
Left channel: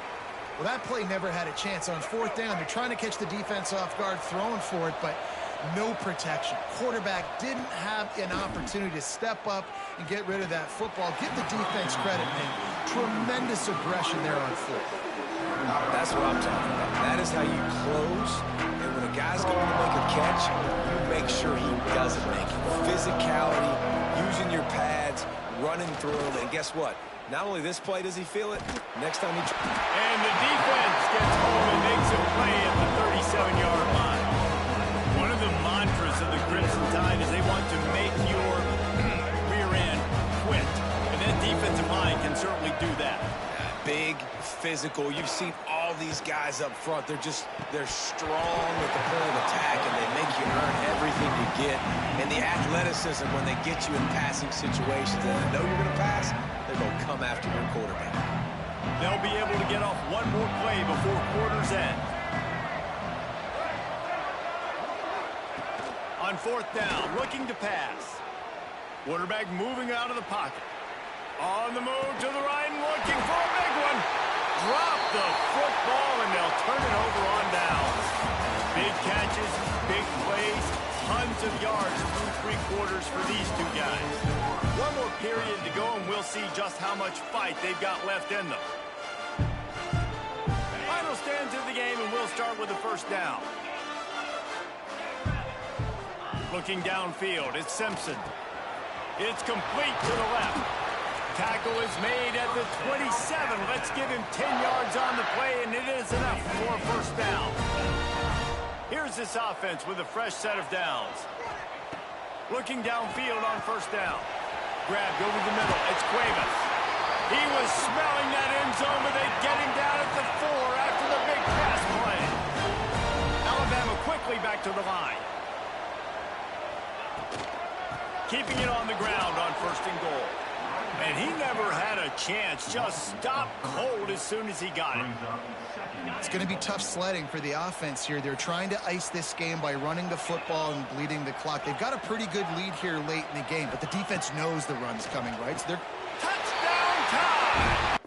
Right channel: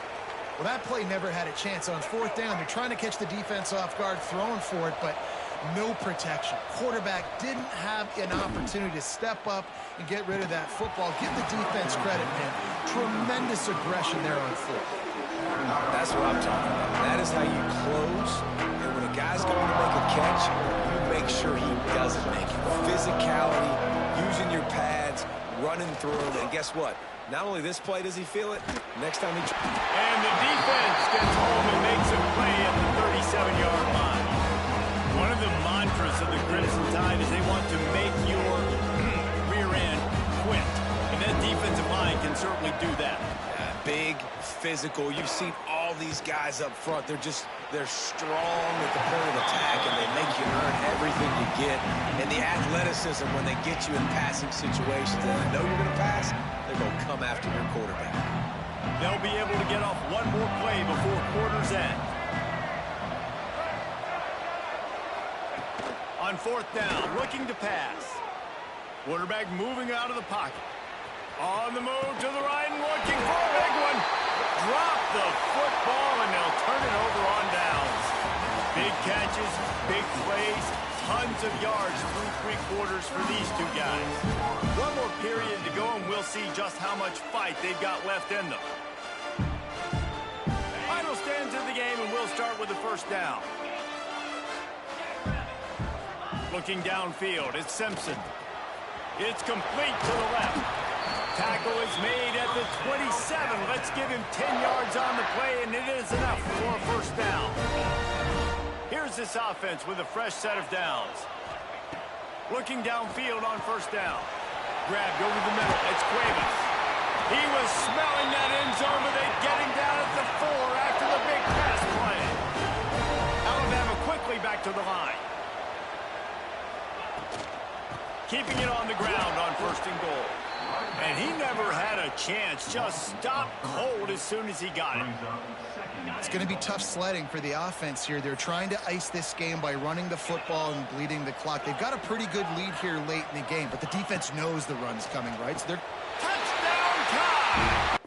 Well, that play never had a chance. On 4th down, they're trying to catch the defense off guard, throwing for it, but no protection. Quarterback didn't have an opportunity to step up and get rid of that football. Give the defense credit, man. Tremendous aggression there on 4th. That's what I'm talking about. That is how you close. And when a guy's going to make a catch, you make sure he doesn't make it. Physicality, using your pads, running through them. And guess what? Not only this play does he feel it, next time he... And the defense gets home and makes a play at the 37-yard line. One of the mantras of the Crimson Tide is they want to make your rear end quit. And that defensive line can certainly do that. Big, physical. You've seen all these guys up front. They're strong at the point of attack, and they make you earn everything you get. And the athleticism when they get you in passing situations and they know you're going to pass, they're going to come after your quarterback. They'll be able to get off one more play before quarter's end. On 4th down, looking to pass. Quarterback moving out of the pocket. On the move to the right and looking for a big one. Drop the football, and they'll turn it over on downs. Big catches, big plays, tons of yards through 3 quarters for these two guys. One more period to go, and we'll see just how much fight they've got left in them. Final stands of the game, and we'll start with the 1st down. Looking downfield, it's Simpson. It's complete to the left. tackle is made at the 27. Let's give him 10 yards on the play, and it is enough for a first down. Here's this offense with a fresh set of downs. Looking downfield on first down. Grabbed over the middle. It's Cuevas. He was smelling that end zone, but they get him down at the 4 after the big pass play. Alabama quickly back to the line. Keeping it on the ground on first and goal. And he never had a chance. Just stopped cold as soon as he got it. It's going to be tough sledding for the offense here. They're trying to ice this game by running the football and bleeding the clock. They've got a pretty good lead here late in the game, but the defense knows the run's coming, right? So they're... Touchdown time!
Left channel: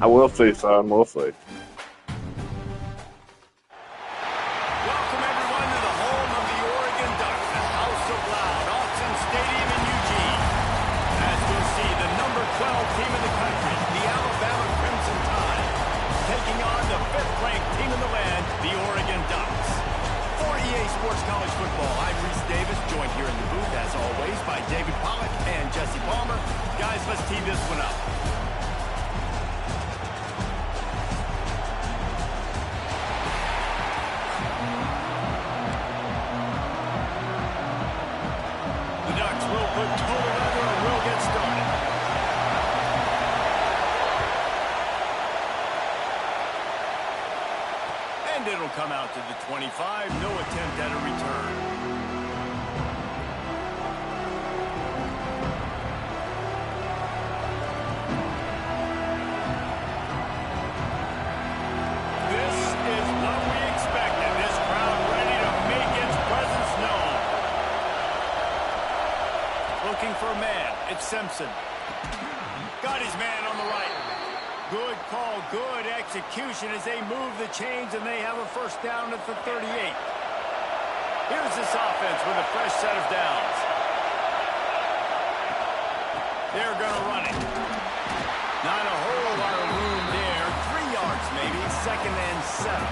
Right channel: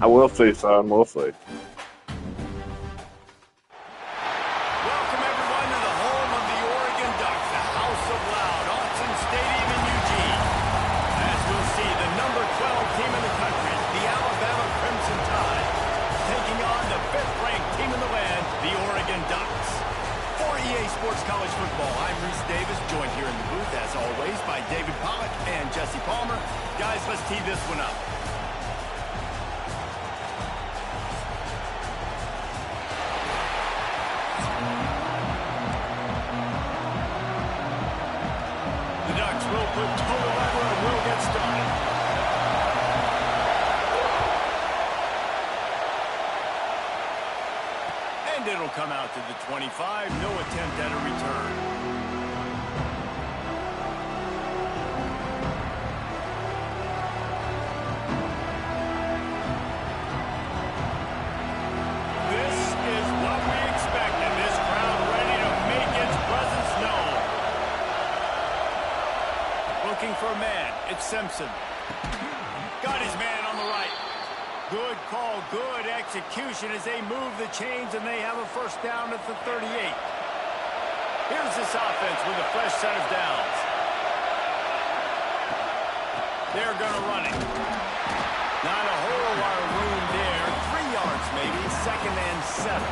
I will see, son. We'll see. Welcome, everyone, to the home of the Oregon Ducks, the House of Loud, Autzen Stadium in Eugene. As we'll see, the number 12 team in the country, the Alabama Crimson Tide, taking on the 5th-ranked team in the land, the Oregon Ducks. For EA Sports College Football, I'm Reese Davis, joined here in the booth, as always, by David Pollack and Jesse Palmer. Guys, let's tee this one up. Will put total leather and will get started. And it'll come out to the 25. No attempt at a return. This is what we expected. This crowd ready to make its presence known. Looking for a man. It's Simpson. Got his man on the right. Good call, good execution as they move the chains and they have a first down at the 38. Here's this offense with a fresh set of downs. They're going to run it. Not a whole lot of room there. 3 yards maybe, 2nd and 7.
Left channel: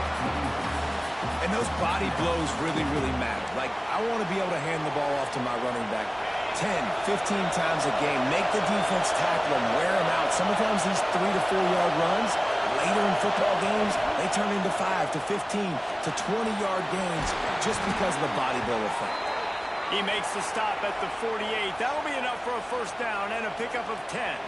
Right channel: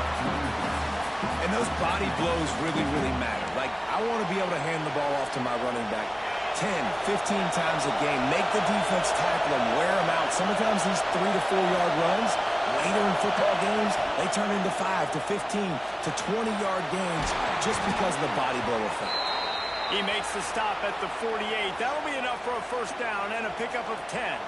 And those body blows really, really matter. Like, I want to be able to hand the ball off to my running back 10, 15 times a game. Make the defense tackle them, wear them out. Sometimes these 3 to 4 yard runs, later in football games, they turn into 5 to 15 to 20 yard gains just because of the body blow effect. He makes the stop at the 48. That'll be enough for a first down and a pickup of 10.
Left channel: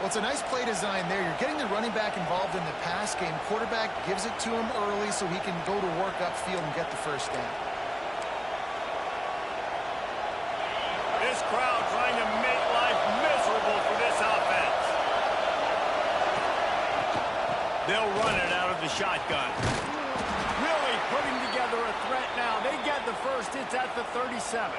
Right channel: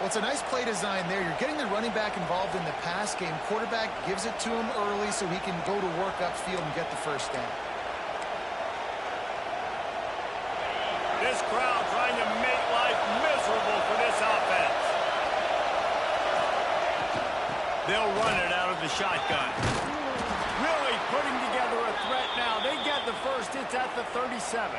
Well, it's a nice play design there. You're getting the running back involved in the pass game. Quarterback gives it to him early so he can go to work upfield and get the first down. This crowd trying to make life miserable for this offense. They'll run it out of the shotgun. Really putting together a threat now. They get the first. It's at the 37.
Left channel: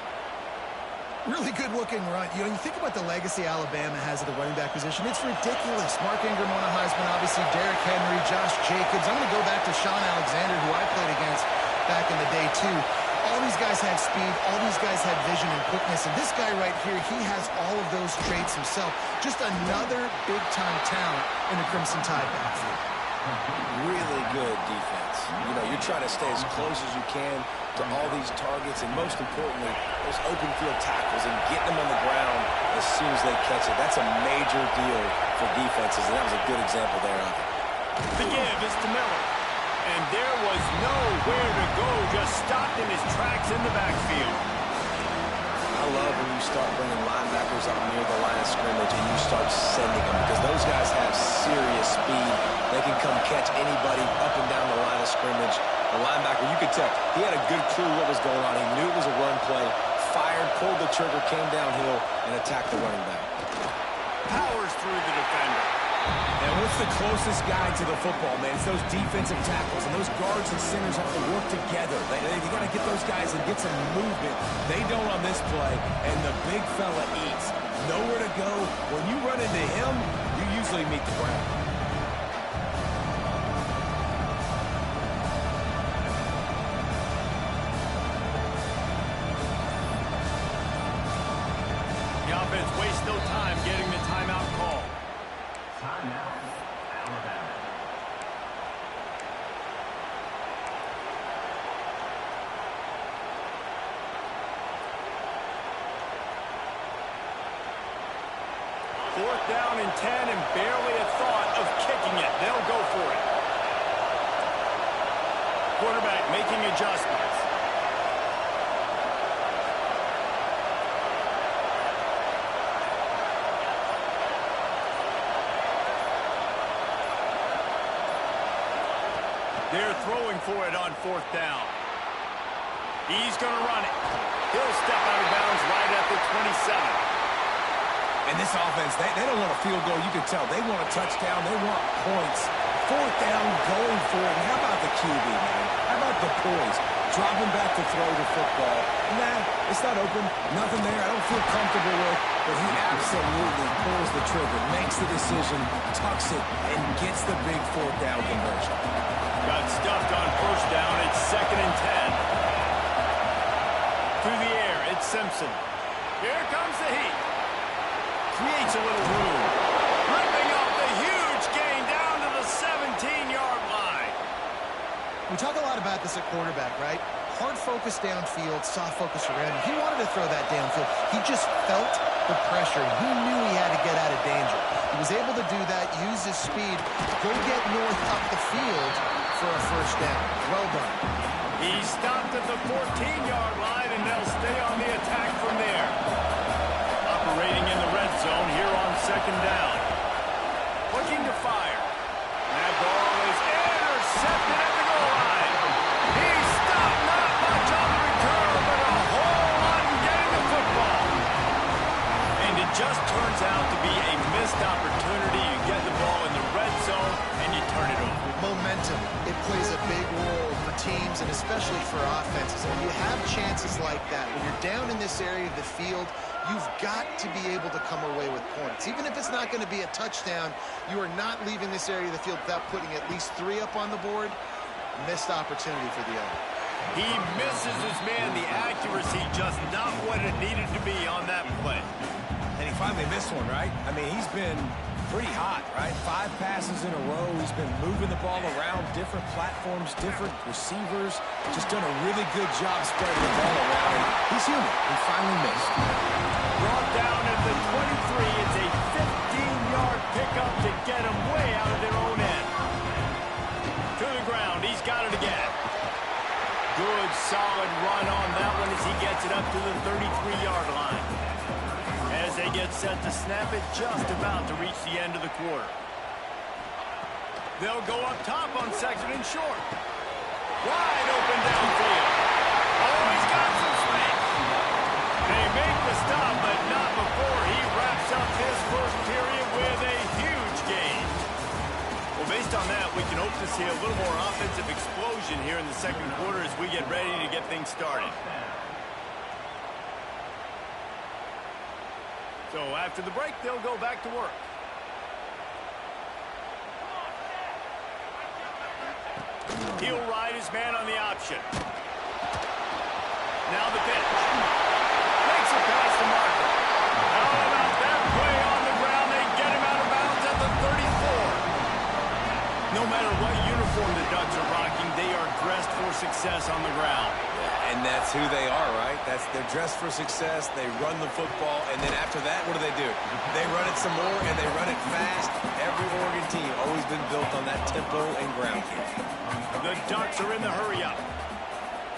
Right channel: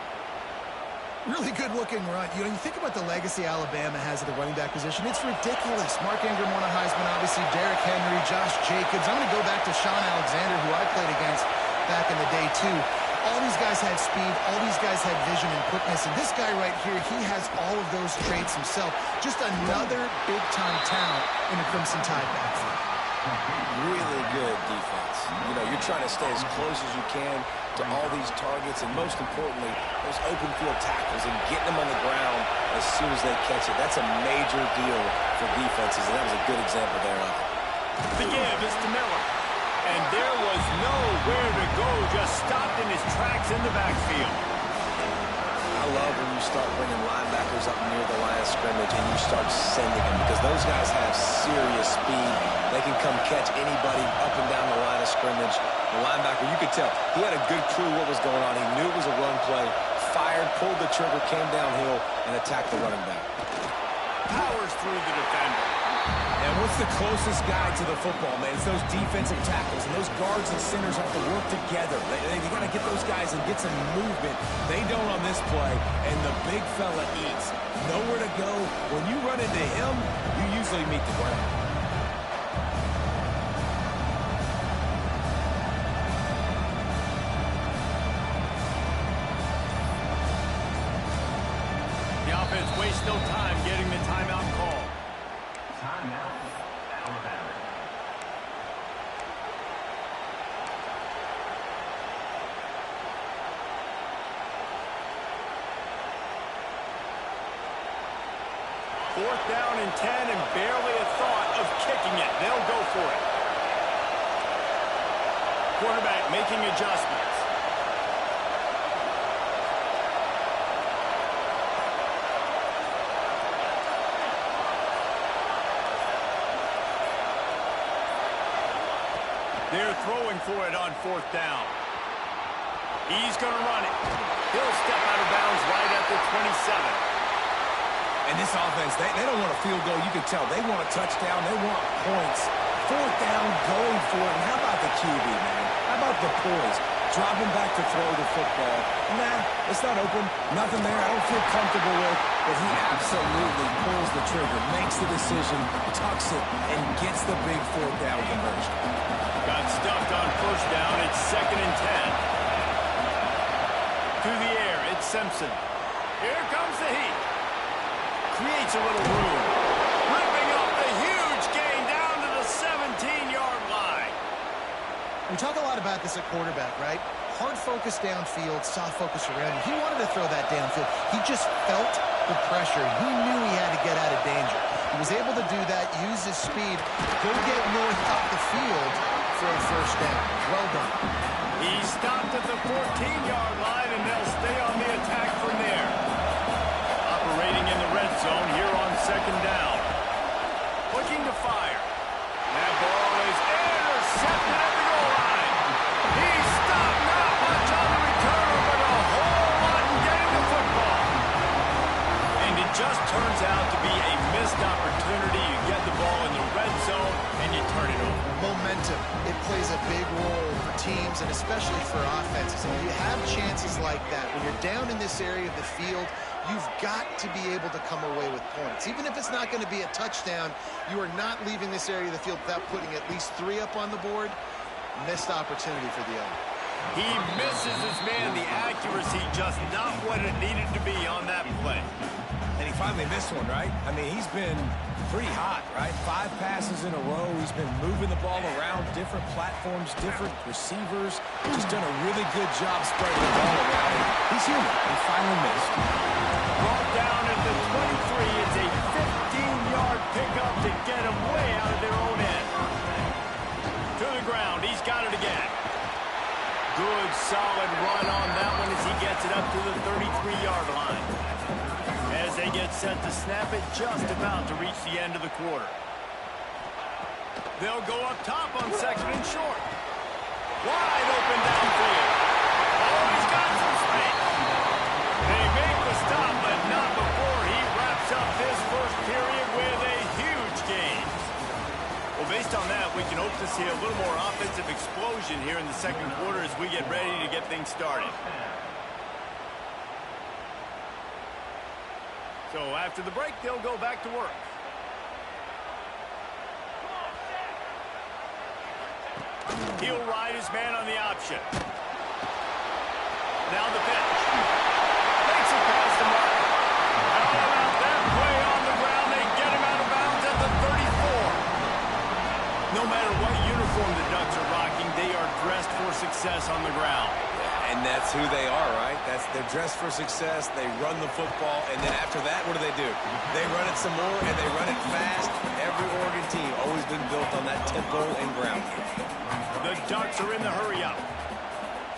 Really good-looking run. You know, you think about the legacy Alabama has at the running back position. It's ridiculous. Mark Ingram won a Heisman, obviously. Derrick Henry, Josh Jacobs. I'm going to go back to Sean Alexander, who I played against back in the day, too. All these guys had speed. All these guys had vision and quickness. And this guy right here, he has all of those traits himself. Just another big-time talent in a Crimson Tide backfield. Really good defense. You know, you're trying to stay as close as you can to all these targets, and most importantly, those open field tackles and getting them on the ground as soon as they catch it. That's a major deal for defenses, and that was a good example there of it. The give is to Miller. And there was nowhere to go, just stopped in his tracks in the backfield. I love when you start bringing linebackers up near the line of scrimmage and you start sending them, because those guys have serious speed. They can come catch anybody up and down the line of scrimmage. The linebacker, you could tell, he had a good clue what was going on. He knew it was a run play, fired, pulled the trigger, came downhill, and attacked the running back. Powers through the defender. And what's the closest guy to the football, man? It's those defensive tackles, and those guards and centers have to work together. They got to get those guys and get some movement. They don't on this play, and the big fella eats. Nowhere to go. When you run into him, you usually meet the ground. The offense wastes no time getting the timeout call. Timeout, Alabama. Fourth down and 10, and barely a thought of kicking it. They'll go for it. Quarterback making adjustments. They're throwing for it on fourth down. He's going to run it. He'll step out of bounds right at the 27. And this offense, they don't want a field goal. You can tell. They want a touchdown. They want points. Fourth down, going for it. And how about the QB, man? How about the poise? Dropping back to throw the football. Nah, it's not open. Nothing there I don't feel comfortable with. But he absolutely pulls the trigger, makes the decision, tucks it, and gets the big fourth down conversion. Got stuffed on first down. It's 2nd and 10. Through the air, it's Simpson. Here comes the heat. Creates a little room. Ripping up the huge gain down to the 17-yard line. We talk a lot about this at quarterback, right? Hard focus downfield, soft focus around you. He wanted to throw that downfield. He just felt the pressure. He knew he had to get out of danger. He was able to do that, use his speed, go get north up the field for a first down. Well done. He stopped at the 14-yard line, and they'll stay on the attack from there. Operating in the red zone here on 2nd down. Looking to fire. That ball is intercepted at the goal line. He stopped, not much on the return, but a whole lot in getting the football. And it just turns out to be a missed opportunity. You get the ball in the red zone, and you turn it over. Momentum. It plays a big role for teams and especially for offenses. And when you have chances like that, when you're down in this area of the field, you've got to be able to come away with points. Even if it's not going to be a touchdown, you are not leaving this area of the field without putting at least 3 up on the board. Missed opportunity for the other. He misses his man. The accuracy just not what it needed to be on that play. And he finally missed one, right? I mean, he's been pretty hot, right? 5 passes in a row. He's been moving the ball around different platforms, different receivers. Just done a really good job spreading the ball around. And he's human. He finally missed. Brought down at the 23. It's a 15-yard pickup to get him way out of their own end. To the ground. He's got it again. Good, solid run on that one as he gets it up to the 33-yard line. As they get set to snap it, just about to reach the end of the quarter. They'll go up top on 2nd and short. Wide open downfield. Oh, he's got some space. They make the stop, but not before he wraps up his first period with a huge gain. Well, based on that, we can hope to see a little more offensive explosion here in the second quarter as we get ready to get things started. So after the break, they'll go back to work. He'll ride his man on the option. Now the pitch. Makes a pass to Marker. How about that play on the ground? They get him out of bounds at the 34. No matter what uniform the Ducks are rocking, they are dressed for success on the ground. Yeah, and that's who they are, right? They're dressed for success. They run the football, and then after that, what do? They run it some more, and they run it fast. Every Oregon team always been built on that tempo and ground game. The Ducks are in the hurry-up.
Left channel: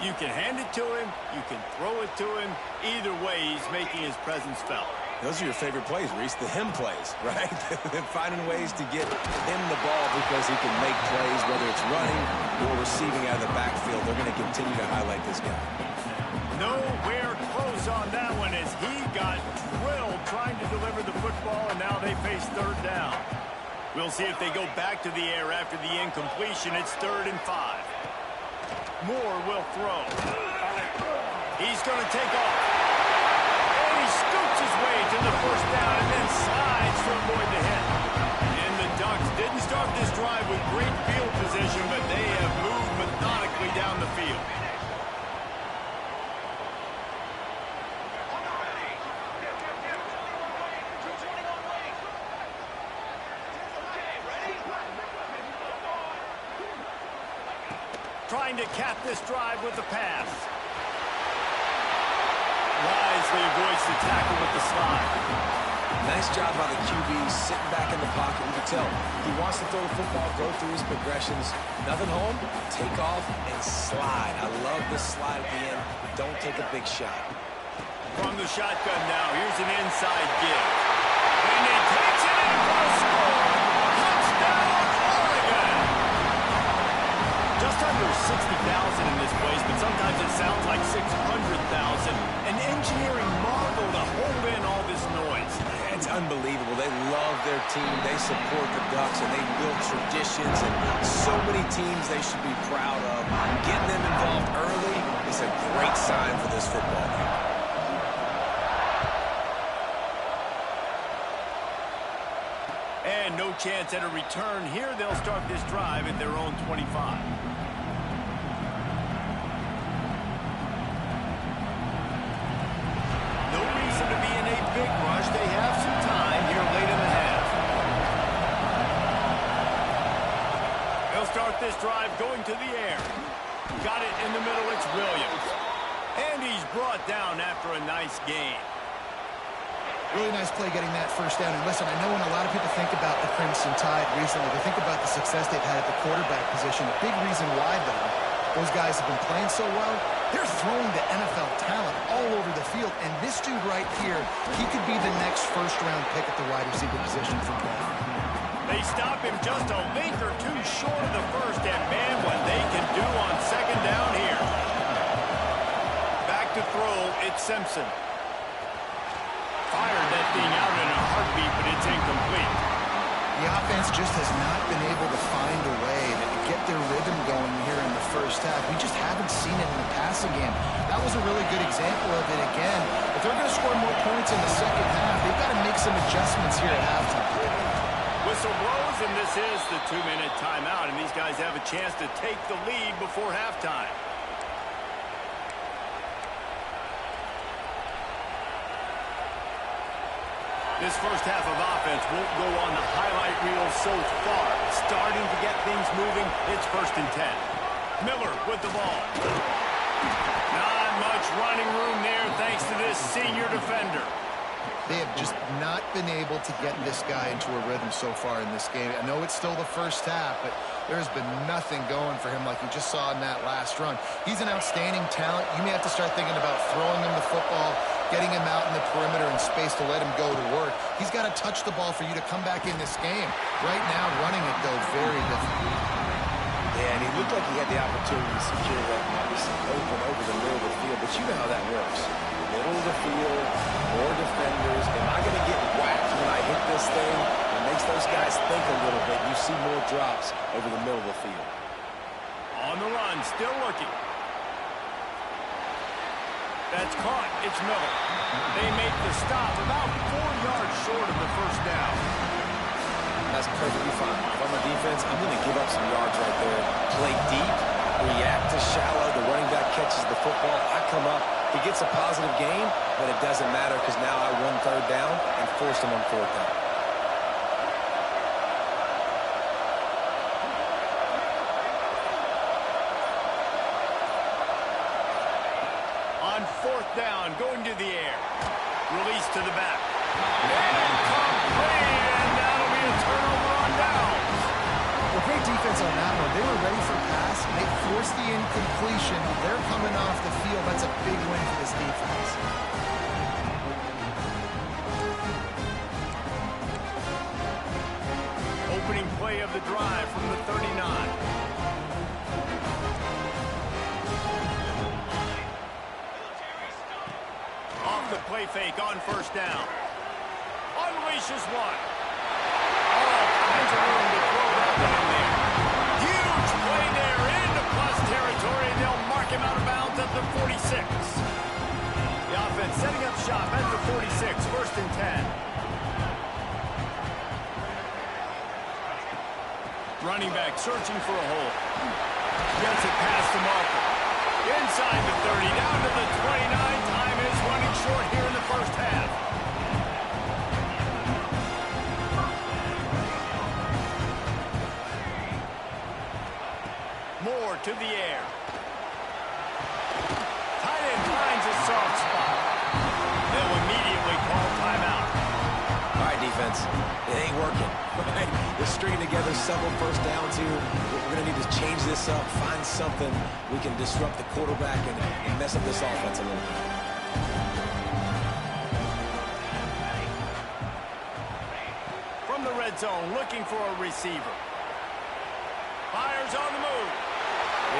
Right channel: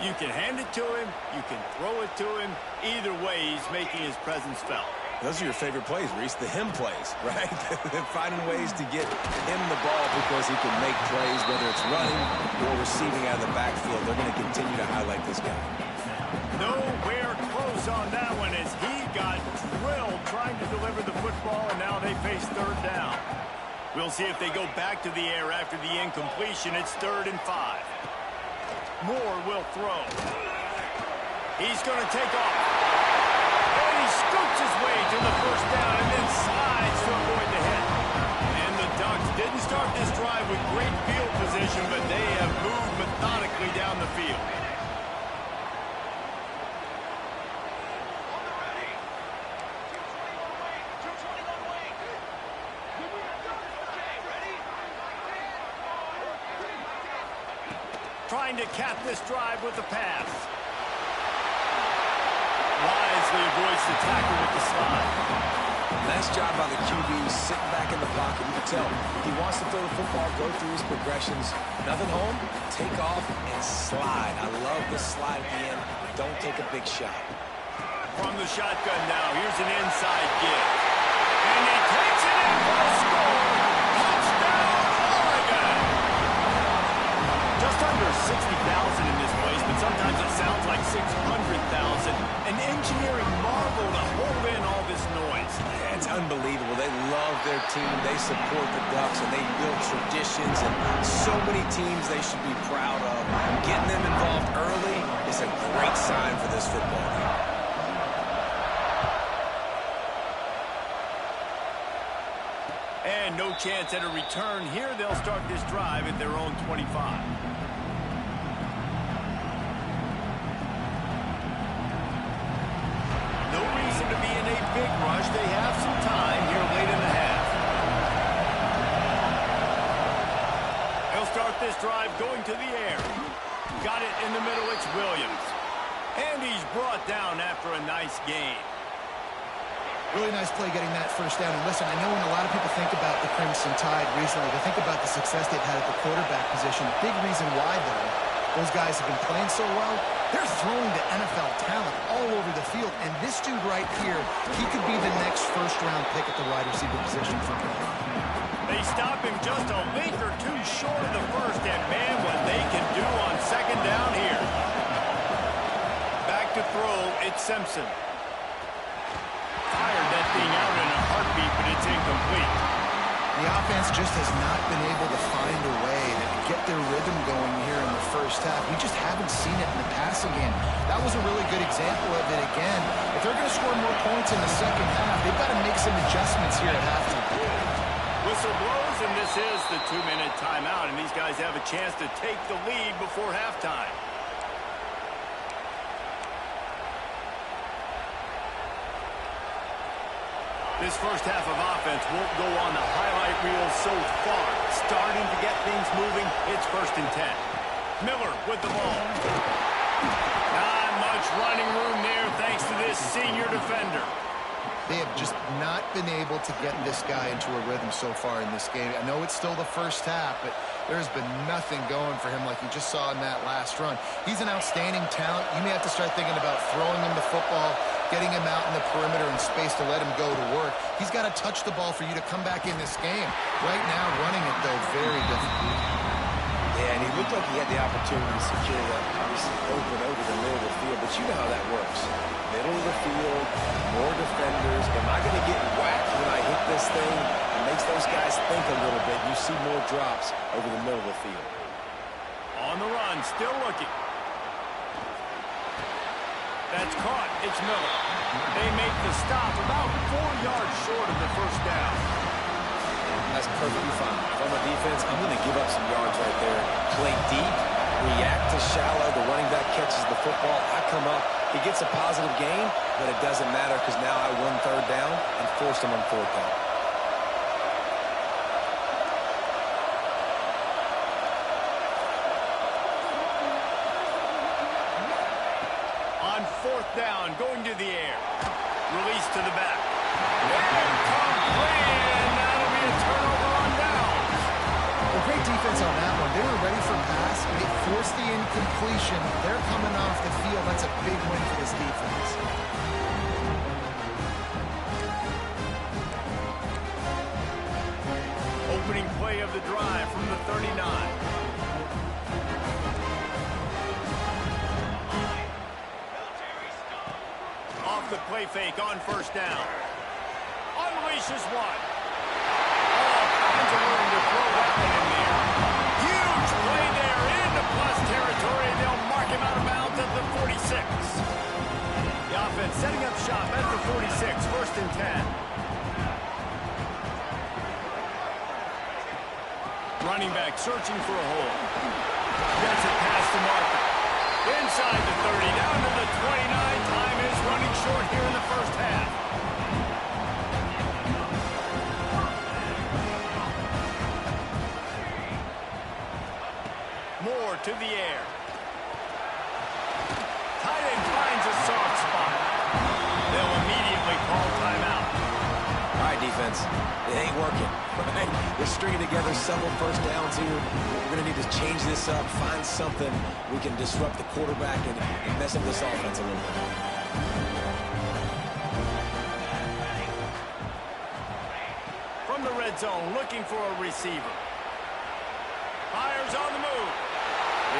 You can hand it to him. You can throw it to him. Either way, he's making his presence felt. Those are your favorite plays, Reese, the him plays, right? Finding ways to get him the ball because he can make plays, whether it's running or receiving out of the backfield. They're going to continue to highlight this guy. Nowhere close on that one as he got drilled trying to deliver the football, and now they face third down. We'll see if they go back to the air after the incompletion. It's 3rd and 5. Moore will throw. He's going to take off. And he scoots his way to the first down and then slides to avoid the hit. And the Ducks didn't start this drive with great field position, but they have moved methodically down the field. Trying to cap this drive with the pass. Wisely avoids the tackle with the slide. Nice job by the QB sitting back in the pocket. You can tell he wants to throw the football, go through his progressions. Nothing home, take off and slide. I love the slide at the end. Don't take a big shot. From the shotgun now, here's an inside give. And he takes it in for the score. Touchdown, Oregon! Just under 60,000 in this place, but sometimes it sounds like 600,000. An engineering marvel to hold in all this noise. It's unbelievable. They love their team. They support the Ducks, and they build traditions, and so many teams they should be proud of. Getting them involved early is a great sign for this football game. And no chance at a return here. They'll start this drive at their own 25. No reason to be in a big rush. They have some time here late in the half. They'll start this drive going to the air. Got it in the middle. It's Williams. And he's brought down after a nice gain. Really nice play getting that first down. And listen, I know when a lot of people think about the Crimson Tide recently, they think about the success they've had at the quarterback position. A big reason why, though, those guys have been playing so well, they're throwing the NFL talent all over the field. And this dude right here, he could be the next first-round pick at the wide receiver position for Penn. They stop him just a link or two short of the first. And, man, what they can do on second down here. Back to throw, it's Simpson. Fired that thing out in a heartbeat, but it's incomplete. The offense just has not been able to find a way to get their rhythm going here in the first half. We just haven't seen it in the passing game. That was a really good example of it again. If they're going to score more points in the second half, they've got to make some adjustments here at halftime. Whistle blows, and this is the 2-minute timeout, and these guys have a chance to take the lead before halftime. This first half of offense won't go on the highlight reel so far. Starting to get things moving. It's 1st and 10. Miller with the ball. Not much running room there thanks to this senior defender. They have just not been able to get this guy into a rhythm so far in this game. I know it's still the first half, but there's been nothing going for him like you just saw in that last run. He's an outstanding talent. You may have to start thinking about throwing him the football, getting him out in the perimeter and space to let him go to work. He's got to touch the ball for you to come back in this game. Right now, running it, though, very difficult. Yeah, and he looked like he had the opportunity to secure that, obviously, open over the middle of the field, but you know how that works. Middle of the field, more defenders. Am I going to get whacked when I hit this thing? It makes those guys think a little bit. You see more drops over the middle of the field. On the run, still looking. That's caught. It's Miller. They make the stop about 4 yards short of the first down. That's perfectly fine. If I'm a defense, I'm going to give up some yards right there. Play deep, react to shallow. The running back catches the football. I come up. He gets a positive gain, but it doesn't matter because now I won 3rd down and forced him on 4th down. on 4th down, going to the air. Release to the back. Incomplete, and that'll be a turnover on downs. Well, great defense on that one. They were ready for pass, and they forced the incompletion. They're coming off the field. That's a big win for this defense. Opening play of the drive from the 39. Off the play fake on 1st down. Unleashes one. All kinds of room to throw that one in there. Huge play there into plus territory, and they'll mark him out of bounds at the 46. The offense setting up shop at the 46, 1st and 10. Running back searching for a hole. Gets it past the marker. Inside the 30, down to the 29. Time is running short here in the 1st half. Moore to the air. Tight end finds a soft spot. They'll immediately call timeout. All right, defense, it ain't working. Right? They're stringing together several 1st downs here. We're going to need to change this up, find something we can disrupt the quarterback and mess up this offense a little bit. From the red zone, looking for a receiver. Fires on the move.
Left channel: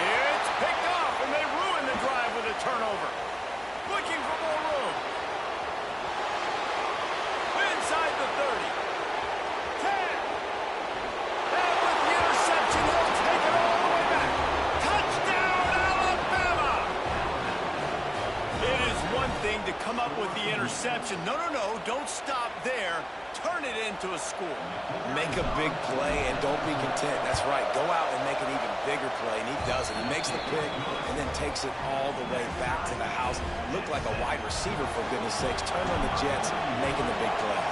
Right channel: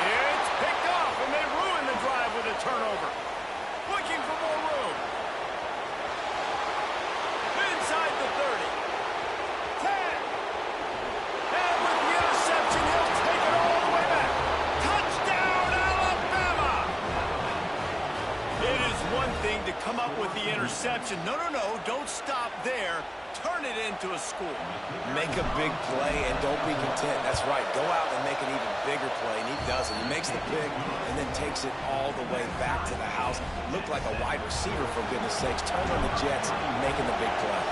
It's picked off, and they ruin the drive with a turnover. Looking for more room. Inside the 30. 10. And with the interception, he'll take it all the way back. Touchdown, Alabama! It is one thing to come up with the interception. No, don't stop there. Turn it into a score. Make a big play and don't be content. That's right. Go out and make an even bigger play, and he does it. He makes the pick and then takes it all the way back to the house. Looked like a wide receiver, for goodness sakes. Turn on the Jets, making the big play.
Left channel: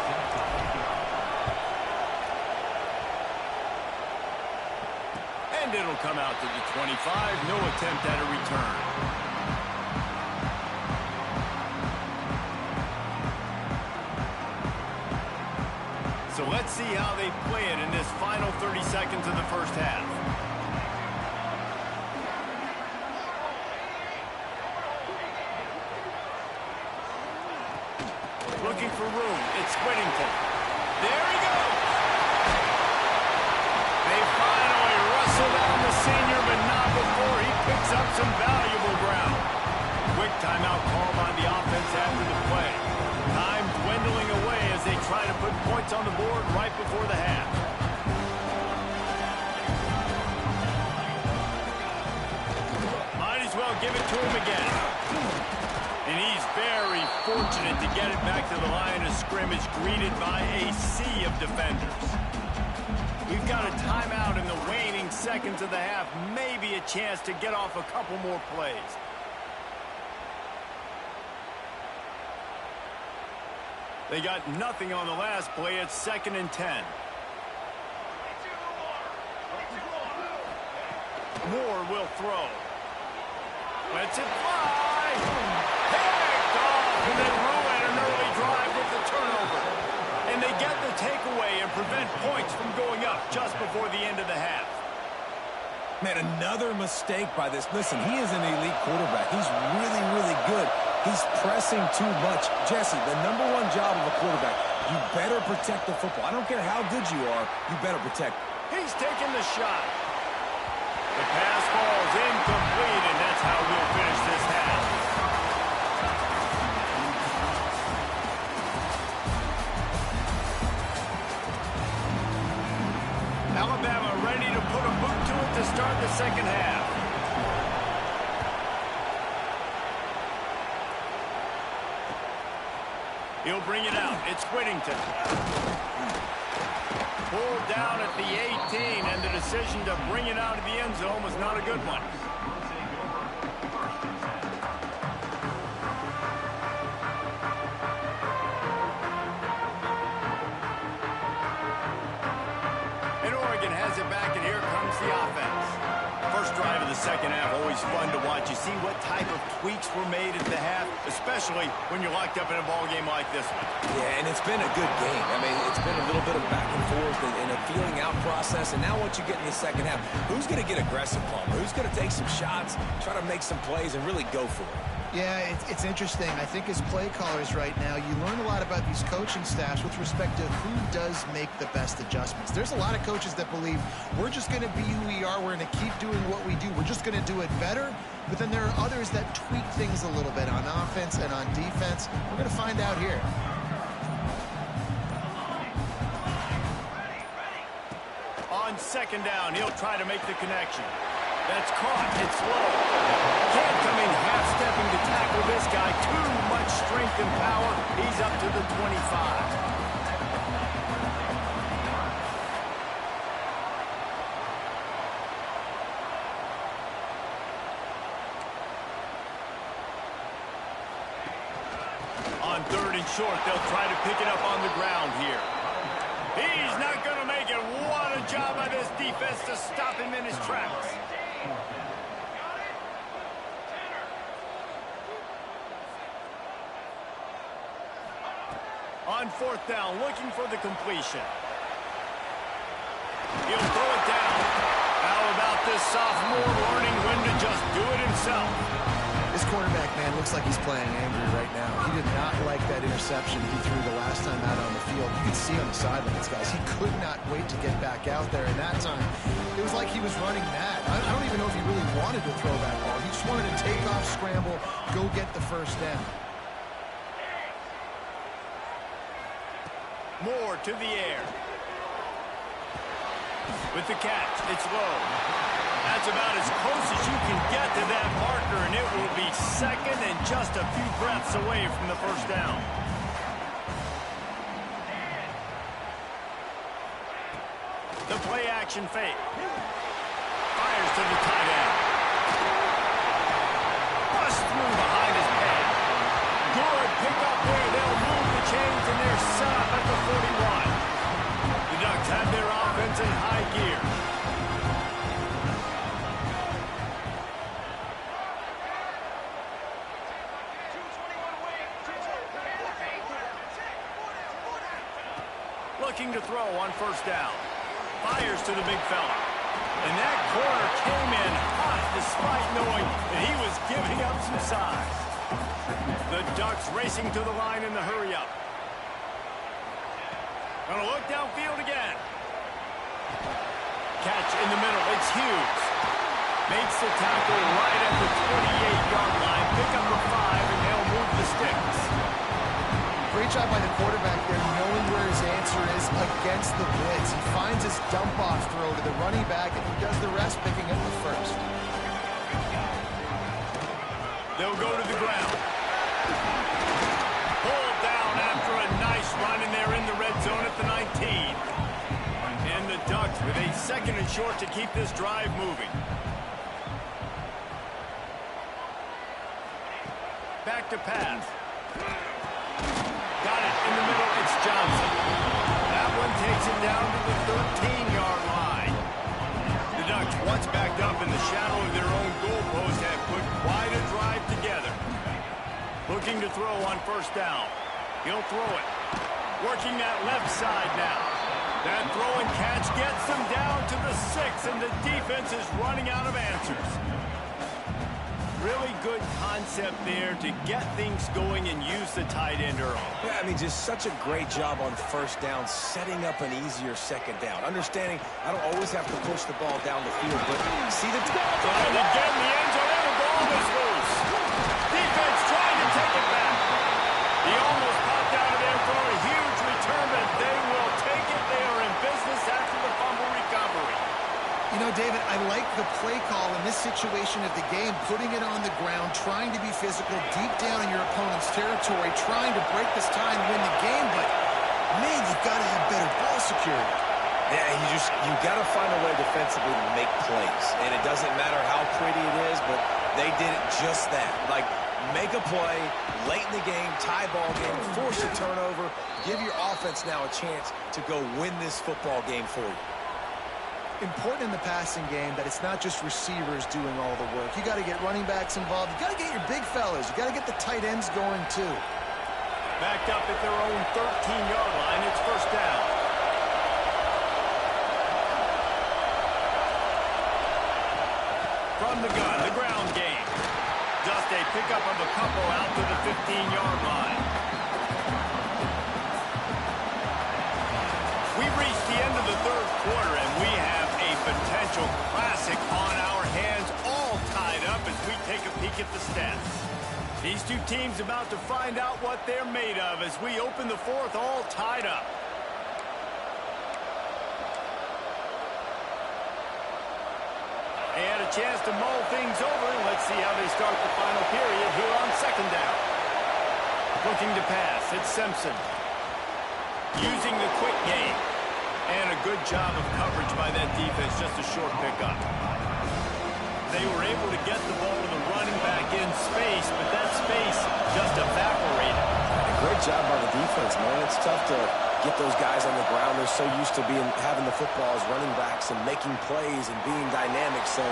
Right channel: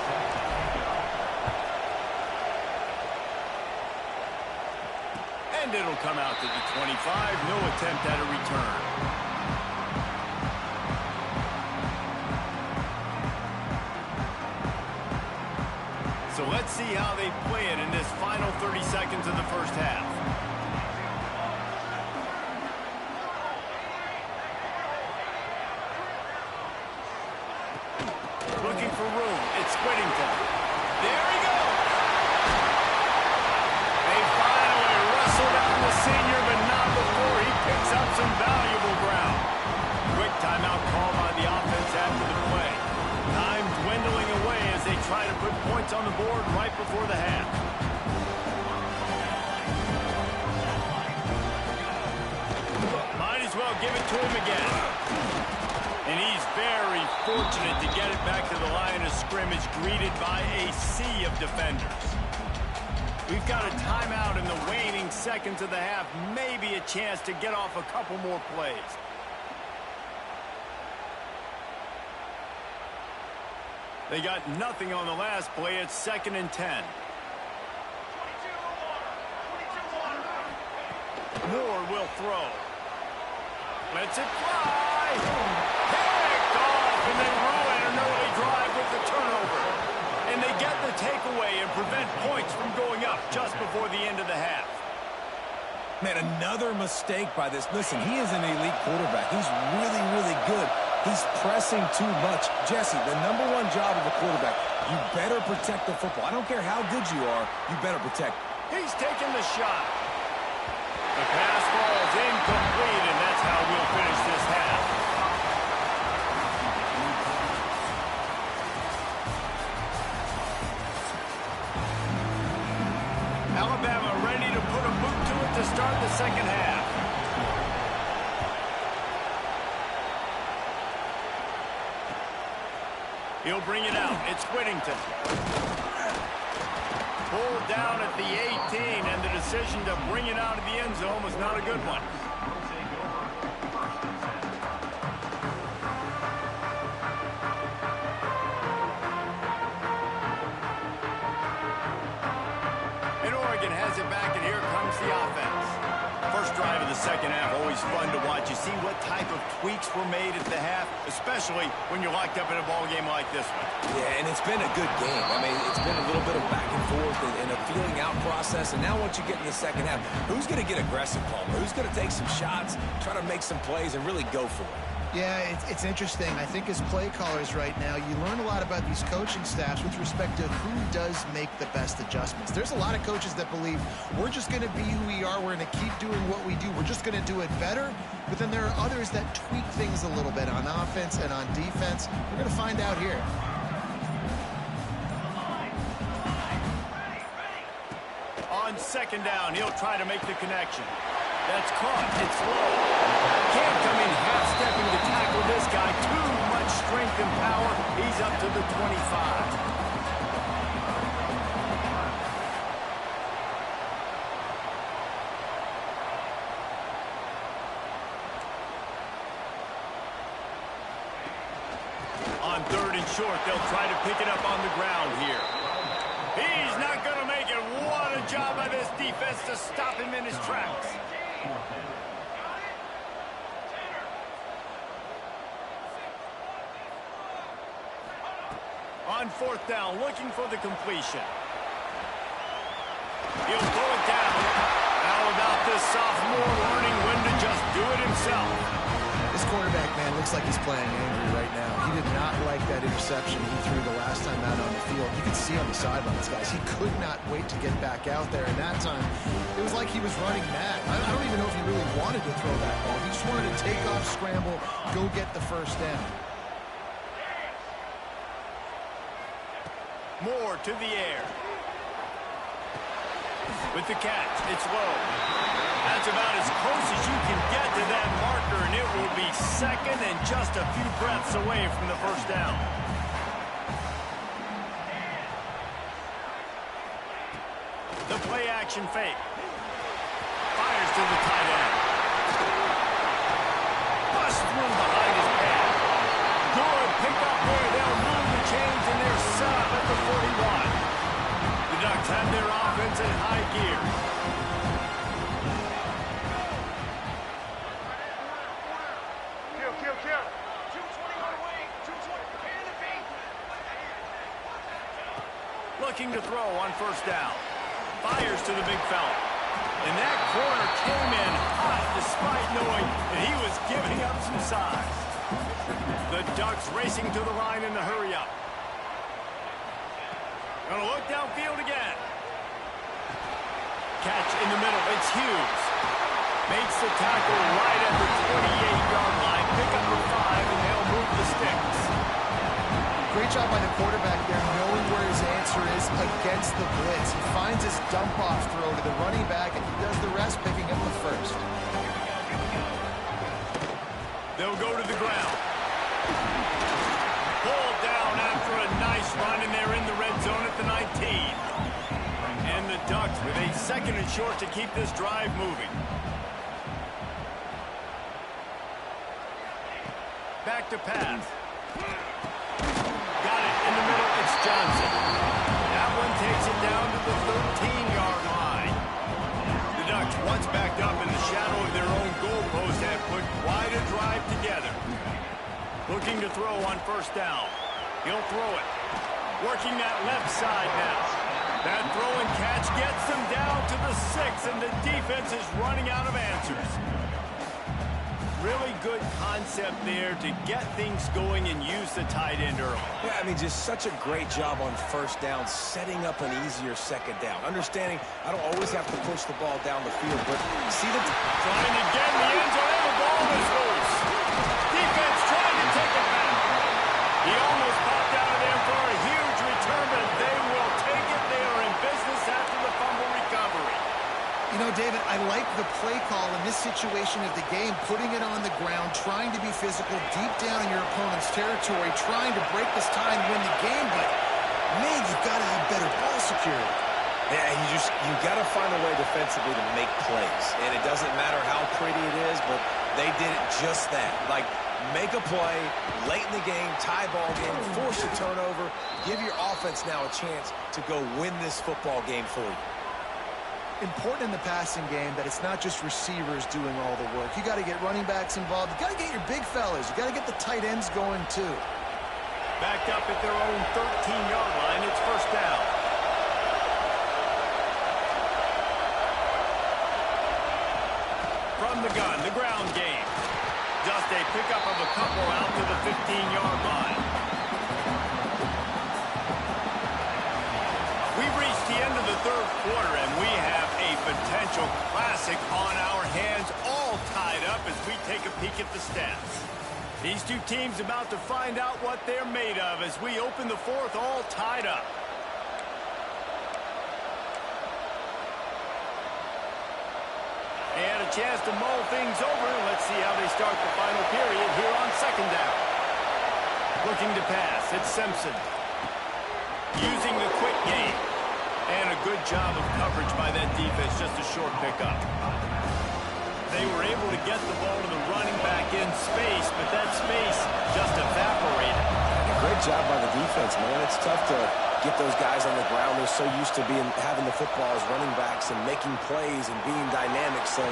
And it'll come out to the 25. No attempt at a return. So let's see how they play it in this final 30 seconds of the 1st half. Looking for room. It's Whittington. There he goes. They finally wrestle down the senior, but not before he picks up some valuable ground. Quick timeout call by the offense after the play. Time dwindling away as they try to put points on the board right before the half. Might as well give it to him again. And he's very fortunate to get it back to the line of scrimmage, greeted by a sea of defenders. We've got a timeout in the waning seconds of the half. Maybe a chance to get off a couple more plays. They got nothing on the last play. It's 2nd and 10. Moore will throw. Lets it fly. Picked off, and they ruin an early drive with the turnover. And they get the takeaway and prevent points from going up just before the end of the half. Man, another mistake by this. Listen, he is an elite quarterback. He's really, really good. He's pressing too much. Jesse, the #1 job of a quarterback, you better protect the football. I don't care how good you are, you better protect. He's taking the shot. The pass falls incomplete, and that's how we'll finish this half. Alabama ready to put a boot to it to start the 2nd half. He'll bring it out. It's Whittington. Pulled down at the 18, and the decision to bring it out of the end zone was not a good one. And Oregon has it back, and here comes the offense. first drive of the second half, always fun to watch. You see what type of tweaks were made at the half, especially when you're locked up in a ball game like this one. Yeah, and it's been a good game. I mean, it's been a little bit of back and forth and a feeling out process. And now once you get in the second half, who's going to get aggressive, Palmer? Who's going to take some shots, try to make some plays, and really go for it? Yeah, it's interesting. I think as play callers right now, you learn a lot about these coaching staffs with respect to who does make the best adjustments. There's a lot of coaches that believe we're just going to be who we are. We're going to keep doing what we do. We're just going to do it better. But then there are others that tweak things a little bit on offense and on defense. We're going to find out here. On second down, he'll try to make the connection. That's caught. It's low. Can't come in half-stepping to tackle this guy. Too much strength and power. He's up to the 25. On third and short, they'll try to pick it up on the ground here. He's not going to make it. What a job by this defense to stop him in his tracks. On fourth down, looking for the completion. He'll throw it down. How about this sophomore learning when to just do it himself? This quarterback, man, looks like he's playing angry right now. He did not like that interception he threw the last time out on the field. You could see on the sidelines, guys, he could not wait to get back out there. And that time, it was like he was running mad. I don't even know if he really wanted to throw that ball. He just wanted to take off, scramble, go get the first down. Moore to the air. With the catch, it's low. That's about as close as you can get to that marker, and it will be second and just a few breaths away from the first down. The play action fake. Fires to the tight end. Bust through behind his pad. Good pickup there. They'll move the chains, and they're set up at the 41. The Ducks have their offense in high gear. Looking to throw on first down. Fires to the big fella. And that corner came in hot despite knowing that he was giving up some size. The Ducks racing to the line in the hurry-up. Gonna look downfield again. Catch in the middle. It's Hughes. Makes the tackle right at the 28-yard line. Pick up a 5, and they'll move the sticks. Great job by the quarterback there, knowing where his answer is against the blitz. He finds his dump-off throw to the running back, and he does the rest, picking up the first. They'll go to the ground. Pulled down after a nice run, and they're in the red zone at the 19. And the Ducks with a second and short to keep this drive moving. Back to pass. Got it in the middle. It's Johnson. That one takes it down to the 13-yard line. The Ducks, once backed up in the shadow of their own goalpost, have put quite a drive together. Looking to throw on first down. He'll throw it. Working that left side now. That throw and catch gets them down to the 6, and the defense is running out of answers. Really good concept there to get things going and use the tight end early. Yeah, I mean, just such a great job on first down, setting up an easier second down. Understanding I don't always have to push the ball down the field, but see the... Trying to get in the end zone, and the ball is loose. Defense trying to take it back. He almost popped out of there for a huge return, but they will take it. They are in business after the fumble recovery. You know, David, I like the play call in this situation of the game, putting it on the ground, trying to be physical, deep down in your opponent's territory, trying to break this tie and win the game, but, man, you've got to have better ball security. Yeah, you got to find a way defensively to make plays, and it doesn't matter how pretty it is, but they did it just that. Like, make a play late in the game, tie ball game, force a turnover, give your offense now a chance to go win this football game for you. important in the passing game that it's not just receivers doing all the work. You got to get running backs involved. You got to get your big fellas. You got to get the tight ends going too. Backed up at their own 13-yard line, it's first down. From the gun, the ground game. Just a pickup of a couple out to the 15-yard line. We've reached the end of the third quarter, and we have a potential classic on our hands, all tied up as we take a peek at the stats. These two teams about to find out what they're made of as we open the fourth, all tied up. And a chance to mull things over. Let's see how they start the final period here on second down. Looking to pass, it's Simpson. Using the quick game. And a good job of coverage by that defense, just a short pickup. They were able to get the ball to the running back in space, but that space just evaporated. A great job by the defense, man. It's tough to get those guys on the ground. They're so used to having the football as running backs and making plays and being dynamic. So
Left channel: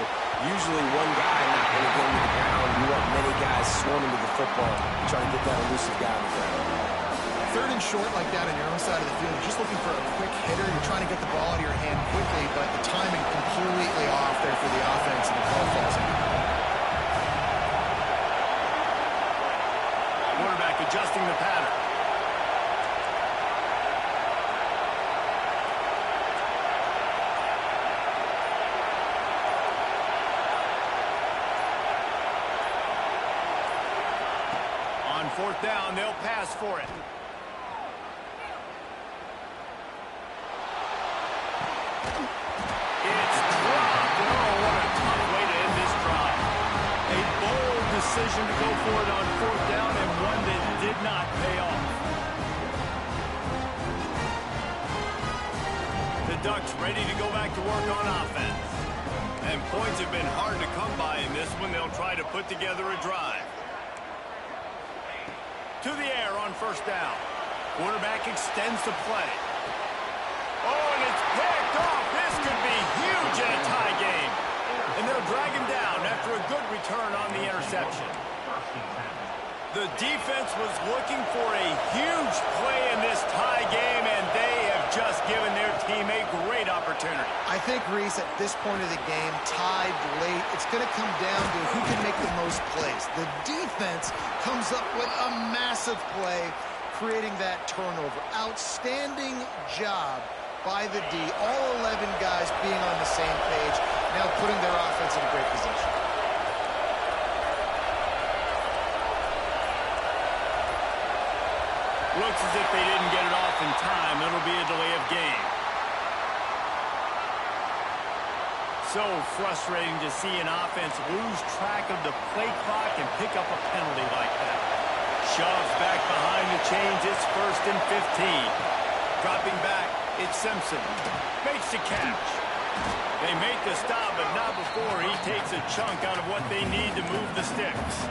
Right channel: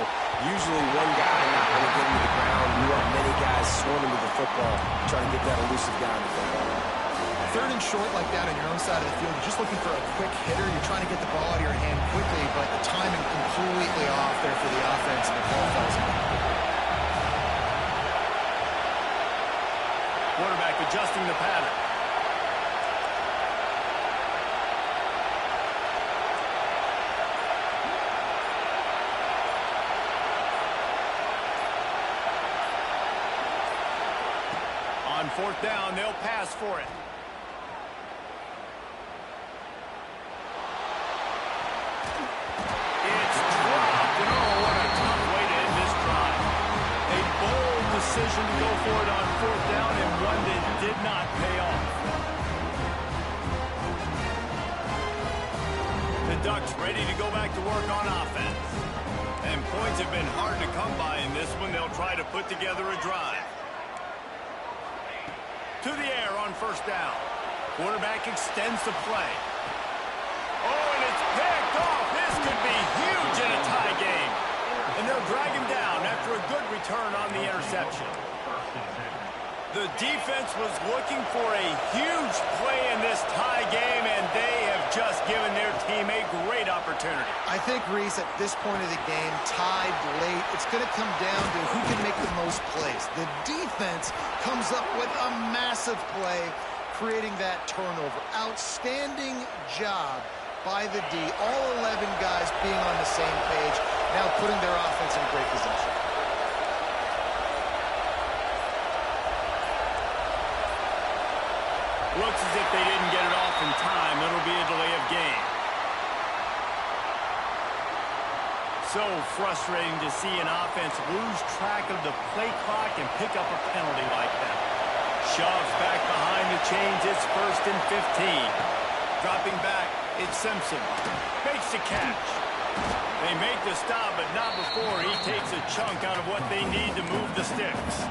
usually one guy not going to get into the ground. You want many guys swarming to the football, trying to get that elusive guy on the ground. Third and short like that on your own side of the field, you're just looking for a quick hitter. You're trying to get the ball out of your hand quickly, but the timing completely off there for the offense, and the ball falls in. Quarterback adjusting the pattern. On fourth down, they'll pass for it. It's dropped, and oh, what a tough way to end this drive. A bold decision to go for it on fourth down, and one that did not pay off. The Ducks ready to go back to work on offense. And points have been hard to come by in this one. They'll try to put together a drive. To the air on first down. Quarterback extends the play. Oh, and it's picked off. This could be huge in a tie game. And they'll drag him down after a good return on the interception. The defense was looking for a huge play in this tie game, and they have just given their team a great opportunity. I think, Reese, at this point of the game, tied late, it's going to come down to who can make the most plays. The defense comes up with a massive play, creating that turnover. Outstanding job by the D. All 11 guys being on the same page, now putting their offense in a great position. Looks as if they didn't get it off in time. It'll be a delay of game. So frustrating to see an offense lose track of the play clock and pick up a penalty like that. Shoves back behind the chains. It's 1st and 15. Dropping back, it's Simpson. Makes the catch. They make the stop, but not before he takes a chunk out of what they need to move the sticks.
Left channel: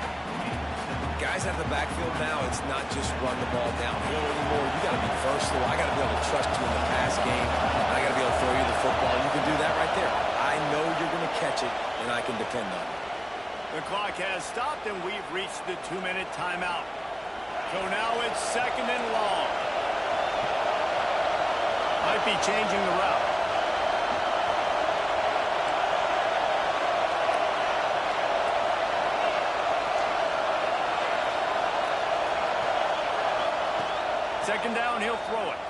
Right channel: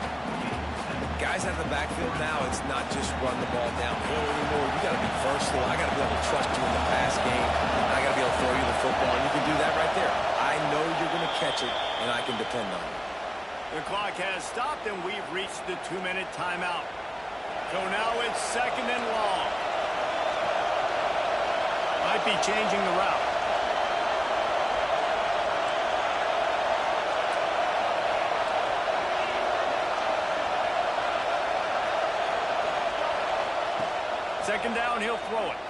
Guys at the backfield now, it's not just run the ball downhill anymore. You got to be versatile. I got to be able to trust you in the pass game, and I got to be able to throw you the football, and you can do that right there. I know you're going to catch it, and I can depend on you. The clock has stopped, and we've reached the 2-minute timeout. So now it's 2nd and long. Might be changing the route. Second down, he'll throw it.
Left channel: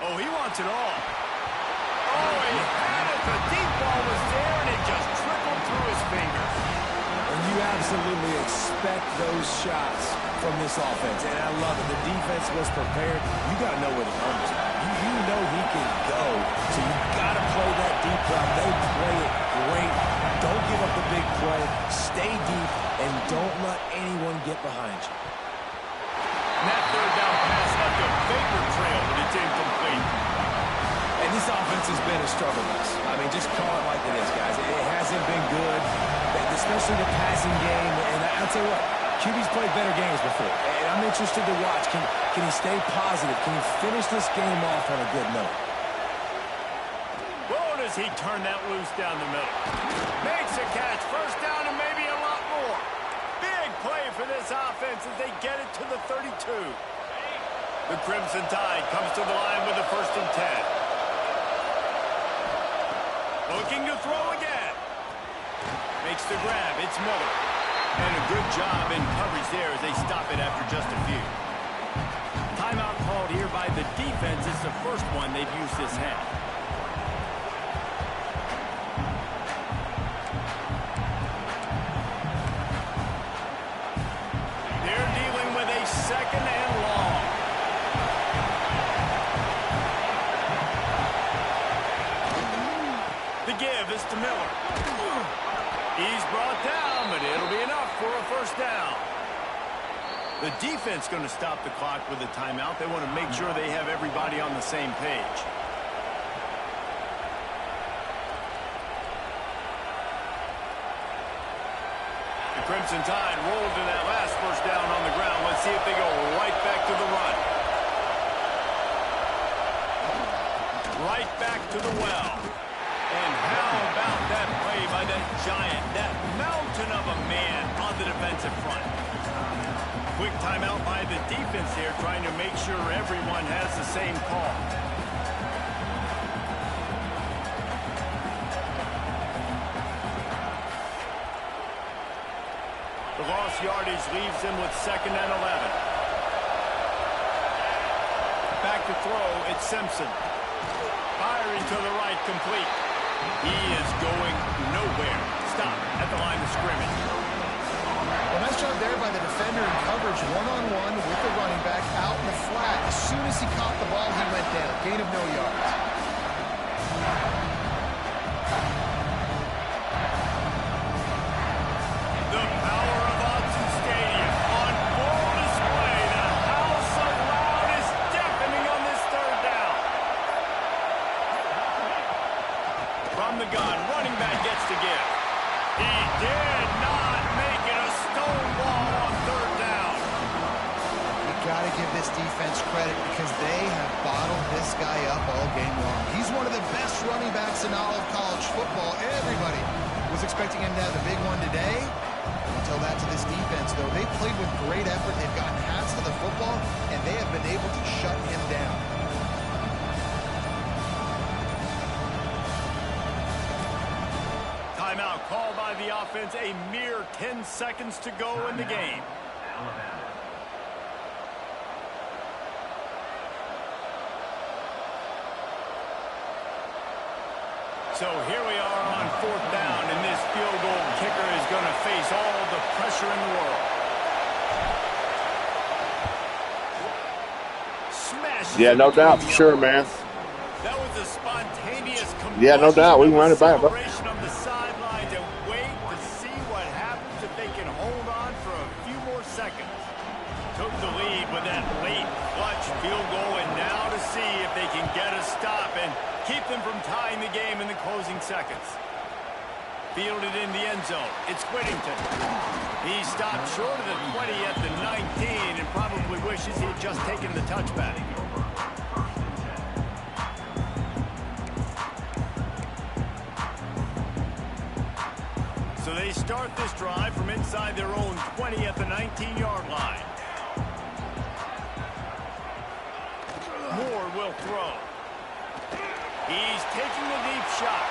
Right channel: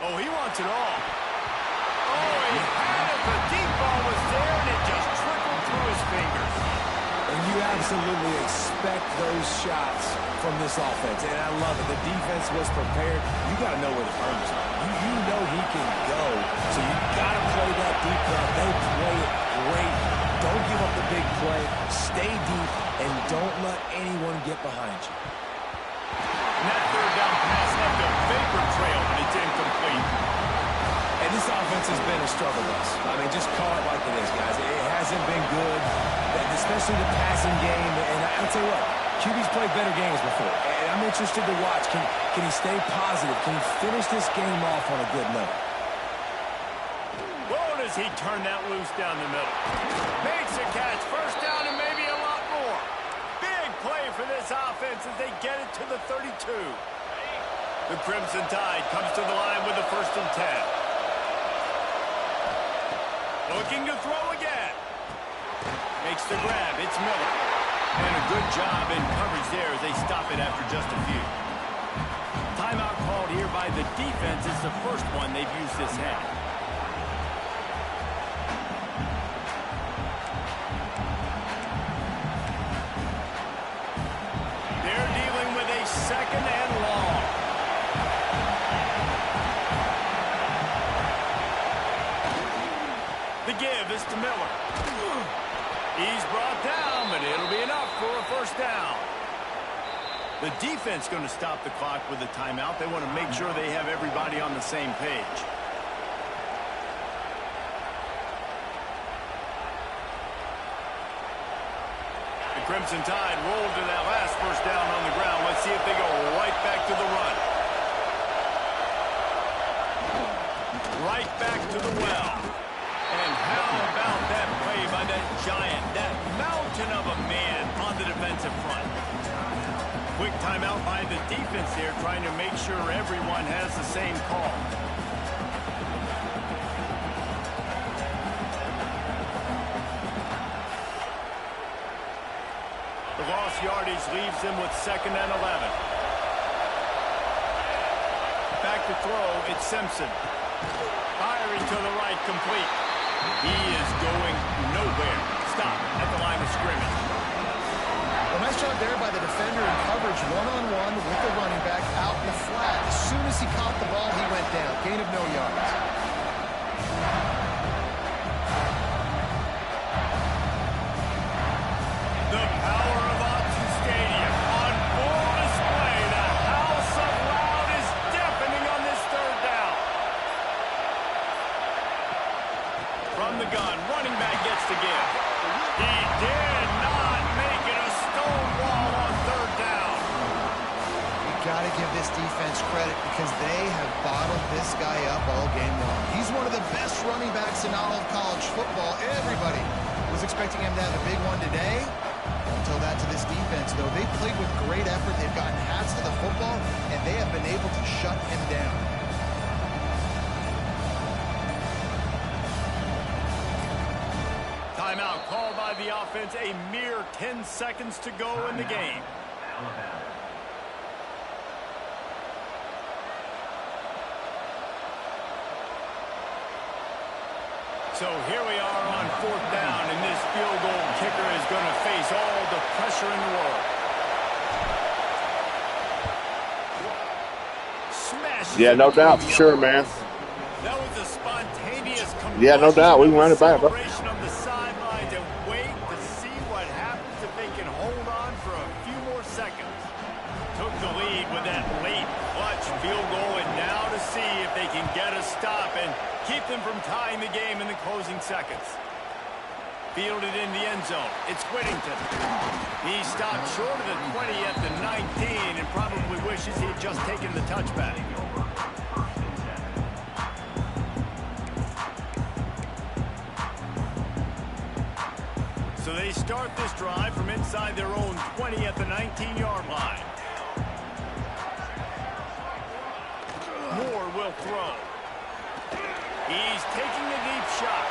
Oh, he wants it all. Oh, he had it. The deep ball was there, and it just trickled through his fingers. And you absolutely expect those shots from this offense, and I love it. The defense was prepared. You got to know where the burners are. You know he can go, so you got to play that deep route. They play it great. Don't give up the big play. Stay deep, and don't let anyone get behind you. And that third down pass left a vapor trail, but it's incomplete. And this offense has been a struggle bus. I mean, just call it like it is, guys. It hasn't been good, especially the passing game. And I'll tell you what, QB's played better games before. And I'm interested to watch. Can he stay positive? Can he finish this game off on a good note? Well, to does he turn that loose down the middle. Makes a catch, first down and maybe a lot more. Big play for this offense as they get it to the 32. The Crimson Tide comes to the line with a 1st and 10. Looking to throw again. Makes the grab. It's Miller. And a good job in coverage there as they stop it after just a few. Timeout called here by the defense. It's the first one they've used this half. They're dealing with a 2nd and long. The give is to Miller. He's brought down, but it'll be enough for a 1st down. The defense going to stop the clock with a timeout. They want to make sure they have everybody on the same page. The Crimson Tide rolled to that last 1st down on the ground. Let's see if they go right back to the run. Right back to the well. And how about that play by that giant, that mountain of a man on the defensive front? Quick timeout by the defense there, trying to make sure everyone has the same call. The lost yardage leaves them with 2nd and 11. Back to throw, it's Simpson. Firing to the right, complete. He is going nowhere. Stop at the line of scrimmage. Well, nice job there by the defender in coverage, one-on-one with the running back out in the flat. As soon as he caught the ball, he went down. Gain of no yards. The power of Autzen Stadium on full display. The house of loud is deafening on this 3rd down. From the gun, running back gets the give. He did not make it a stone wall on 3rd down. You got to give this defense credit because they have bottled this guy up all game long. He's one of the best running backs in all of college football. Everybody was expecting him to have a big one today. Don't tell that to this defense, though. They played with great effort. They've gotten hats to the football, and they have been able to shut him down. Timeout called by the offense. A mere 10 seconds to go in the game. Alabama. So here we are on 4th down, and this field goal kicker is going to face all the pressure in the world. Smash. Yeah, no doubt, for sure, man. That was a spontaneous combustion. Yeah, no doubt. We can run it back, bro. Celebration on the sidelines, and wait to see what happens if they can hold on for a few more seconds. Took the lead with that late clutch field goal, and now to see if they can get a stop and keep them from tying the game in the closing seconds. Fielded in the end zone. It's Whittington. He stopped short of the 20 at the 19 and probably wishes he had just taken the touchback. So they start this drive from inside their own 20 at the 19-yard line. Moore will throw. He's taking a deep shot.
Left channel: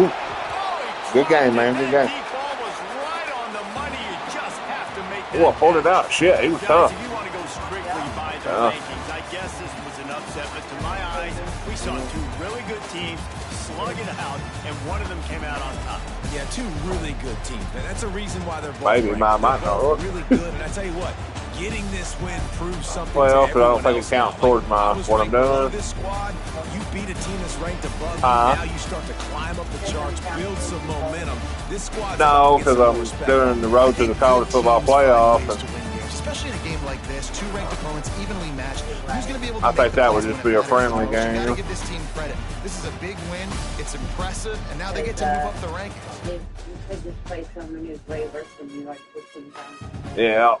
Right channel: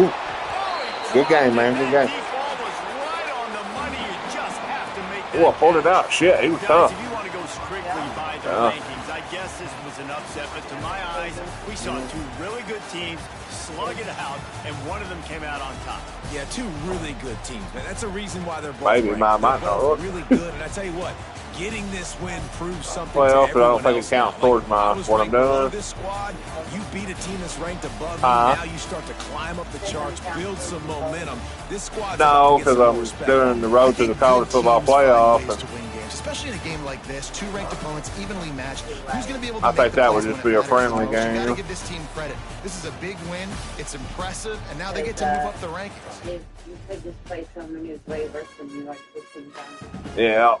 Ooh. Oh, Good game, man. Good game. Deep ball was right on the money. You just have to make that. Oh, I pulled it out. Shit, he was Guys, tough. if you want to go strictly by the rankings, I guess this was an upset. But to my eyes, we saw two really good teams slug it out, and one of them came out on top. Yeah, two really good teams. Man, that's a reason why they're both Maybe ranked. mine might They're not both work. really good. And I tell you what, getting this win proves something Well, to but I don't everyone think it else. counts Like, towards my I was what I'm ranked below doing. This squad, you beat a team that's ranked above you. Uh-huh. Now you start to climb up the charts, build some momentum. This squad's No, about to get because some more I'm respect. doing the road to the college football playoff. To win games, especially in a game like this, two ranked opponents evenly matched. Who's going to be able to I make think the that plays would when just it be a matters friendly most? You got to game. give this team credit. This is a big win. It's impressive, and now they get to move up the rankings. You could just play someone who's way worse than you, like pushing down. Yeah.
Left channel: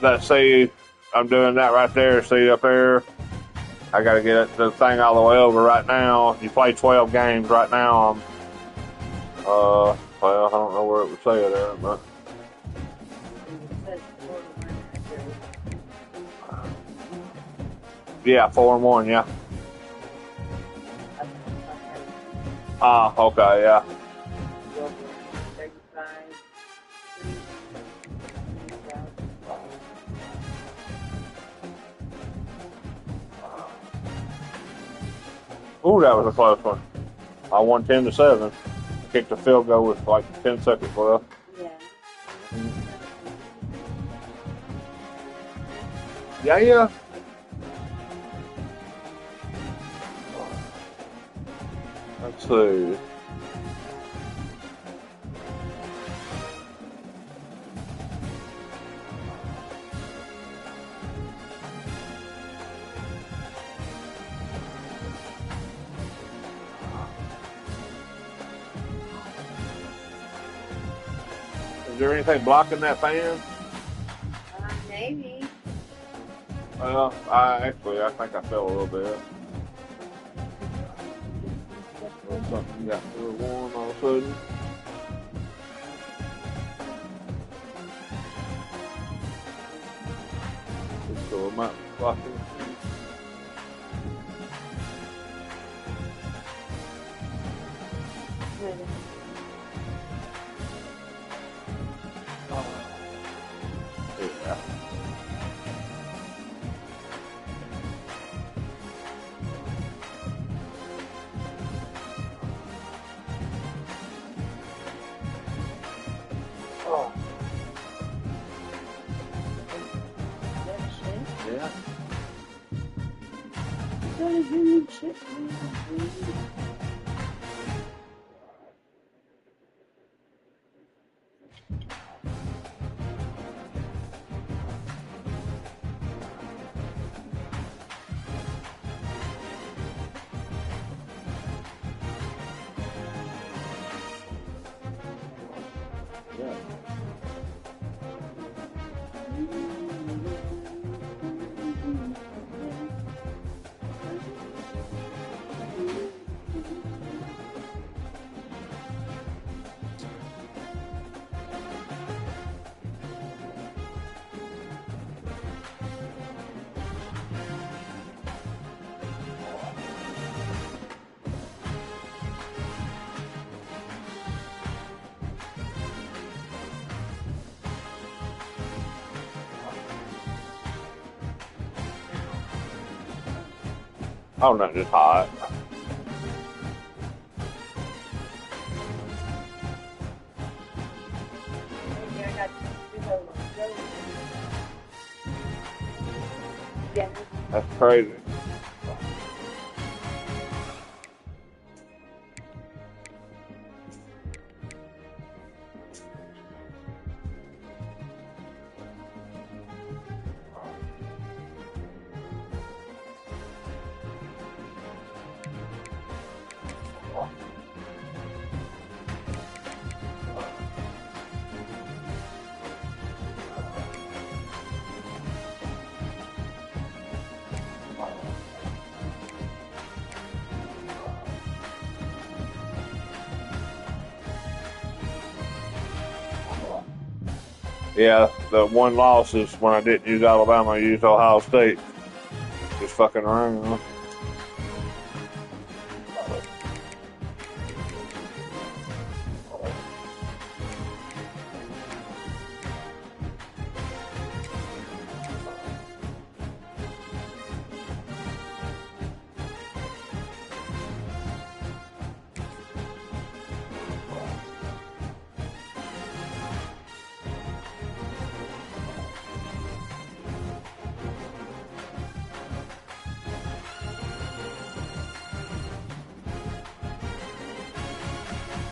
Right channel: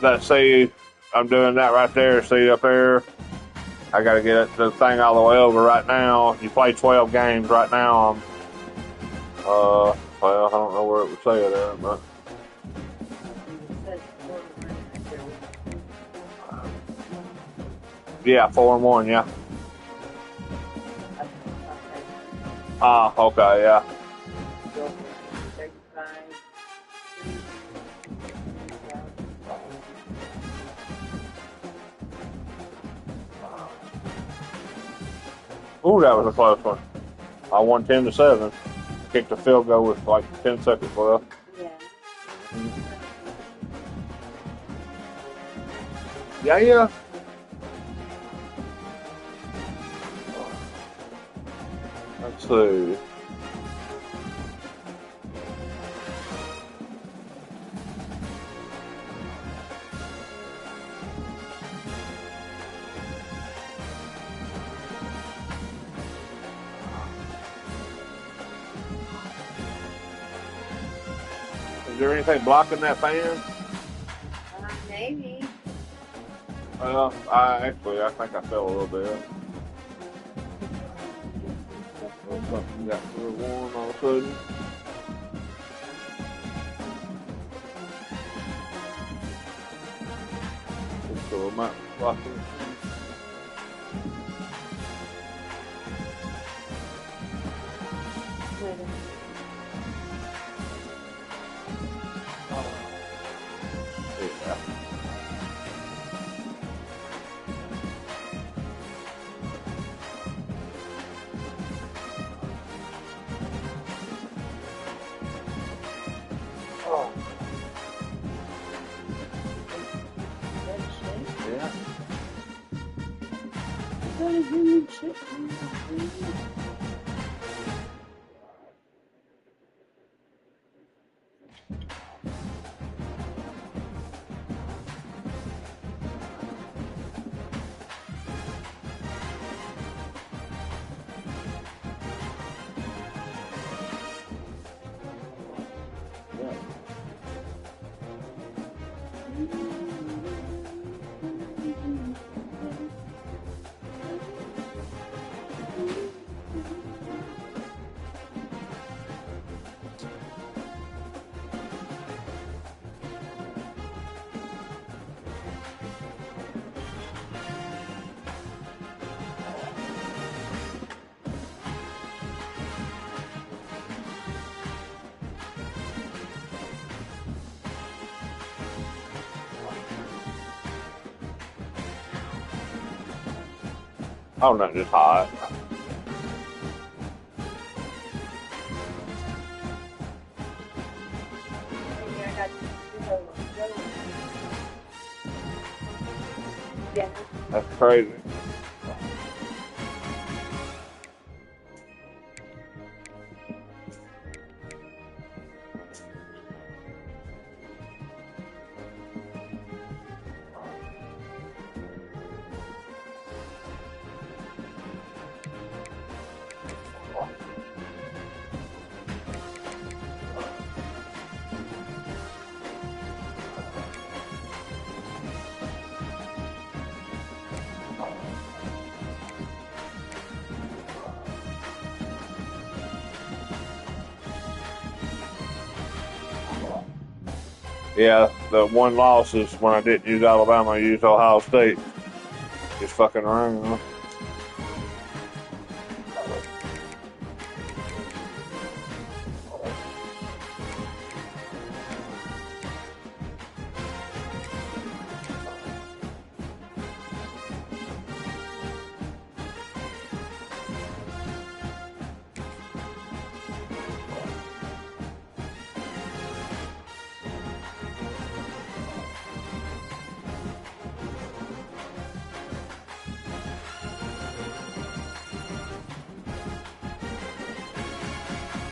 Let's see. I'm doing that right there. See up there. I got to get the thing all the way over right now. You play 12 games right now. Well, I don't know where it would say it at, but It says 41 after. yeah, 4-1, yeah. Okay, yeah. 35. Ooh, that was a close one. I won 10-7. Kicked a field goal with like 10 seconds left. Yeah. Yeah. Let's see. Is there anything blocking that fan? Maybe. Well, I think I fell a little bit. Something got real warm all of a sudden. So it might be blocking. Yeah. Oh. Yeah. Yeah. Oh no, just hot. Yeah. That's crazy. Yeah, the one loss is when I didn't use Alabama, I used Ohio State. Just fucking around.